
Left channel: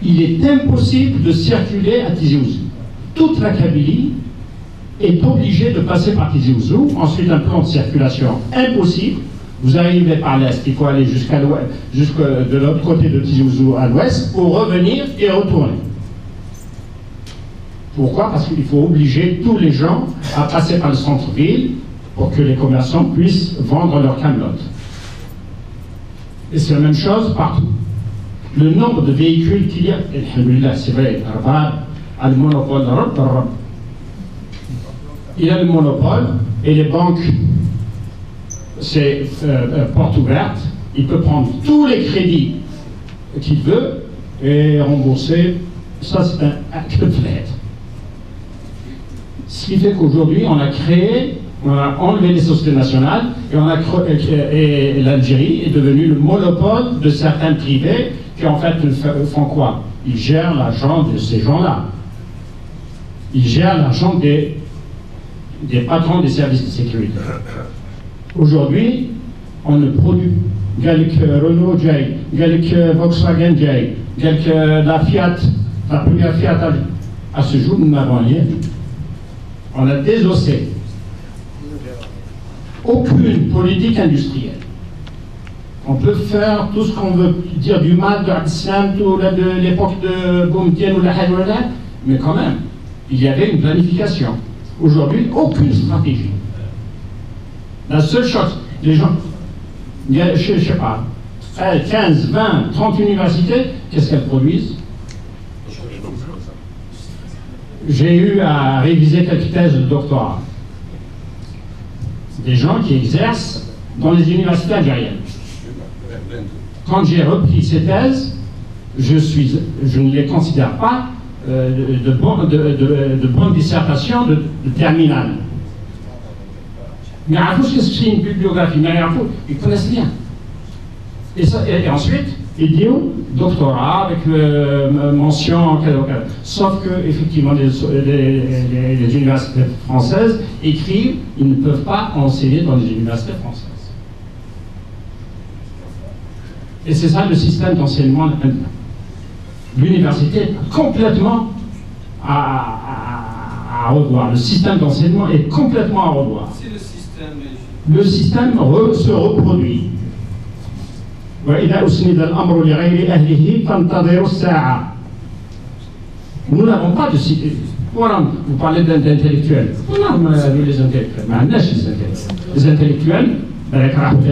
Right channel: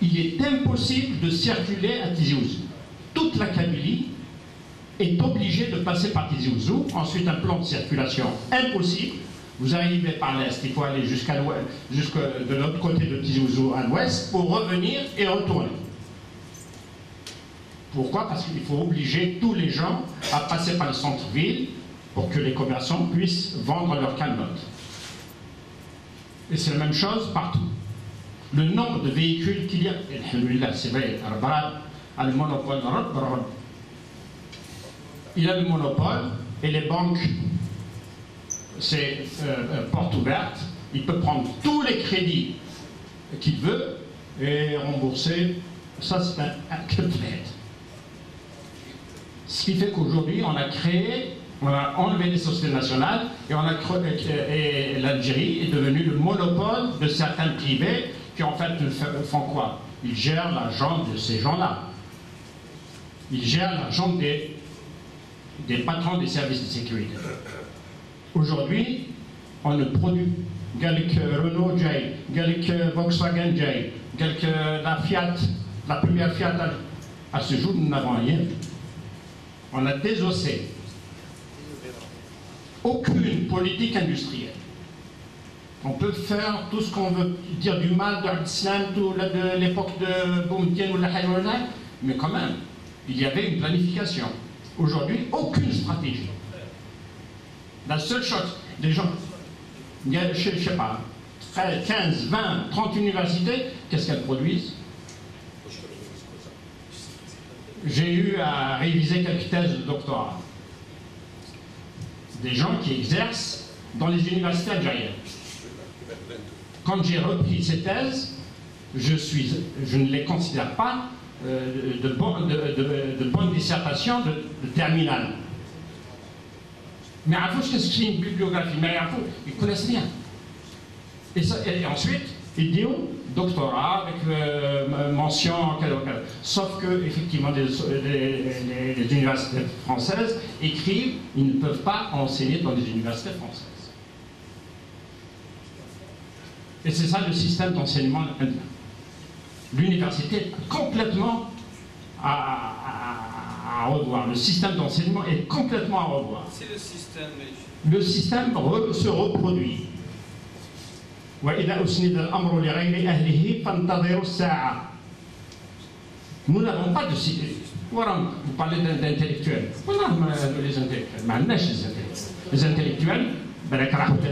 Il est impossible de circuler à Tizi Ouzou. Toute la Kabylie est obligée de passer par Tizi Ouzou. Ensuite, un plan de circulation impossible. Vous arrivez par l'est, il faut aller jusque de l'autre côté de Tizi Ouzou à l'ouest pour revenir et retourner. Pourquoi? Parce qu'il faut obliger tous les gens à passer par le centre-ville pour que les commerçants puissent vendre leurs camelotes. Et c'est la même chose partout. Le nombre de véhicules qu'il y a, alhamdoulilah, c'est vrai, Rabat a le monopole, il a le monopole, et les banques, c'est porte ouverte, il peut prendre tous les crédits qu'il veut et rembourser. Ça, c'est un acte de fait. Ce qui fait qu'aujourd'hui, on a enlevé les sociétés nationales et l'Algérie est devenue le monopole de certains privés qui en fait font quoi? Ils gèrent l'argent de ces gens-là. Ils gèrent l'argent des patrons des services de sécurité. Aujourd'hui, on ne produit Gallic Renault J, Gallic Volkswagen J, Gallic la Fiat, la première Fiat. À ce jour, nous n'avons rien vu. On a désossé. Aucune politique industrielle. On peut faire tout ce qu'on veut dire du mal de l'islam, de l'époque de Boumtien ou la Haïwana, mais quand même, il y avait une planification. Aujourd'hui, aucune stratégie. La seule chose, les gens, il y a, je ne sais pas, 15, 20, 30 universités, qu'est-ce qu'elles produisent? J'ai eu à réviser quelques thèses de doctorat. Des gens qui exercent dans les universités algériennes. Quand j'ai repris ces thèses, je ne les considère pas de bonnes dissertations de terminale. Mais qu'est-ce que c'est une bibliographie? Mais ils ne connaissent rien. Et ensuite, ils disent doctorat avec mention, sauf que, effectivement, les universités françaises écrivent, ils ne peuvent pas enseigner dans les universités françaises. Et c'est ça le système d'enseignement indien. L'université est complètement à revoir. Le système d'enseignement est complètement à revoir. Le système se reproduit. Nous n'avons pas de cité. Voilà, vous parlez d'intellectuels. Voilà, les intellectuels. Les intellectuels,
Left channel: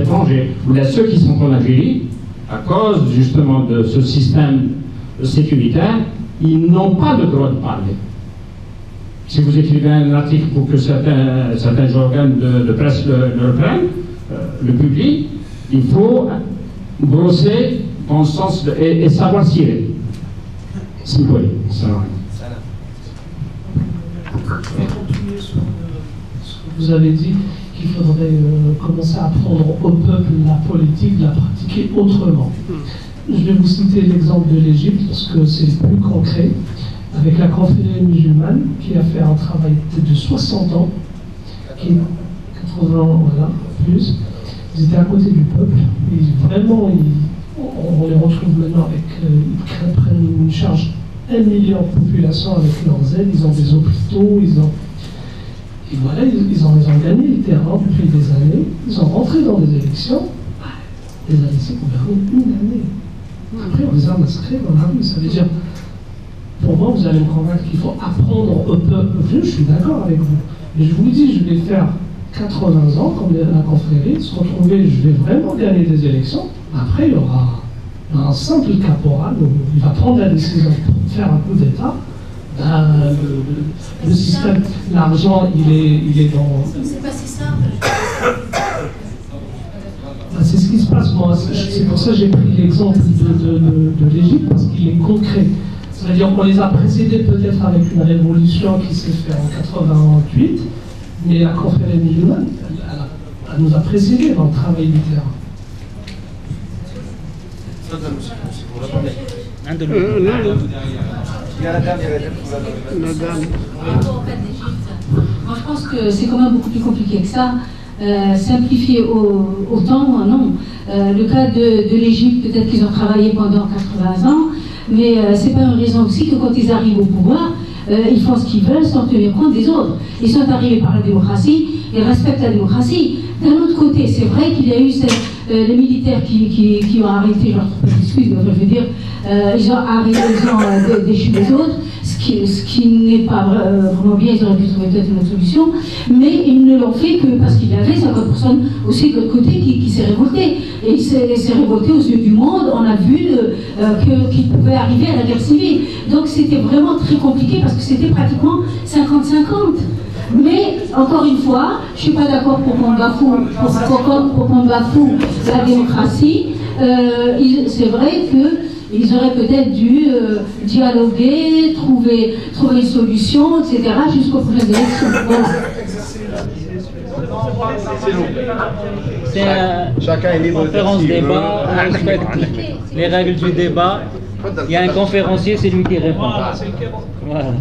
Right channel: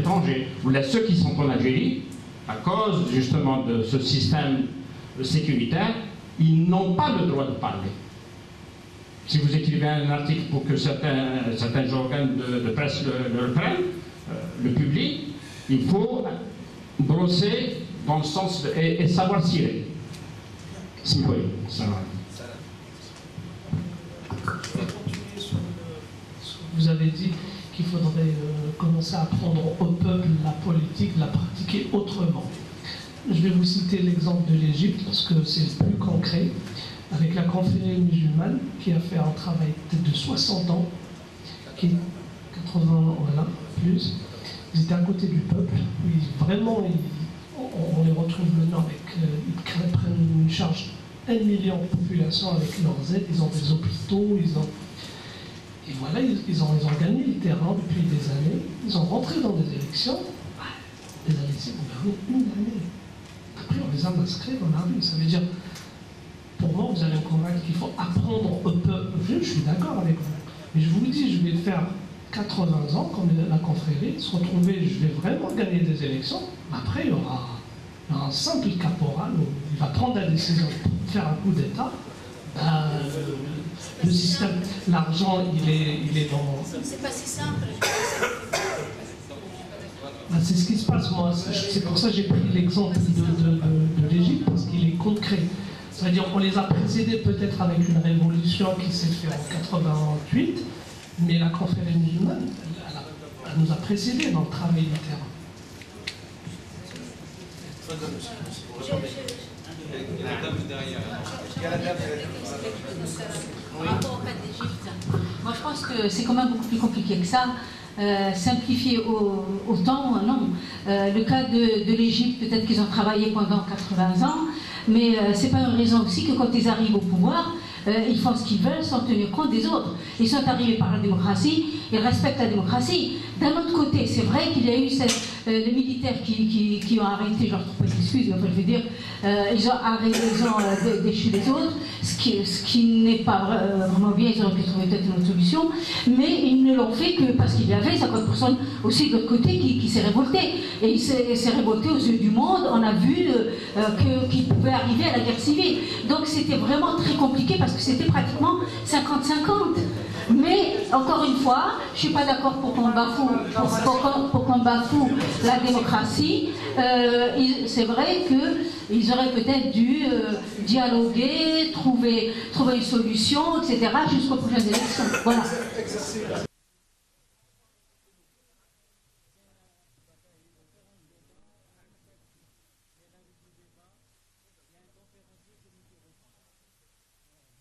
étrangers, ceux qui sont en Algérie, à cause justement de ce système sécuritaire, ils n'ont pas le droit de parler. Si vous écrivez un article pour que certains organes de presse le reprennent, le publient, il faut brosser dans le sens et savoir tirer. Si oui, ça va. Continuer sur ce que vous avez dit, qu'il faudrait commencer à apprendre au peuple la politique, la pratiquer autrement. Je vais vous citer l'exemple de l'Égypte parce que c'est le plus concret, avec la confrérie musulmane qui a fait un travail de 60 ans, qui 80 ans, voilà, plus. Ils étaient à côté du peuple. Et vraiment, on les retrouve maintenant avec. Ils prennent une charge 1 million de population avec leurs aides. Ils ont des hôpitaux, et voilà, ils ont gagné le terrain depuis des années. Ils sont rentrés dans des élections. Les ADC gouvernaient une année. Après, on les a masqués dans la rue. Ça veut dire, pour moi, vous allez me convaincre qu'il faut apprendre au peuple. Je suis d'accord avec vous. Mais je vous le dis, je vais faire 80 ans, comme la confrérie, se retrouver, je vais vraiment gagner des élections. Après, il y aura un simple caporal, il va prendre la décision de faire un coup d'État. Le système, l'argent, il est dans... C'est pas si simple. C'est ce qui se passe, moi. C'est pour ça que j'ai pris l'exemple de l'Égypte, parce qu'il est concret. C'est-à-dire qu'on les a précédés peut-être avec une révolution qui s'est faite en 88, mais la confrérie musulmane, elle nous a précédés dans le travail du terrain. Moi, je pense que c'est quand même beaucoup plus compliqué que ça. Simplifier autant, non. Le cas de l'Égypte, peut-être qu'ils ont travaillé pendant 80 ans, mais c'est pas une raison aussi que quand ils arrivent au pouvoir, ils font ce qu'ils veulent sans tenir compte des autres. Ils sont arrivés par la démocratie, ils respectent la démocratie. D'un autre côté, c'est vrai qu'il y a eu les militaires qui ont arrêté, genre, excuse, mais je veux dire, ils ont arrêté, ils ont déchu les autres, ce qui n'est pas vraiment bien, ils auraient pu trouver peut-être une autre solution, mais ils ne l'ont fait que parce qu'il y avait 50% aussi de l'autre côté qui s'est révolté. Et il s'est révolté aux yeux du monde, on a vu qu'il pouvait arriver à la guerre civile. Donc c'était vraiment très compliqué parce que c'était pratiquement 50-50. Mais, encore une fois, je ne suis pas d'accord pour qu'on bafoue la démocratie. C'est vrai qu'ils auraient peut-être dû dialoguer, trouver une solution, etc., jusqu'aux prochaines élections. Voilà. C'est une conférence débat, on respecte les règles du débat. Il y a un conférencier, c'est lui qui répond. Voilà.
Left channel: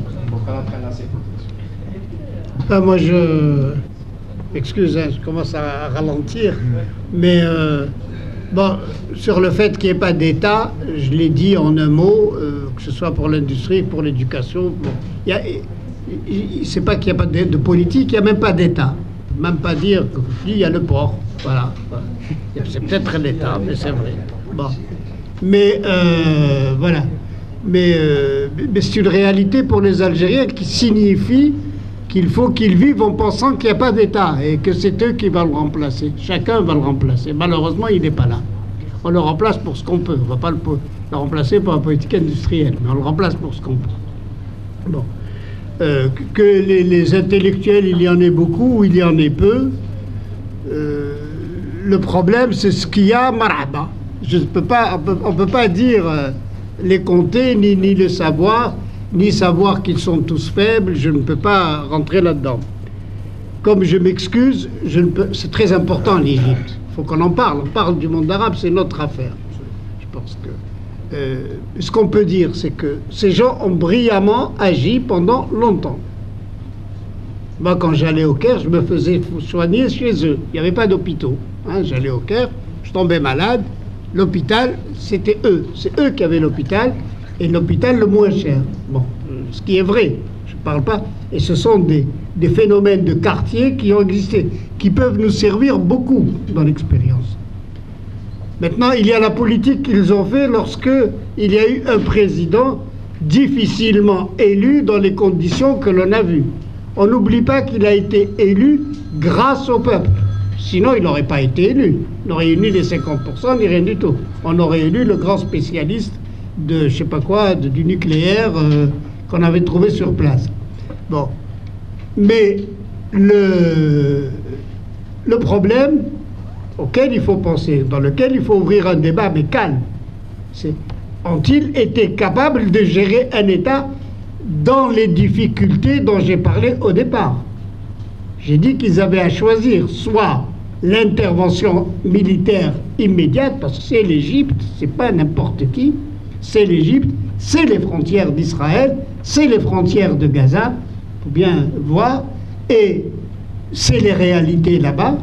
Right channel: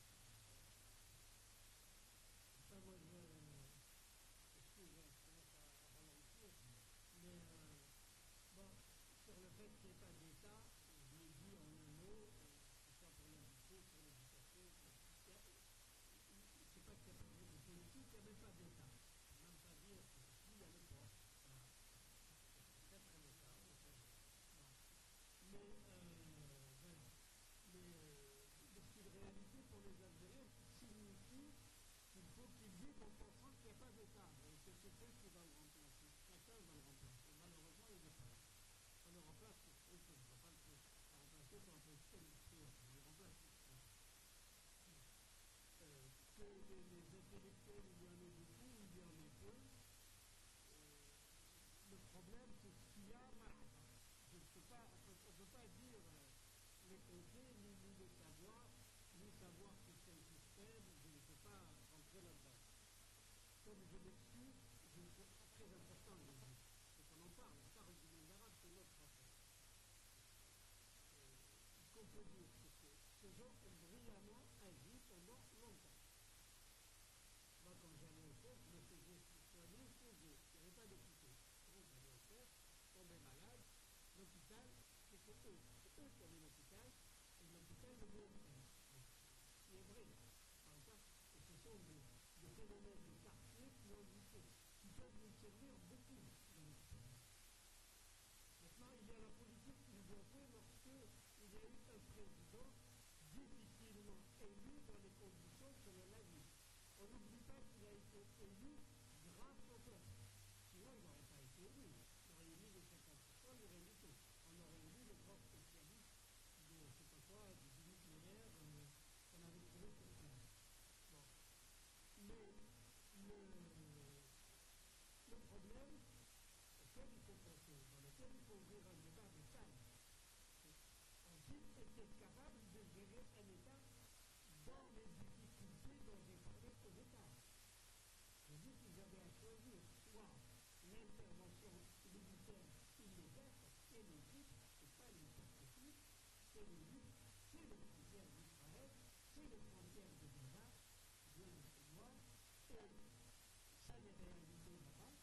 Moi, excusez, je commence à ralentir, mais bon, sur le fait qu'il n'y ait pas d'État, je l'ai dit en un mot, que ce soit pour l'industrie, pour l'éducation, c'est pas qu'il n'y a pas de politique, il n'y a même pas d'État. Même pas dire qu'il y a le port, voilà. C'est peut-être l'État, mais c'est vrai. Bon. Mais voilà. Mais c'est une réalité pour les Algériens qui signifie qu'il faut qu'ils vivent en pensant qu'il n'y a pas d'État et que c'est eux qui vont le remplacer. Chacun va le remplacer. Malheureusement, il n'est pas là. On le remplace pour ce qu'on peut. On ne va pas le remplacer par la politique industrielle, mais on le remplace pour ce qu'on peut. Bon. Que les intellectuels, il y en ait beaucoup ou il y en ait peu, le problème, c'est ce qu'il y a, marhaba. Je peux pas, on ne peut pas dire les compter, ni le savoir, ni savoir qu'ils sont tous faibles. Je ne peux pas rentrer là-dedans. Comme je m'excuse, c'est très important l'Égypte. Il faut qu'on en parle. On parle du monde arabe, c'est notre affaire. Je pense que ce qu'on peut dire, c'est que ces gens ont brillamment agi pendant longtemps. Moi, quand j'allais au Caire, je me faisais soigner chez eux. Il n'y avait pas d'hôpitaux. Hein. J'allais au Caire, je tombais malade. L'hôpital, c'était eux. C'est eux qui avaient l'hôpital, et l'hôpital le moins cher. Bon, ce qui est vrai, je ne parle pas. Et ce sont des phénomènes de quartier qui ont existé, qui peuvent nous servir beaucoup dans l'expérience. Maintenant, il y a la politique qu'ils ont fait lorsque il y a eu un président difficilement élu dans les conditions que l'on a vues. On n'oublie pas qu'il a été élu grâce au peuple. Sinon, il n'aurait pas été élu. Il n'aurait eu ni les 50%, ni rien du tout. On aurait élu le grand spécialiste de, je sais pas quoi, du nucléaire qu'on avait trouvé sur place. Bon. Mais le problème auquel il faut penser, dans lequel il faut ouvrir un débat, mais calme, c'est ont-ils été capables de gérer un État dans les difficultés dont j'ai parlé au départ? J'ai dit qu'ils avaient à choisir soit l'intervention militaire immédiate, parce que c'est l'Égypte, c'est pas n'importe qui, c'est l'Égypte, c'est les frontières d'Israël, c'est les frontières de Gaza, il faut bien voir, et c'est les réalités là-bas.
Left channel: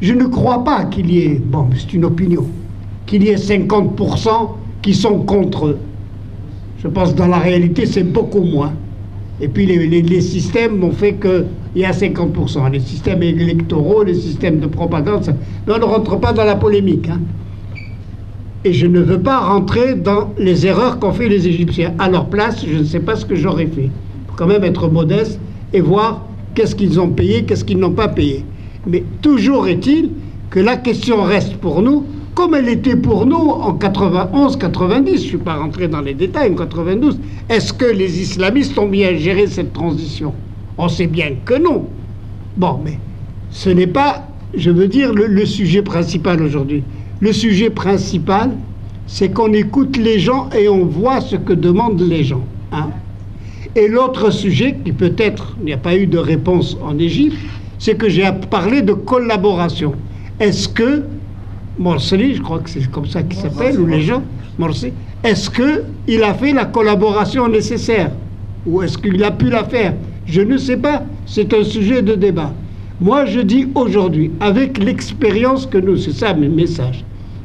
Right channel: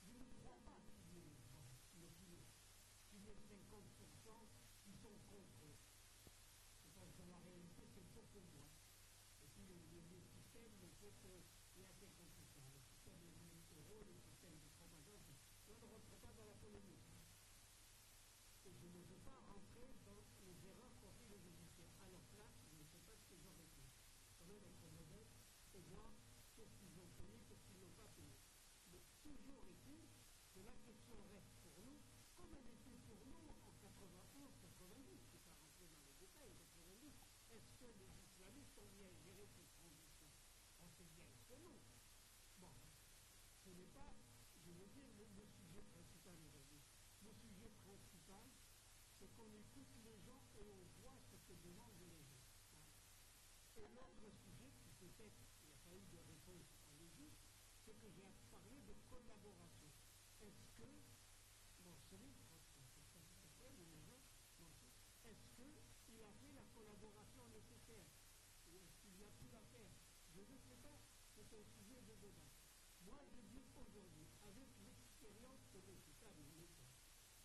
Je ne crois pas qu'il y ait, bon, c'est une opinion, qu'il y ait 50% qui sont contre eux. Je pense que dans la réalité, c'est beaucoup moins. Et puis les systèmes ont fait qu'il y a 50%. Les systèmes électoraux, les systèmes de propagande, ça... Mais on ne rentre pas dans la polémique. Hein. Et je ne veux pas rentrer dans les erreurs qu'ont fait les Égyptiens. À leur place, je ne sais pas ce que j'aurais fait. Il faut quand même être modeste et voir qu'est-ce qu'ils ont payé, qu'est-ce qu'ils n'ont pas payé. Mais toujours est-il que la question reste pour nous, comme elle était pour nous en 91-90, je ne suis pas rentré dans les détails, en 92. Est-ce que les islamistes ont bien géré cette transition? On sait bien que non. Bon, mais ce n'est pas, je veux dire, le sujet principal aujourd'hui. Le sujet principal, c'est qu'on écoute les gens et on voit ce que demandent les gens. Hein. Et l'autre sujet, qui peut-être, il n'y a pas eu de réponse en Égypte, c'est que j'ai parlé de collaboration. Est-ce que Morsi, je crois que c'est comme ça qu'il s'appelle, ou les gens, Morsi, est-ce qu'il a fait la collaboration nécessaire? Ou est-ce qu'il a pu la faire? Je ne sais pas, c'est un sujet de débat. Moi, je dis aujourd'hui, avec l'expérience que nous, c'est ça mes messages,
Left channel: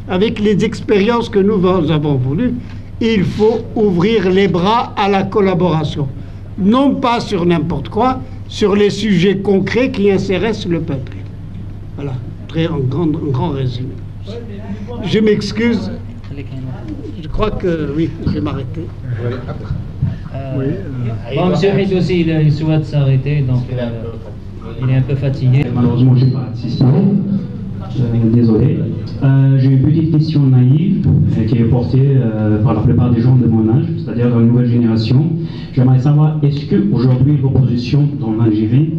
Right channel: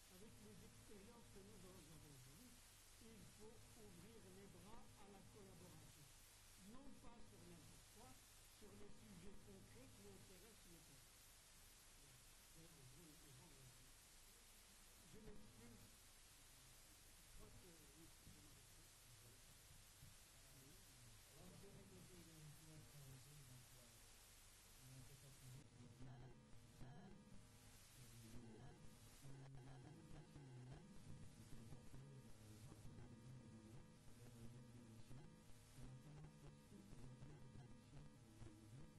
avec les expériences que nous avons voulu, il faut ouvrir les bras à la collaboration. Non pas sur n'importe quoi, sur les sujets concrets qui intéressent le peuple. Voilà, en grand résumé. Je m'excuse. Je crois que oui, je vais m'arrêter. Bon, M. Haït aussi, il souhaite s'arrêter, donc il est un peu fatigué. Malheureusement, je n'ai pas assisté. Désolé. J'ai une petite question naïve qui est portée par la plupart des gens de mon âge, c'est-à-dire dans la nouvelle génération. J'aimerais savoir, est-ce qu'aujourd'hui l'opposition dans l'Algérie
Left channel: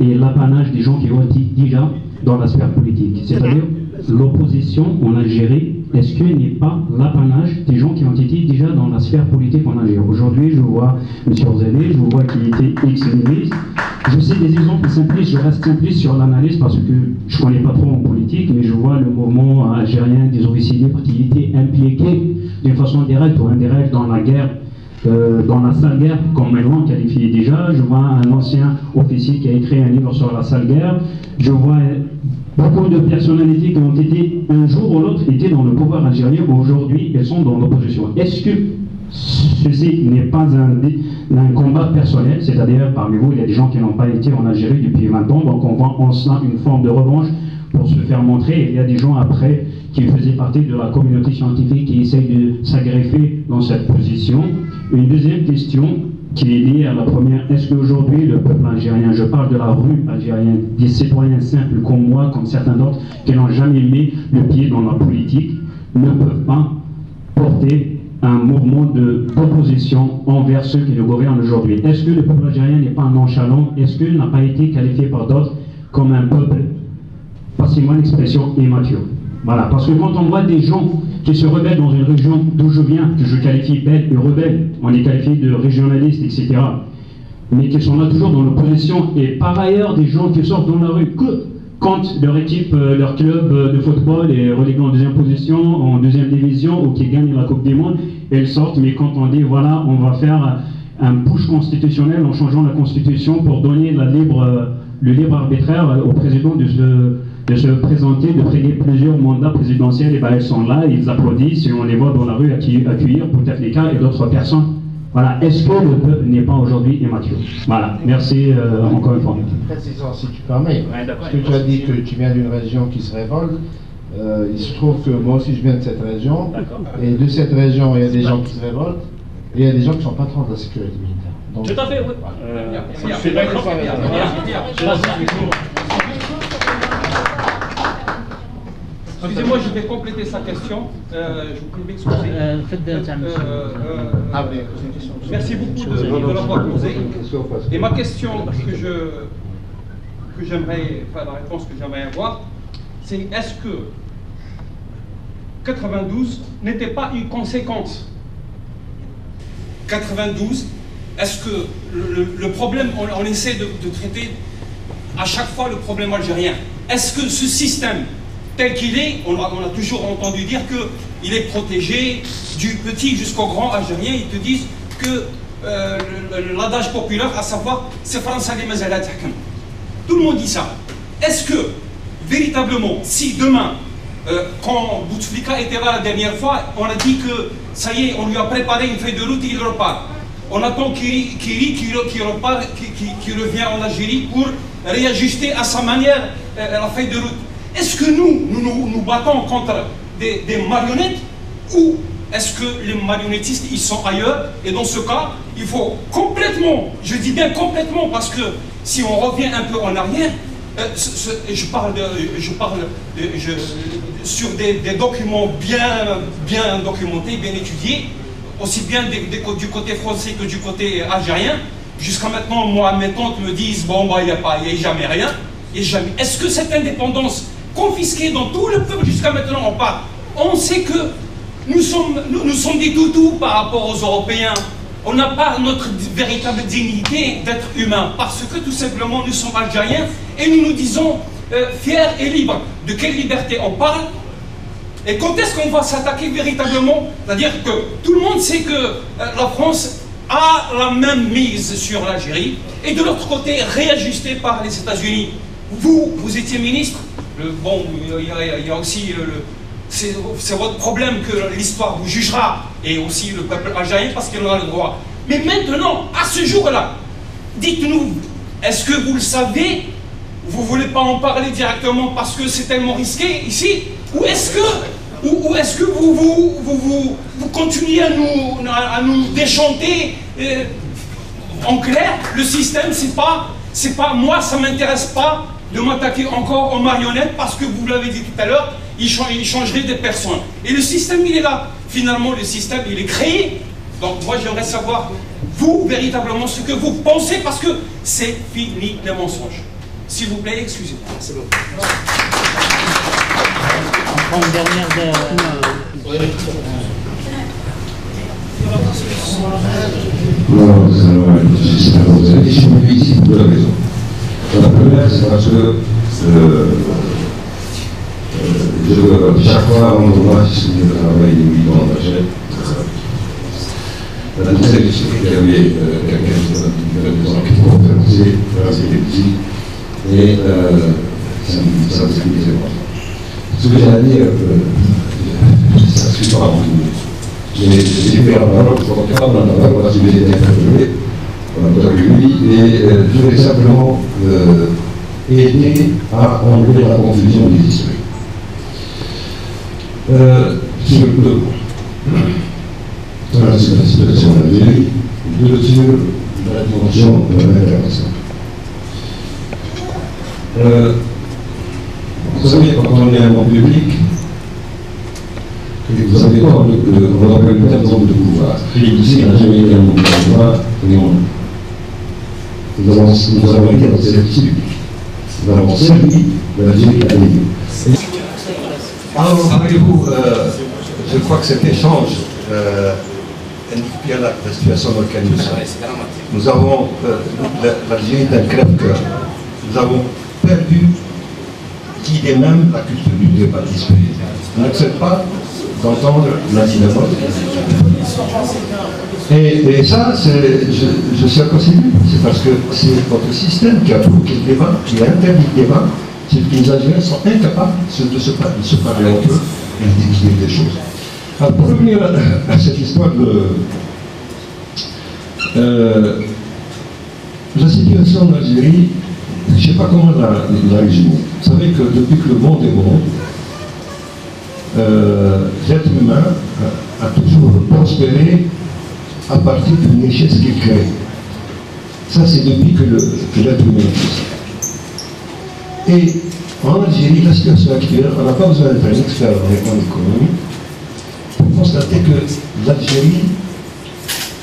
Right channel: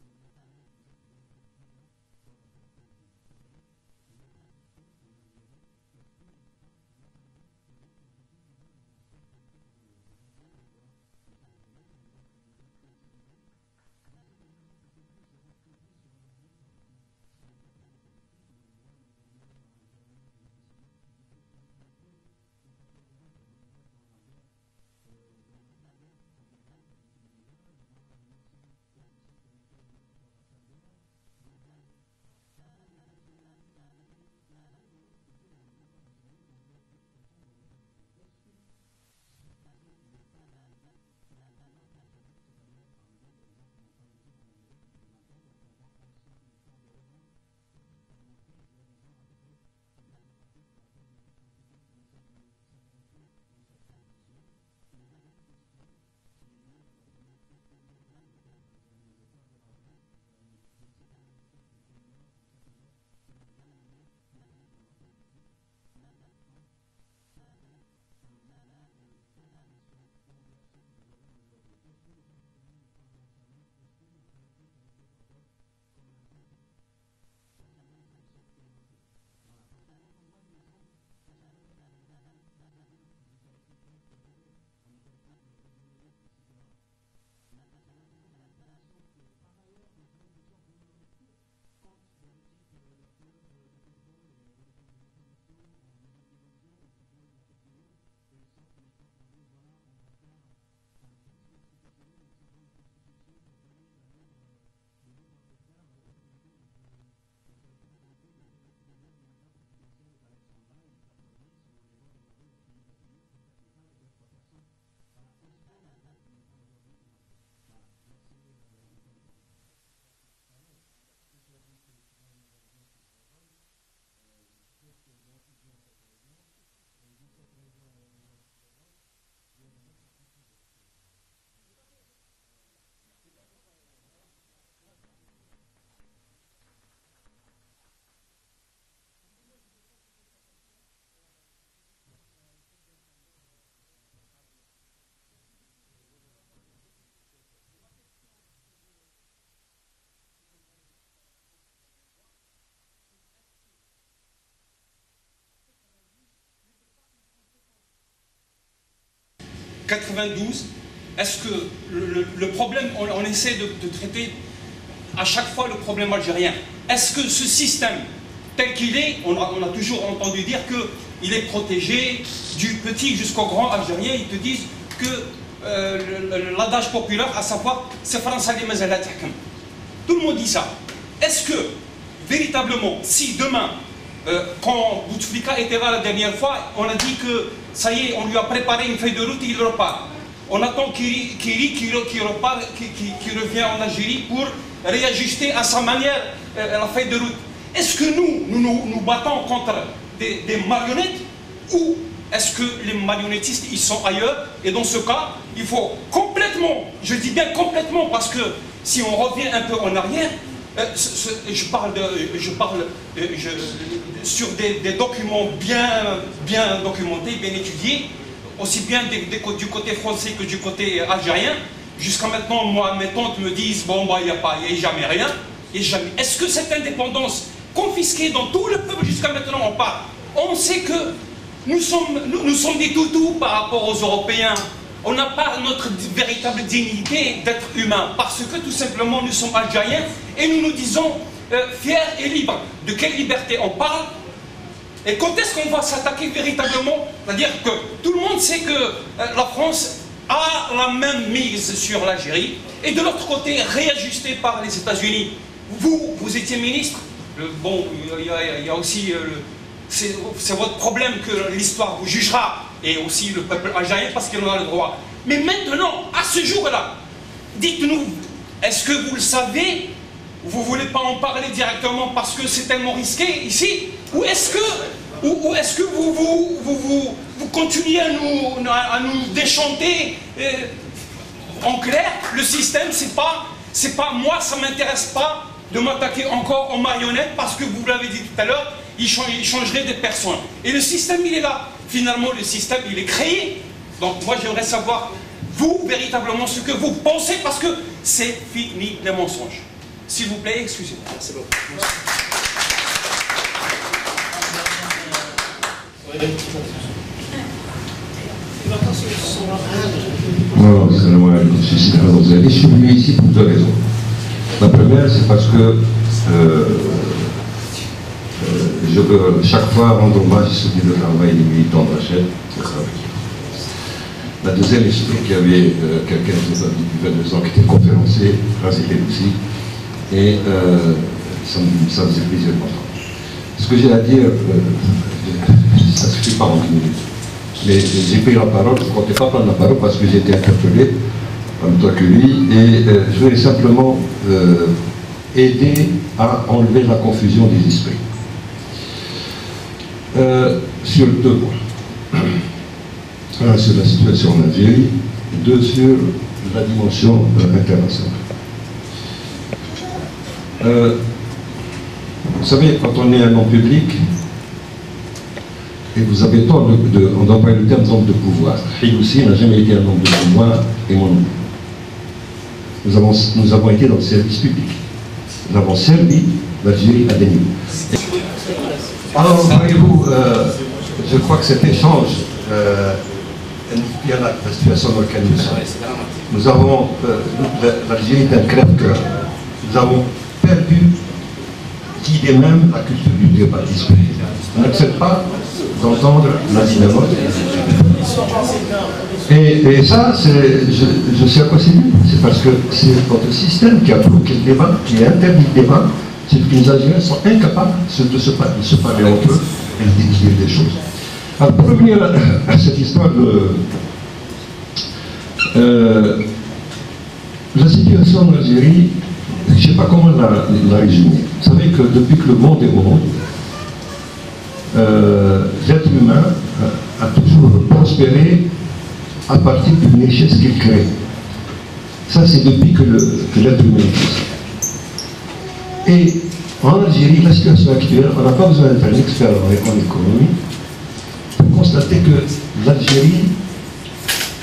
est l'apanage des gens qui ont été déjà dans la sphère politique? C'est-à-dire l'opposition en Algérie, est-ce qu'elle n'est pas l'apanage des gens qui ont été déjà dans la sphère politique en Algérie? Aujourd'hui, je vois M. Orzélé, je vois qu'il était ex-ministre. Je sais des exemples simplistes, je reste simpliste sur l'analyse parce que je ne connais pas trop en politique, mais je vois le mouvement algérien des officiers libres qui était impliqué d'une façon directe ou indirecte dans la guerre, dans la sale guerre, comme Malouane qualifiait déjà. Je vois un ancien officier qui a écrit un livre sur la sale guerre. Je vois beaucoup de personnalités qui ont été, un jour ou l'autre, étaient dans le pouvoir algérien, aujourd'hui, elles sont dans l'opposition. Est-ce que ceci n'est pas un combat personnel, c'est-à-dire parmi vous, il y a des gens qui n'ont pas été en Algérie depuis 20 ans, donc on voit en cela une forme de revanche pour se faire montrer, et il y a des gens après qui faisaient partie de la communauté scientifique qui essayent de s'agrifer dans cette position. Une deuxième question qui est liée à la première, est-ce qu'aujourd'hui le peuple algérien, je parle de la rue algérienne, des citoyens simples comme moi, comme certains d'autres, qui n'ont jamais mis le pied dans la politique, ne peuvent pas porter un mouvement d'opposition envers ceux qui le gouvernent aujourd'hui? Est-ce que le peuple algérien n'est pas nonchalant? Est-ce qu'il n'a pas été qualifié par d'autres comme un peuple, passez-moi l'expression, immature? Voilà, parce que quand on voit des gens qui se rebellent dans une région d'où je viens, que je qualifie belle et rebelle, on les qualifie de régionalistes, etc., mais qui sont là toujours dans l'opposition, et par ailleurs des gens qui sortent dans la rue que quand leur équipe, leur club de football est relégué en deuxième position, en deuxième division, ou qui gagne la Coupe du Monde, et ils sortent, mais quand on dit voilà, on va faire un push constitutionnel en changeant la constitution pour donner le libre arbitraire au président de se présenter, de prêter plusieurs mandats présidentiels, et bien ils sont là, ils applaudissent, et on les voit dans la rue accueillir Bouteflika et d'autres personnes. Voilà, est-ce que le peuple n'est pas aujourd'hui immature? Voilà, merci encore une fois. Précision, si tu permets, parce que tu as dit que tu viens d'une région qui se révolte, il se trouve que moi aussi je viens de cette région, et de cette région il y a des gens qui se révoltent, et il y a des gens qui sont patrons de la sécurité militaire. Donc, tout à fait, oui. Je suis d'accord avec Excusez-moi, je vais compléter sa question. Je vous prie de m'excuser. Merci beaucoup de l'avoir posée. Et ma question que j'aimerais, enfin la réponse que j'aimerais avoir, c'est est-ce que 92 n'était pas une conséquence? 92, est-ce que le problème, on essaie de traiter à chaque fois le problème algérien. Est-ce que ce système tel qu'il est, on a toujours entendu dire qu'il est protégé du petit jusqu'au grand algérien. Ils te disent que l'adage populaire, à savoir c'est français les mazalat hakim. Tout le monde dit ça. Est-ce que véritablement, si demain, quand Bouteflika était là la dernière fois, on a dit que ça y est, on lui a préparé une feuille de route et il repart. On attend qu'il repart, qu'il revient en Algérie pour réajuster à sa manière la feuille de route. Est-ce que nous battons contre des marionnettes ou est-ce que les marionnettistes ils sont ailleurs? Et dans ce cas, il faut complètement, je dis bien complètement, parce que si on revient un peu en arrière, je parle sur des documents bien documentés, bien étudiés, aussi bien du côté français que du côté algérien. Jusqu'à maintenant, moi, mes tantes me disent bon, bah, il n'y a jamais rien. Est-ce que cette indépendance confisquée dans tout le peuple jusqu'à maintenant, on parle, on sait que nous sommes des toutous par rapport aux Européens. On n'a pas notre véritable dignité d'être humain parce que tout simplement nous sommes algériens et nous nous disons fiers et libres. De quelle liberté on parle? Et quand est-ce qu'on va s'attaquer véritablement? C'est-à-dire que tout le monde sait que la France a la même mise sur l'Algérie et de l'autre côté réajustée par les États-Unis. Vous étiez ministre, bon, il y a aussi, c'est votre problème que l'histoire vous jugera et aussi le peuple algérien parce qu'il en a le droit. Mais maintenant, à ce jour-là, dites-nous, est-ce que vous le savez? Vous ne voulez pas en parler directement parce que c'est tellement risqué ici? Ou est-ce que vous continuez à nous déchanter en clair? Le système, c'est pas moi, ça ne m'intéresse pas de m'attaquer encore aux marionnettes parce que vous l'avez dit tout à l'heure, il changerait des personnes. Et le système, il est là. Finalement, le système, il est créé. Donc moi, j'aimerais savoir, vous, véritablement, ce que vous pensez parce que c'est fini les mensonges. S'il vous plaît, excusez-moi. C'est bon. Je suis venu ici pour deux raisons. La première, c'est parce que je veux chaque fois rendre hommage et soutenir le travail des militants d'Alger. La deuxième, c'est qu'il y avait quelqu'un qui avait 22 ans qui était conférencier, c'était ici, et ça me faisait plaisir. Ce que j'ai à dire, ça ne suffit pas en 10 minutes. Mais j'ai pris la parole, je ne comptais pas prendre la parole parce que j'ai été interpellé en même temps que lui, et je voulais simplement aider à enlever la confusion des esprits. Sur deux points. Un sur la situation en Algérie, deux sur la dimension internationale. Vous savez, quand on est un homme public, et vous avez tort on emploie le terme d'homme de pouvoir. Lui aussi n'a jamais été un homme de pouvoir, mais nous avons été dans le service public. Nous avons servi l'Algérie à l'église. Alors, voyez-vous, je crois que cet échange indique bien la situation dans laquelle nous sommes. Nous avons, l'Algérie est un crève-cœur. Nous avons perdu l'idée même, la culture du débat discuté. On n'accepte pas d'entendre la dynamique. Et ça, je sais à quoi c'est dû. C'est parce que c'est votre système qui a bloqué le débat, qui a interdit le débat. C'est que les Algériens sont incapables de se parler entre eux et de dire des choses. Alors, pour revenir à cette histoire la situation en Algérie, je ne sais pas comment la résumer. Vous savez que depuis que le monde est monde, l'être humain a toujours prospéré à partir d'une richesse qu'il crée. Ça, c'est depuis que l'être humain existe. Et en Algérie, la situation actuelle, on n'a pas besoin d'être un expert en économie pour constater que l'Algérie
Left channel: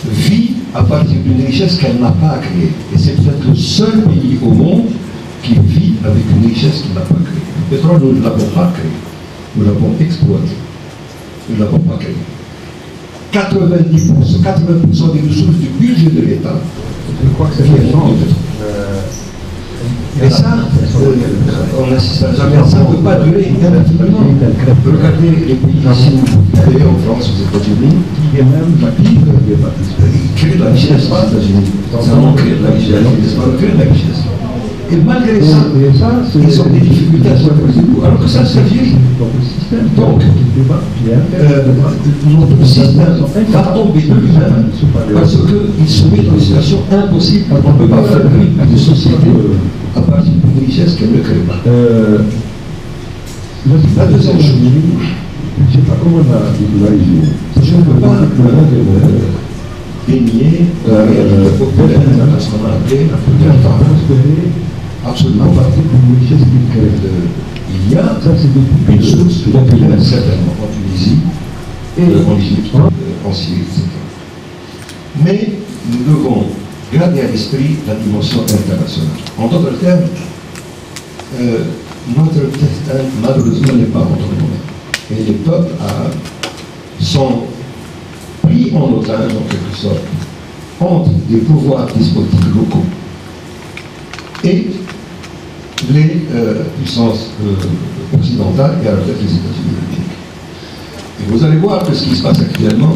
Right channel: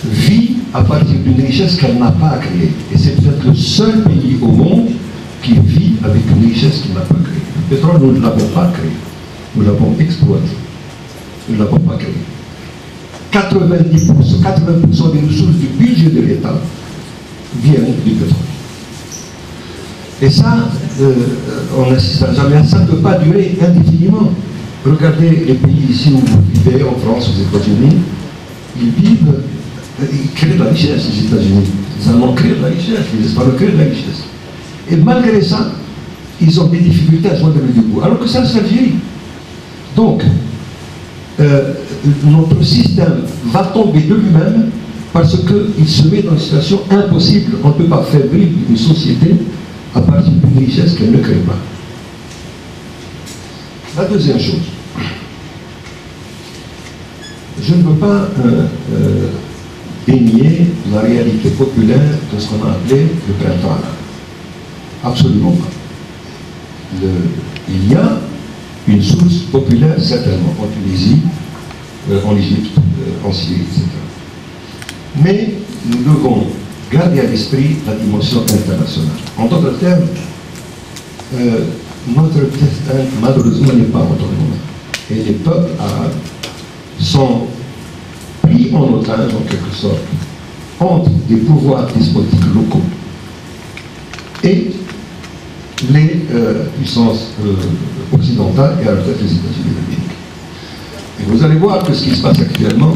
vit à partir d'une richesse qu'elle n'a pas créée. Et c'est peut-être le seul pays au monde qui vit avec une richesse qu'il n'a pas créée. Le pétrole, nous ne l'avons pas créé. Nous l'avons exploité. Nous ne l'avons pas créé. 80% des ressources du budget de l'État viennent du pétrole. Et ça, on n'assistera jamais à ça, ne peut pas durer indéfiniment. Regardez les pays ici où vous vivez, en France, aux États-Unis, ils créent de la richesse aux États-Unis. Ça manque de la richesse, les Espagnols créent de la richesse. Et malgré ça, ils ont des difficultés à joindre les bouts. Alors que ça, c'est l'Algérie. Donc, notre système va tomber de lui-même parce qu'il se met dans une situation impossible. On ne peut pas faire vivre une société à partir d'une richesse qu'elle ne crée pas. La deuxième chose, je ne veux pas dénier la réalité populaire de ce qu'on a appelé le Qatar. Absolument pas. Il y a une source populaire, certainement, en Tunisie, en Égypte, en Syrie, etc. Mais nous devons garder à l'esprit la dimension internationale. En d'autres termes, notre destin, malheureusement, n'est pas entre nous. Et les peuples arabes sont pris en otage, en quelque sorte, entre des pouvoirs despotiques locaux et les puissances occidentales et à la tête des États-Unis d'Amérique. Et vous allez voir que ce qui se passe actuellement,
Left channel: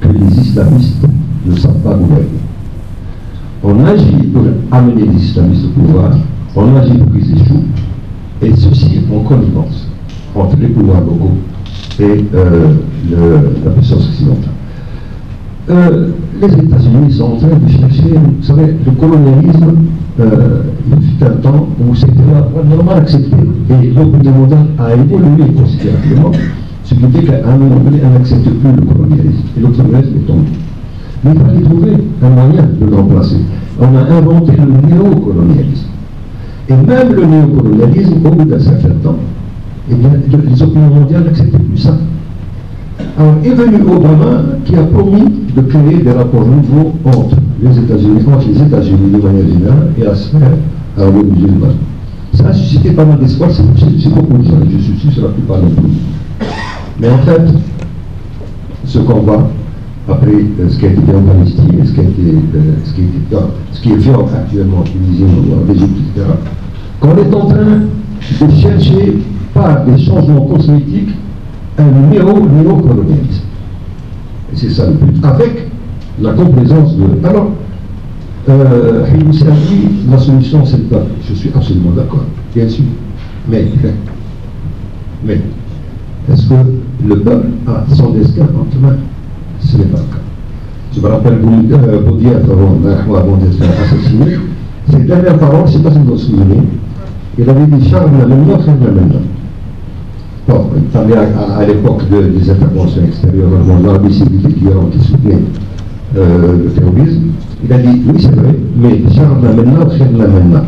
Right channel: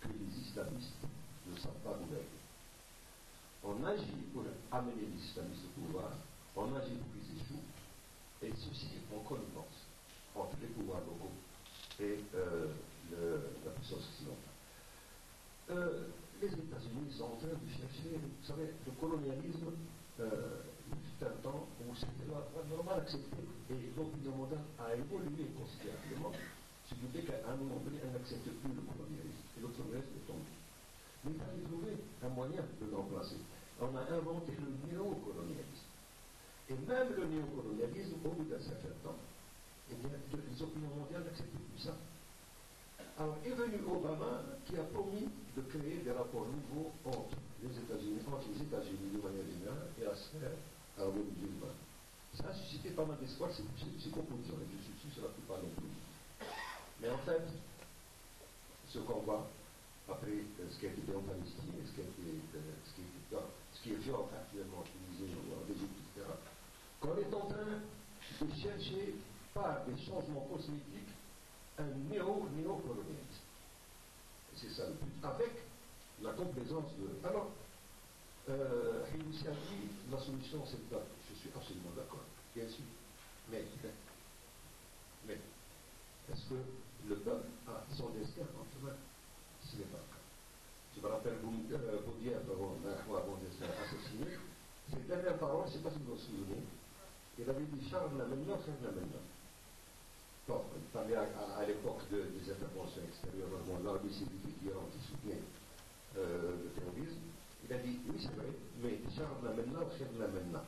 que les islamistes ne savent pas gouverner. On agit pour amener les islamistes au pouvoir, on agit pour qu'ils échouent, et ceci en connivence entre les pouvoirs locaux et la puissance occidentale. Les États-Unis sont en train de chercher, vous savez, le colonialisme, il fut un temps où c'était normalement accepté, et l'opinion mondiale a évolué considérablement, ce qui fait qu'à un moment donné, on n'accepte plus le colonialisme, et le colonialisme est tombé. Mais il fallait trouver un moyen de le remplacer. On a inventé le néocolonialisme. Et même le néocolonialisme, au bout d'un certain temps, eh bien, les opinions mondiales n'acceptaient plus ça. Alors est venu Obama qui a promis de créer des rapports nouveaux entre les États-Unis de manière générale et à se faire à l'Union musulmane. Ça a suscité pas mal d'espoir, c'est beaucoup de gens, je suis sûr, sur la plupart d'entre nous. Mais en fait, ce combat, après ce qui a été fait en Palestine, ce qui est fait actuellement en Tunisie, en Égypte, etc., qu'on est en train de chercher par des changements cosmétiques un néocolonialisme. Et c'est ça le but. Avec la complaisance de... Alors, la solution c'est le peuple. Je suis absolument d'accord, bien sûr. Mais est-ce que le peuple a son destin entre mains? Ce n'est pas le cas. Je me rappelle Boudiaf avant d'être assassiné. Ses dernières paroles, je ne sais pas si vous vous souvenez, il avait dit Charles maintenant, Charles maintenant. Bon, il parlait à l'époque des interventions extérieures, l'Arabie saoudite qui soutenait le terrorisme. Il a dit oui, c'est vrai, mais Charles maintenant, Charles maintenant.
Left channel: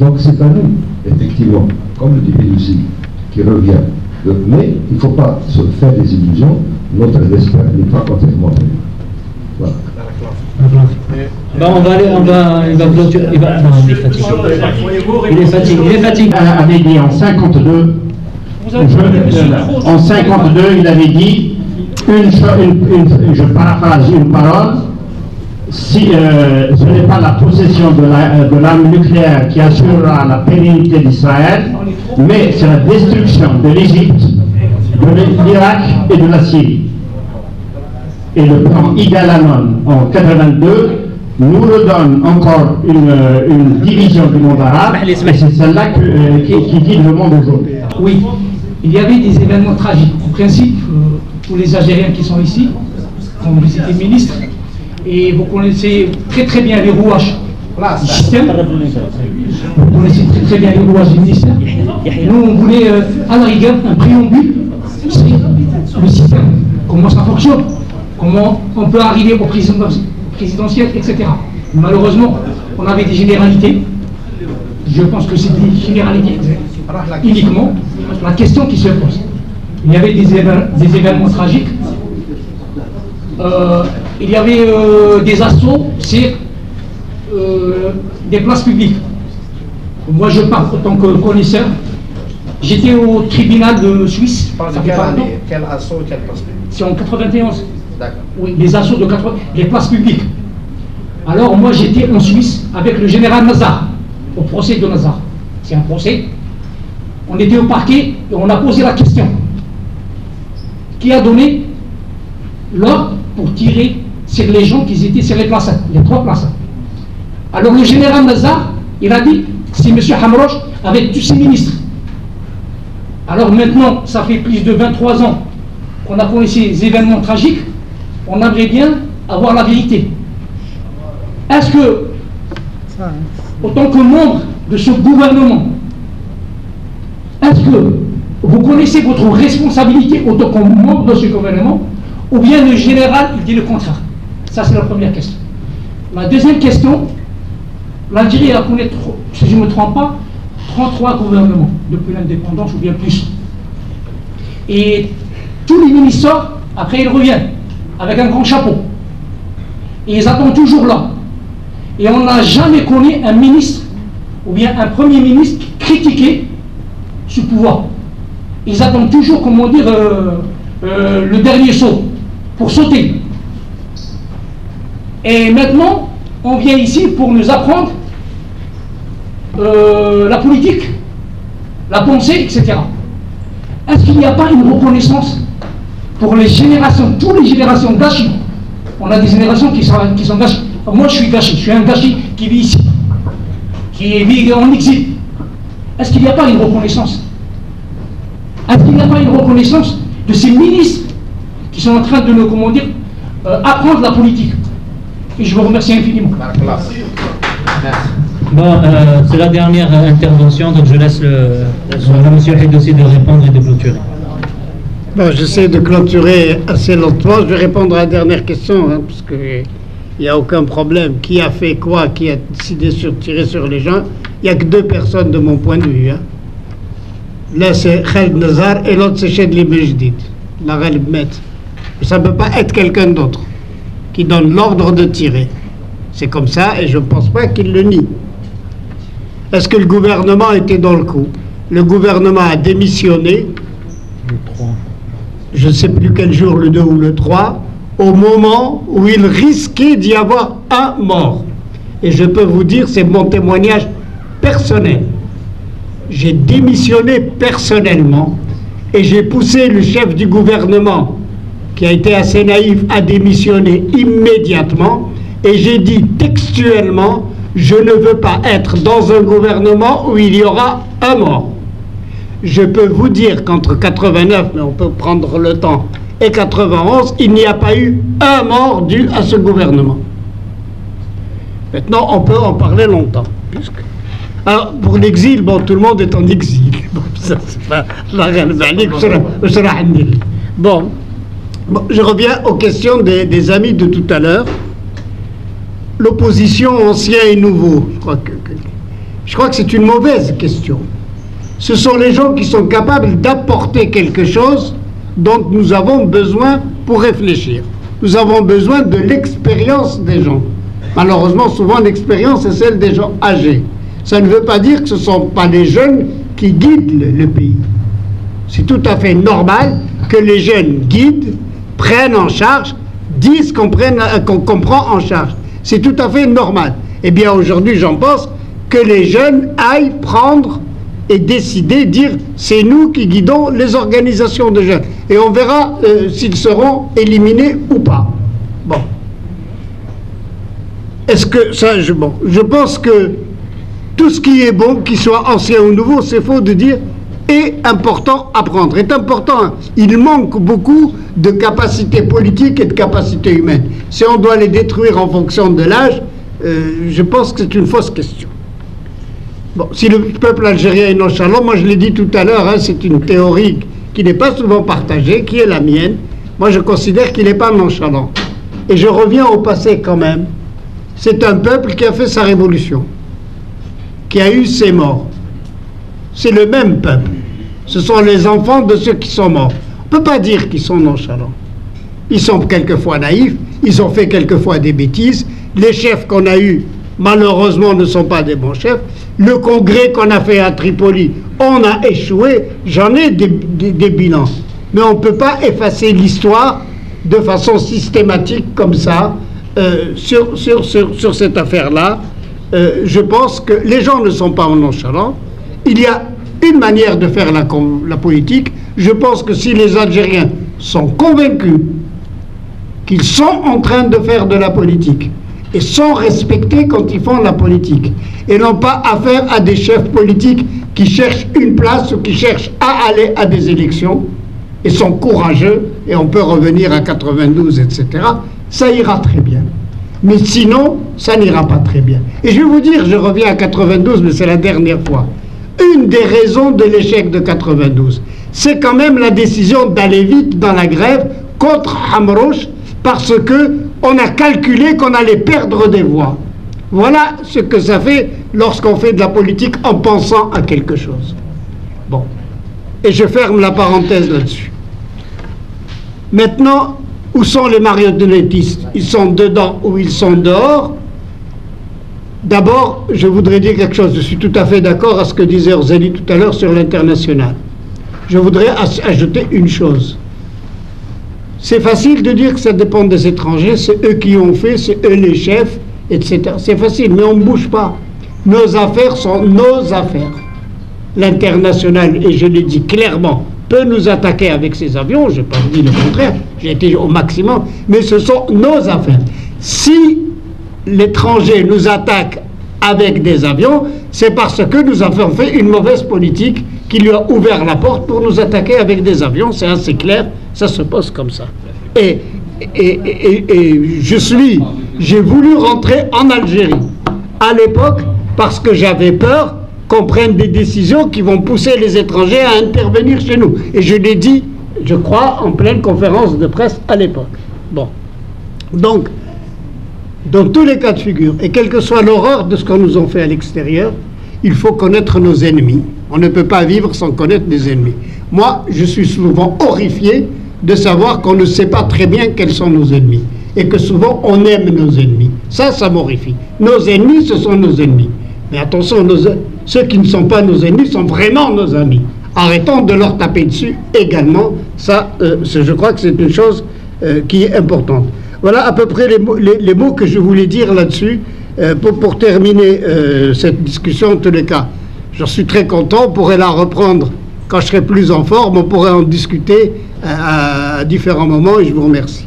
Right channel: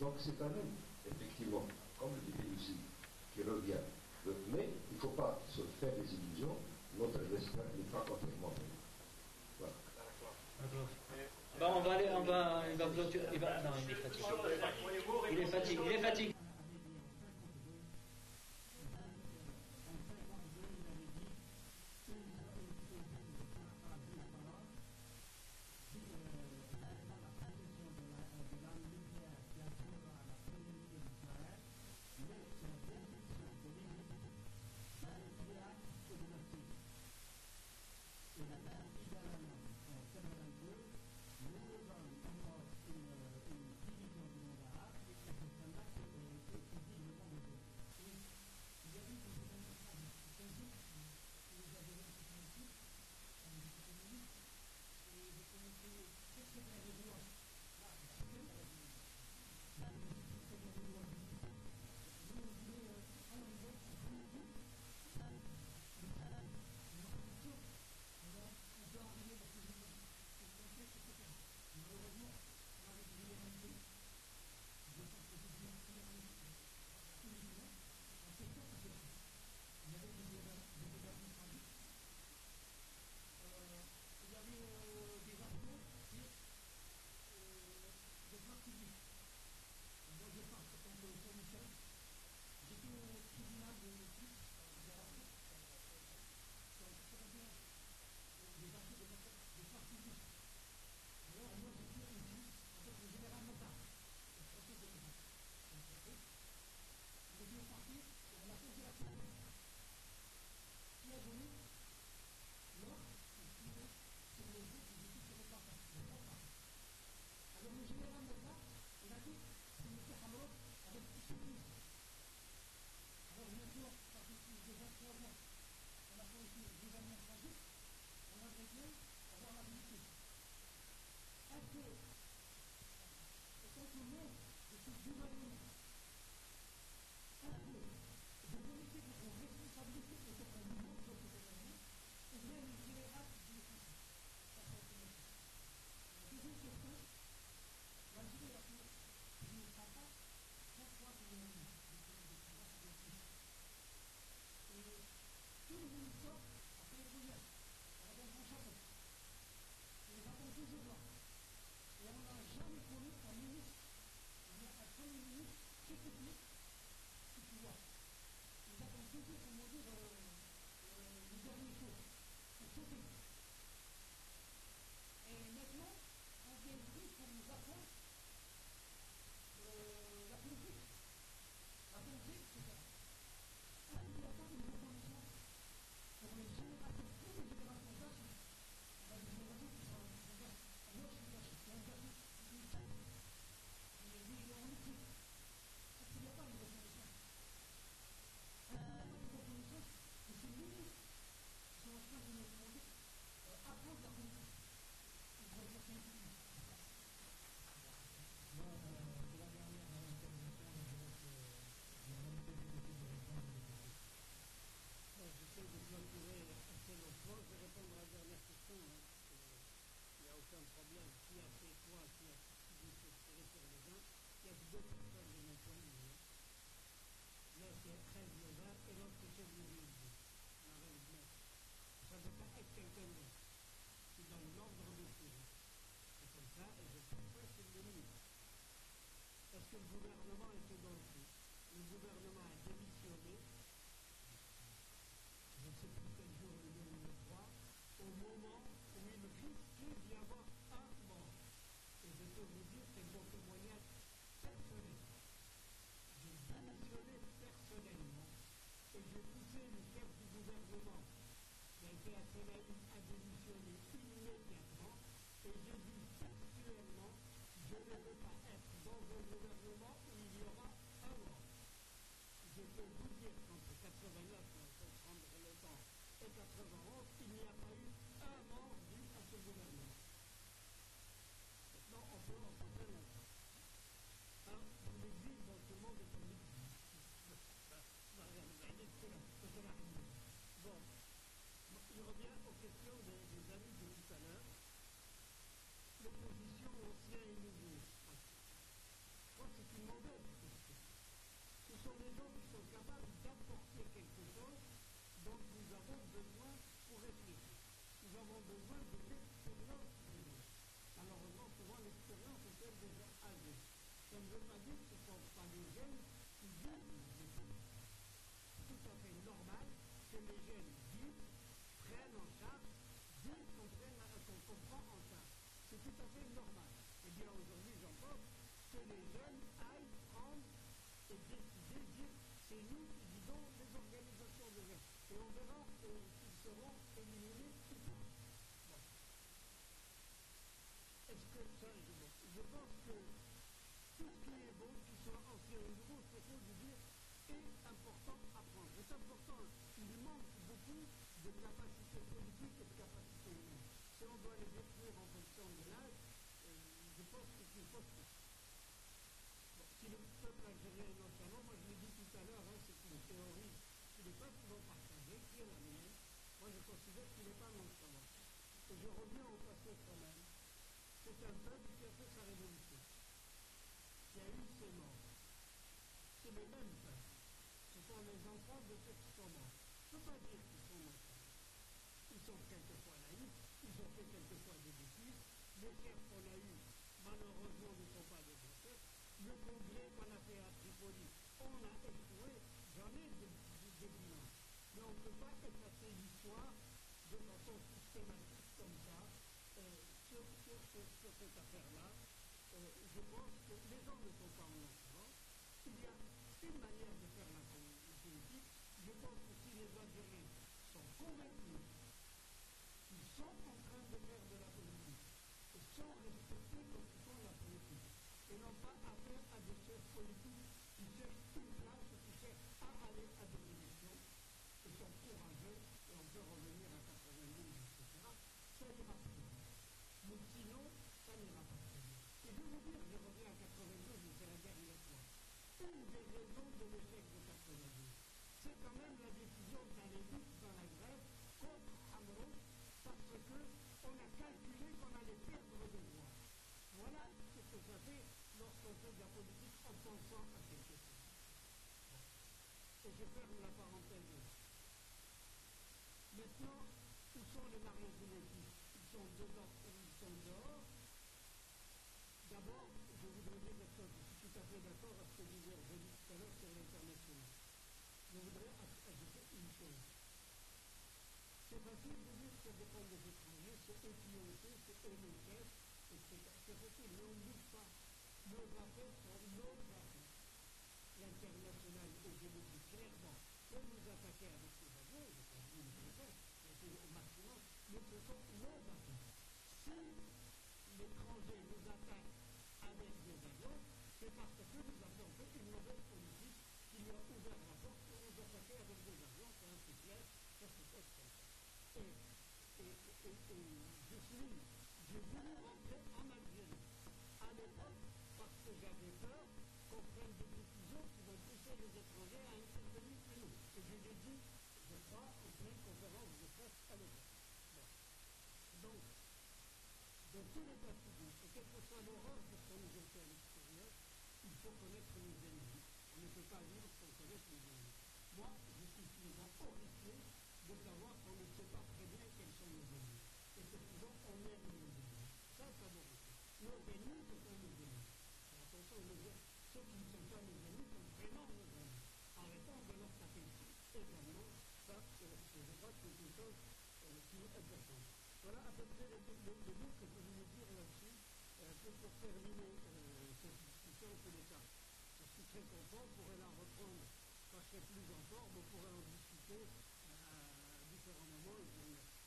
Donc c'est à nous, effectivement, comme le dit Lucie, qui revient. Mais il ne faut pas se faire des illusions, notre destin n'est pas entièrement prévu. Voilà. Il va clôturer. Non, il est fatigué. Il est fatigué. Avait dit en 52, En 52, il avait dit, je paraphrase une parole, si ce n'est pas la possession de l'arme nucléaire qui assurera la pérennité d'Israël, mais c'est la destruction de l'Égypte, de l'Irak et de la Syrie. Et le plan Igalanon en 82 nous redonne encore une division du monde arabe, et c'est celle-là qui guide le monde aujourd'hui. Oui, il y avait des événements tragiques. En principe, pour les Algériens qui sont ici, quand vous étiez ministre, et vous connaissez très très bien les rouages du système. Vous connaissez très très bien les rouages du ministère. Et nous, on voulait, à la rigueur, un préambule, c'est le système, comment ça fonctionne, comment on peut arriver au présidentiel, etc. Malheureusement, on avait des généralités. Je pense que c'est des généralités uniquement. La question qui se pose, il y avait des événements tragiques. Il y avait des assauts sur des places publiques. Moi, je parle en tant que connaisseur. J'étais au tribunal de Suisse. Quel assaut, quelle place publique? C'est en 91. D'accord. Oui, les assauts de 80, les places publiques. Alors moi, j'étais en Suisse avec le général Nazar, au procès de Nazar. C'est un procès. On était au parquet et on a posé la question. Qui a donné l'ordre pour tirer sur les gens qui étaient sur les places, les 3 places? Alors le général Nazar, il a dit, c'est M. Hamroch avec tous ses ministres. Alors maintenant, ça fait plus de 23 ans qu'on a connu ces événements tragiques, on aimerait bien avoir la vérité. Est-ce que, en tant que membre de ce gouvernement, est-ce que vous connaissez votre responsabilité en tant que membre de ce gouvernement, ou bien le général, il dit le contraire? Ça, c'est la première question. La deuxième question, l'Algérie a connu, si je ne me trompe pas, 33 gouvernements depuis l'indépendance, ou bien plus. Et tous les ministres sortent, après ils reviennent, avec un grand chapeau. Et ils attendent toujours là. Et on n'a jamais connu un ministre, ou bien un premier ministre, qui critiquait ce pouvoir. Ils attendent toujours, comment dire, le dernier saut, pour sauter. Et maintenant, on vient ici pour nous apprendre la politique, la pensée, etc. Est-ce qu'il n'y a pas une reconnaissance pour les générations, toutes les générations gâchis? On a des générations qui sont gâchis. Moi, je suis gâchis, je suis un gâchis qui vit ici, qui vit en exil. Est-ce qu'il n'y a pas une reconnaissance? Est-ce qu'il n'y a pas une reconnaissance de ces ministres qui sont en train de nous, comment dire, apprendre la politique? Et je vous remercie infiniment. Bon, c'est la dernière intervention, donc je laisse M. Hidossi de répondre et de clôturer. Bon, j'essaie de clôturer assez lentement. Je vais répondre à la dernière question, hein, parce qu'il n'y a aucun problème. Qui a fait quoi? Qui a décidé de tirer sur les gens? Il n'y a que 2 personnes de mon point de vue. Hein. Là, c'est Khaled Nazar et l'autre, c'est Chedli Bejdid, la Ghalib Met. Ça ne peut pas être quelqu'un d'autre qui donne l'ordre de tirer. C'est comme ça, et je ne pense pas qu'il le nie. Est-ce que le gouvernement était dans le coup? Le gouvernement a démissionné, je ne sais plus quel jour, le 2 ou le 3, au moment où il risquait d'y avoir un mort. Et je peux vous dire, c'est mon témoignage personnel. J'ai démissionné personnellement et j'ai poussé le chef du gouvernement, qui a été assez naïf, à démissionner immédiatement. Et j'ai dit textuellement, je ne veux pas être dans un gouvernement où il y aura un mort. Je peux vous dire qu'entre 89, mais on peut prendre le temps, et 91, il n'y a pas eu un mort dû à ce gouvernement. Maintenant, on peut en parler longtemps. Alors, pour l'exil, bon, tout le monde est en exil. Bon, ça, c'est pas... Bon, je reviens aux questions des amis de tout à l'heure. L'opposition ancien et nouveau, je crois que c'est une mauvaise question. Ce sont les gens qui sont capables d'apporter quelque chose dont nous avons besoin pour réfléchir. Nous avons besoin de l'expérience des gens. Malheureusement, souvent, l'expérience est celle des gens âgés. Ça ne veut pas dire que ce ne sont pas les jeunes qui guident le pays. C'est tout à fait normal que les jeunes guident, prennent en charge, disent qu'on prend en charge. C'est tout à fait normal. Eh bien, aujourd'hui, j'en pense que les jeunes aillent prendre et décider, dire c'est nous qui guidons les organisations de jeunes. Et on verra s'ils seront éliminés ou pas. Bon. Est-ce que ça, je pense que tout ce qui est bon, qu'il soit ancien ou nouveau, c'est faux de dire est important à prendre. Est important. Il manque beaucoup de capacités politiques et de capacités humaines. Si on doit les détruire en fonction de l'âge, je pense que c'est une fausse question. Bon, si le peuple algérien est nonchalant, moi je l'ai dit tout à l'heure, hein, c'est une théorie qui n'est pas souvent partagée, qui est la mienne. Moi je considère qu'il n'est pas nonchalant. Et je reviens au passé quand même. C'est un peuple qui a fait sa révolution, qui a eu ses morts. C'est le même peuple. Ce sont les enfants de ceux qui sont morts. On ne peut pas dire qu'ils sont nonchalants. Ils sont quelquefois naïfs, ils ont fait quelquefois des bêtises. Les chefs qu'on a eus, malheureusement, ne sont pas des bons chefs. Le congrès qu'on a fait à Tripoli, on a échoué. J'en ai des bilans. Mais on ne peut pas effacer l'histoire de façon systématique comme ça sur cette affaire-là. Je pense que les gens ne sont pas nonchalants. Il y a une manière de faire la politique. Je pense que si les Algériens sont convaincus qu'ils sont en train de faire de la politique et sont respectés quand ils font la politique et n'ont pas affaire à des chefs politiques qui cherchent une place ou qui cherchent à aller à des élections et sont courageux, et on peut revenir à 92, etc., ça ira très bien. Mais sinon, ça n'ira pas très bien. Et je vais vous dire, je reviens à 92, mais c'est la dernière fois. Une des raisons de l'échec de 92, c'est quand même la décision d'aller vite dans la grève contre Hamrouche, parce qu'on a calculé qu'on allait perdre des voix. Voilà ce que ça fait lorsqu'on fait de la politique en pensant à quelque chose. Bon. Et je ferme la parenthèse là-dessus. Maintenant, où sont les marionnettistes? Ils sont dedans ou ils sont dehors? D'abord, je voudrais dire quelque chose. Je suis tout à fait d'accord à ce que disait Orzeli tout à l'heure sur l'international. Je voudrais ajouter une chose. C'est facile de dire que ça dépend des étrangers, c'est eux qui ont fait, c'est eux les chefs, etc. C'est facile, mais on ne bouge pas. Nos affaires sont nos affaires. L'international, et je l'ai dit clairement, peut nous attaquer avec ses avions, je n'ai pas dit le contraire, j'ai été au maximum, mais ce sont nos affaires. Si l'étranger nous attaque avec des avions, c'est parce que nous avons fait une mauvaise politique qui lui a ouvert la porte pour nous attaquer avec des avions, c'est assez clair, ça se pose comme ça. Et j'ai voulu rentrer en Algérie à l'époque parce que j'avais peur qu'on prenne des décisions qui vont pousser les étrangers à intervenir chez nous. Et je l'ai dit, je crois, en pleine conférence de presse à l'époque. Bon. Donc, dans tous les cas de figure, et quelle que soit l'horreur de ce qu'on nous a fait à l'extérieur, il faut connaître nos ennemis. On ne peut pas vivre sans connaître des ennemis. Moi, je suis souvent horrifié de savoir qu'on ne sait pas très bien quels sont nos ennemis. Et que souvent, on aime nos ennemis. Ça m'horrifie. Nos ennemis, ce sont nos ennemis. Mais attention, ceux qui ne sont pas nos ennemis sont vraiment nos amis. Arrêtons de leur taper dessus également. Ça, je crois que c'est une chose qui est importante. Voilà à peu près les mots que je voulais dire là-dessus pour terminer cette discussion en tous les cas. Je suis très content, on pourrait la reprendre quand je serai plus en forme, on pourrait en discuter à différents moments et je vous remercie.